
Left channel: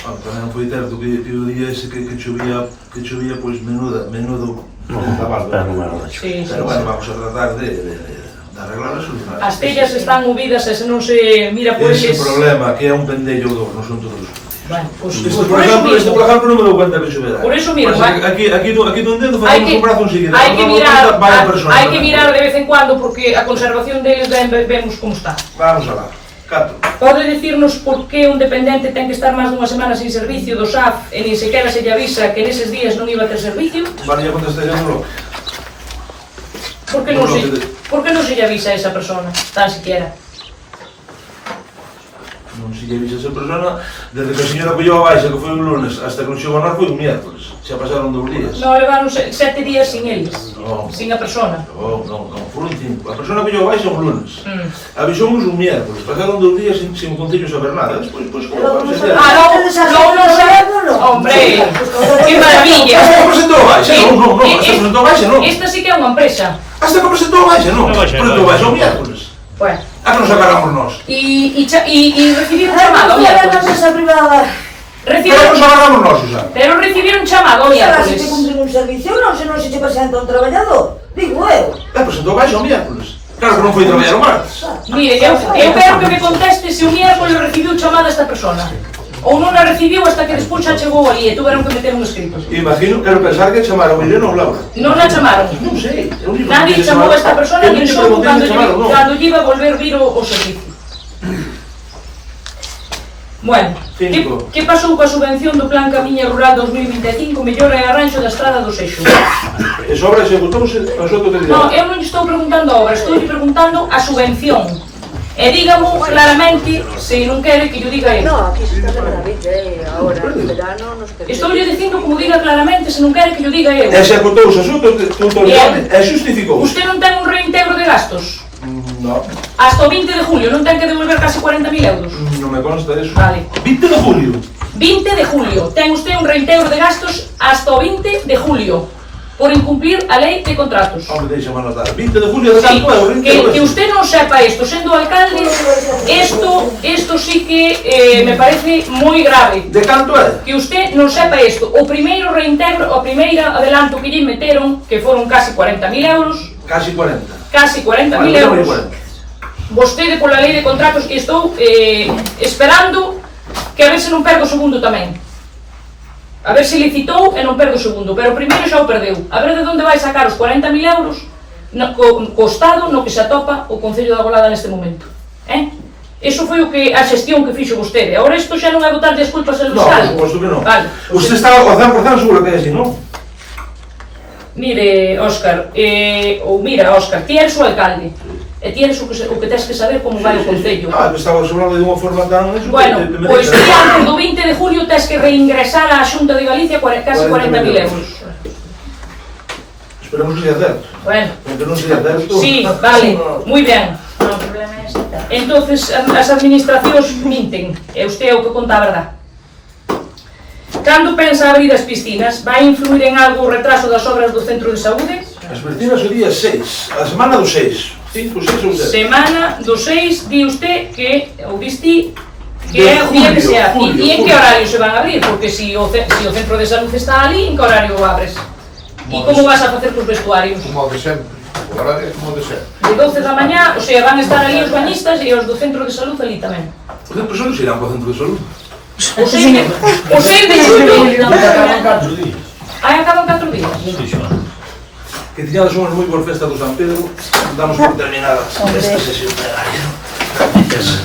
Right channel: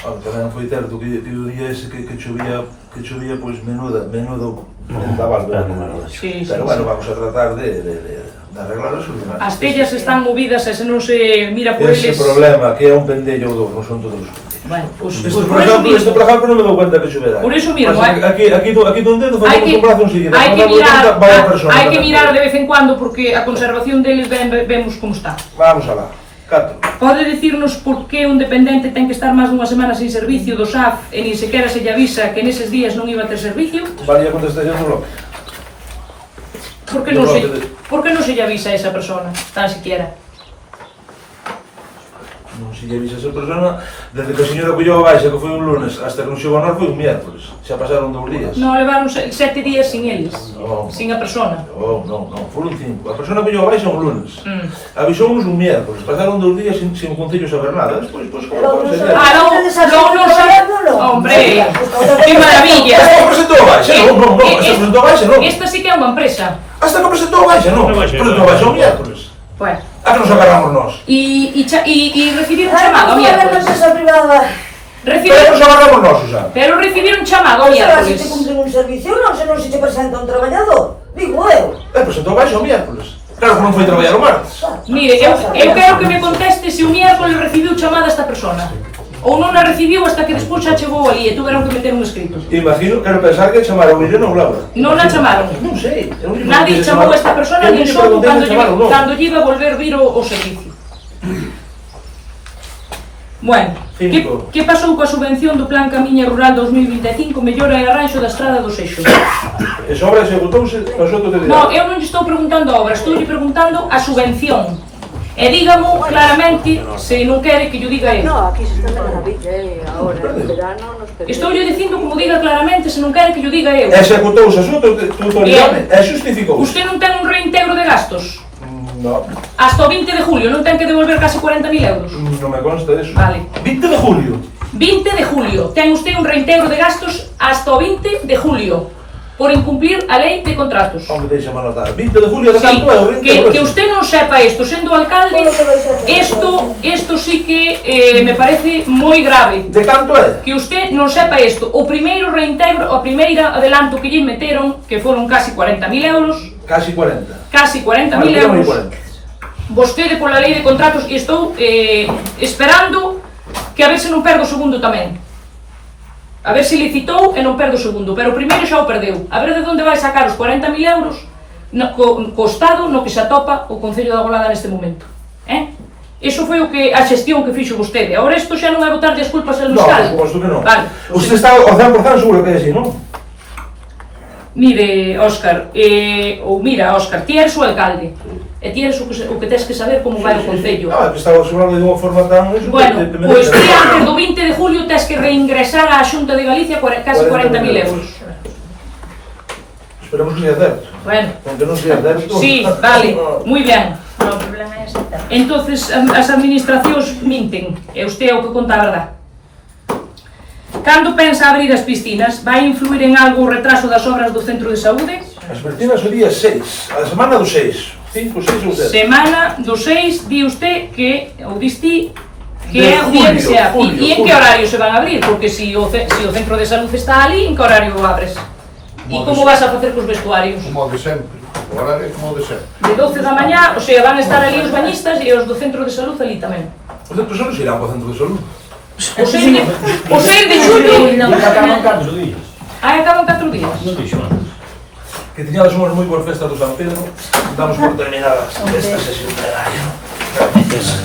Bueno, tamén foi certo que o día ese que chovía, pois menudo vendaval. Sí, Pero bueno, vamos a tratar de arreglar a solucionar. As tellas están movidas e se non se mira por Ese eles... problema, que é un pendello ou dos, non son todos os pendillos. Bueno, pues, Isto, por por exemplo, non me dou conta que choverá. Por eso mismo, Aquí dun dedo facemos un brazo enseguida. hai que mirar de vez en cuando porque a conservación deles vemos como está. Vamos alá. Cato. Pode dicirnos por que un dependente ten que estar máis dunha semana sin servicio do SAF e nin sequera se lle avisa que neses días non iba a ter servicio? Vale, a contestación no bloque. Por que non se lle avisa a esa persona, tan siquiera? Non se lle avisa a esa persona, desde que a señora colleu a baixa, que foi un lunes, hasta que non chegou a nós, foi un miércoles. Xa pasaron 2 días. Non, levaron 7 días sin eles, Non. sin a persona. Non, foron 5. A persona colleu a baixa un lunes. Avisounos un miércoles, pasaron 2 días sin o Concello saber nada. Despois, como Vamos se a ver. debe. non sabemos. Hombre, que maravilla. Hasta que presentou a baixa, non, hasta que presentou a baixa, non. Esta sí que é unha empresa. Hasta que presentou a baixa, non. Presentou a baixa o miércoles. Bueno. A que nos agarramos nós. E recibiron chamado o Una miércoles. empresa privada. Pero nos agarramos nós, Susana. Pero recibiron chamado o Será se te miércoles. cumplen un servicio, non se non se te presenta un traballador. Digo eu. Presentou a baixa o miércoles. Claro que non foi traballar o martes. Mire, eu quero que me conteste se o miércoles recibiu chamada esta persona. Ou non a recibiu hasta que despois xa chegou aí e tuveron que meter un escrito. Imagino, quero pensar que chamaron eu non, Laura. Non a chamaron. Non sei. Nadie chamou a esta persona ni só cando lle iba a volver vir o servicio. Bueno, que pasou coa subvención do Plan Camiña Rural 2025 mellora e arranxo da estrada do Seixo? Esa obra executouse, nosotros que Non, eu non lle estou preguntando a obra, estou lle preguntando a subvención. E dígamo claramente se non quere que yo diga eu. No, aquí se está de maravilla, ahora en verano nos pedimos. Estou lle dicindo como diga claramente se non quere que yo diga eu. Executouse a súa autoridade e xustificou. Usted non ten un reintegro de gastos? No. Hasta o 20 de julio, non ten que devolver casi 40.000 euros? Non me consta eso. Vale. 20 de julio. 20 de julio. Ten usted un reintegro de gastos hasta o 20 de julio por incumplir a lei de contratos. Hombre, deixame anotar. 20 de julio de canto é o 20 de Que usted non sepa isto, sendo alcalde, isto sí que me parece moi grave. De canto é? Que usted non sepa isto. O primeiro reintegro, o primeiro adelanto que lle meteron, que foron casi 40.000 euros. Casi 40. Casi 40.000 euros. Vostede pola lei de contratos e estou esperando que a ver se non perdo o segundo tamén. A ver se licitou e non perdo o segundo, pero o primeiro xa o perdeu. A ver de onde vai sacar os 40.000 euros co estado no que se atopa o Concello da Golada neste momento. Iso foi a xestión que fixo vostede. Agora isto xa non é botar as culpas ao fiscal. Non, por suposto que non. Vale. Usted está ao 100% seguro que é así, non? Mire, Óscar, ti eres o alcalde. E ti eres o que tens que saber como vai o Concello. Estaba sobrando de unha forma tan... Bueno, pois ti antes do 20 de julio tens que reingresar á Xunta de Galicia casi 40.000 euros. Esperemos que sea certo. Bueno. Aunque non sea certo... Sí, vale, moi ben. Entonces, as administracións minten, e usted é o que conta a verdade. Cando pensa abrir as piscinas, vai influir en algo o retraso das obras do centro de saúde? As piscinas o día 6, a semana do 6. 5, 6 ou 7. Semana do 6, di usted que, ou diste, que é o día que se abre. E en que horario se van a abrir? Porque se o centro de salud está ali, en que horario o abres? E como vas a facer cos vestuarios? Como de sempre. O horario como de ser. De 12 da mañá, o sea, van a estar ali os bañistas e os do centro de salud ali tamén. Os centros de salud irán para o centro de salud. O 6 de xullo, Acaban 4 días. acaban 4 días. Non dixo antes. Que tiñades unhas moi boas festas do San Pedro, damos por terminada esta sesión plenaria. Gracias.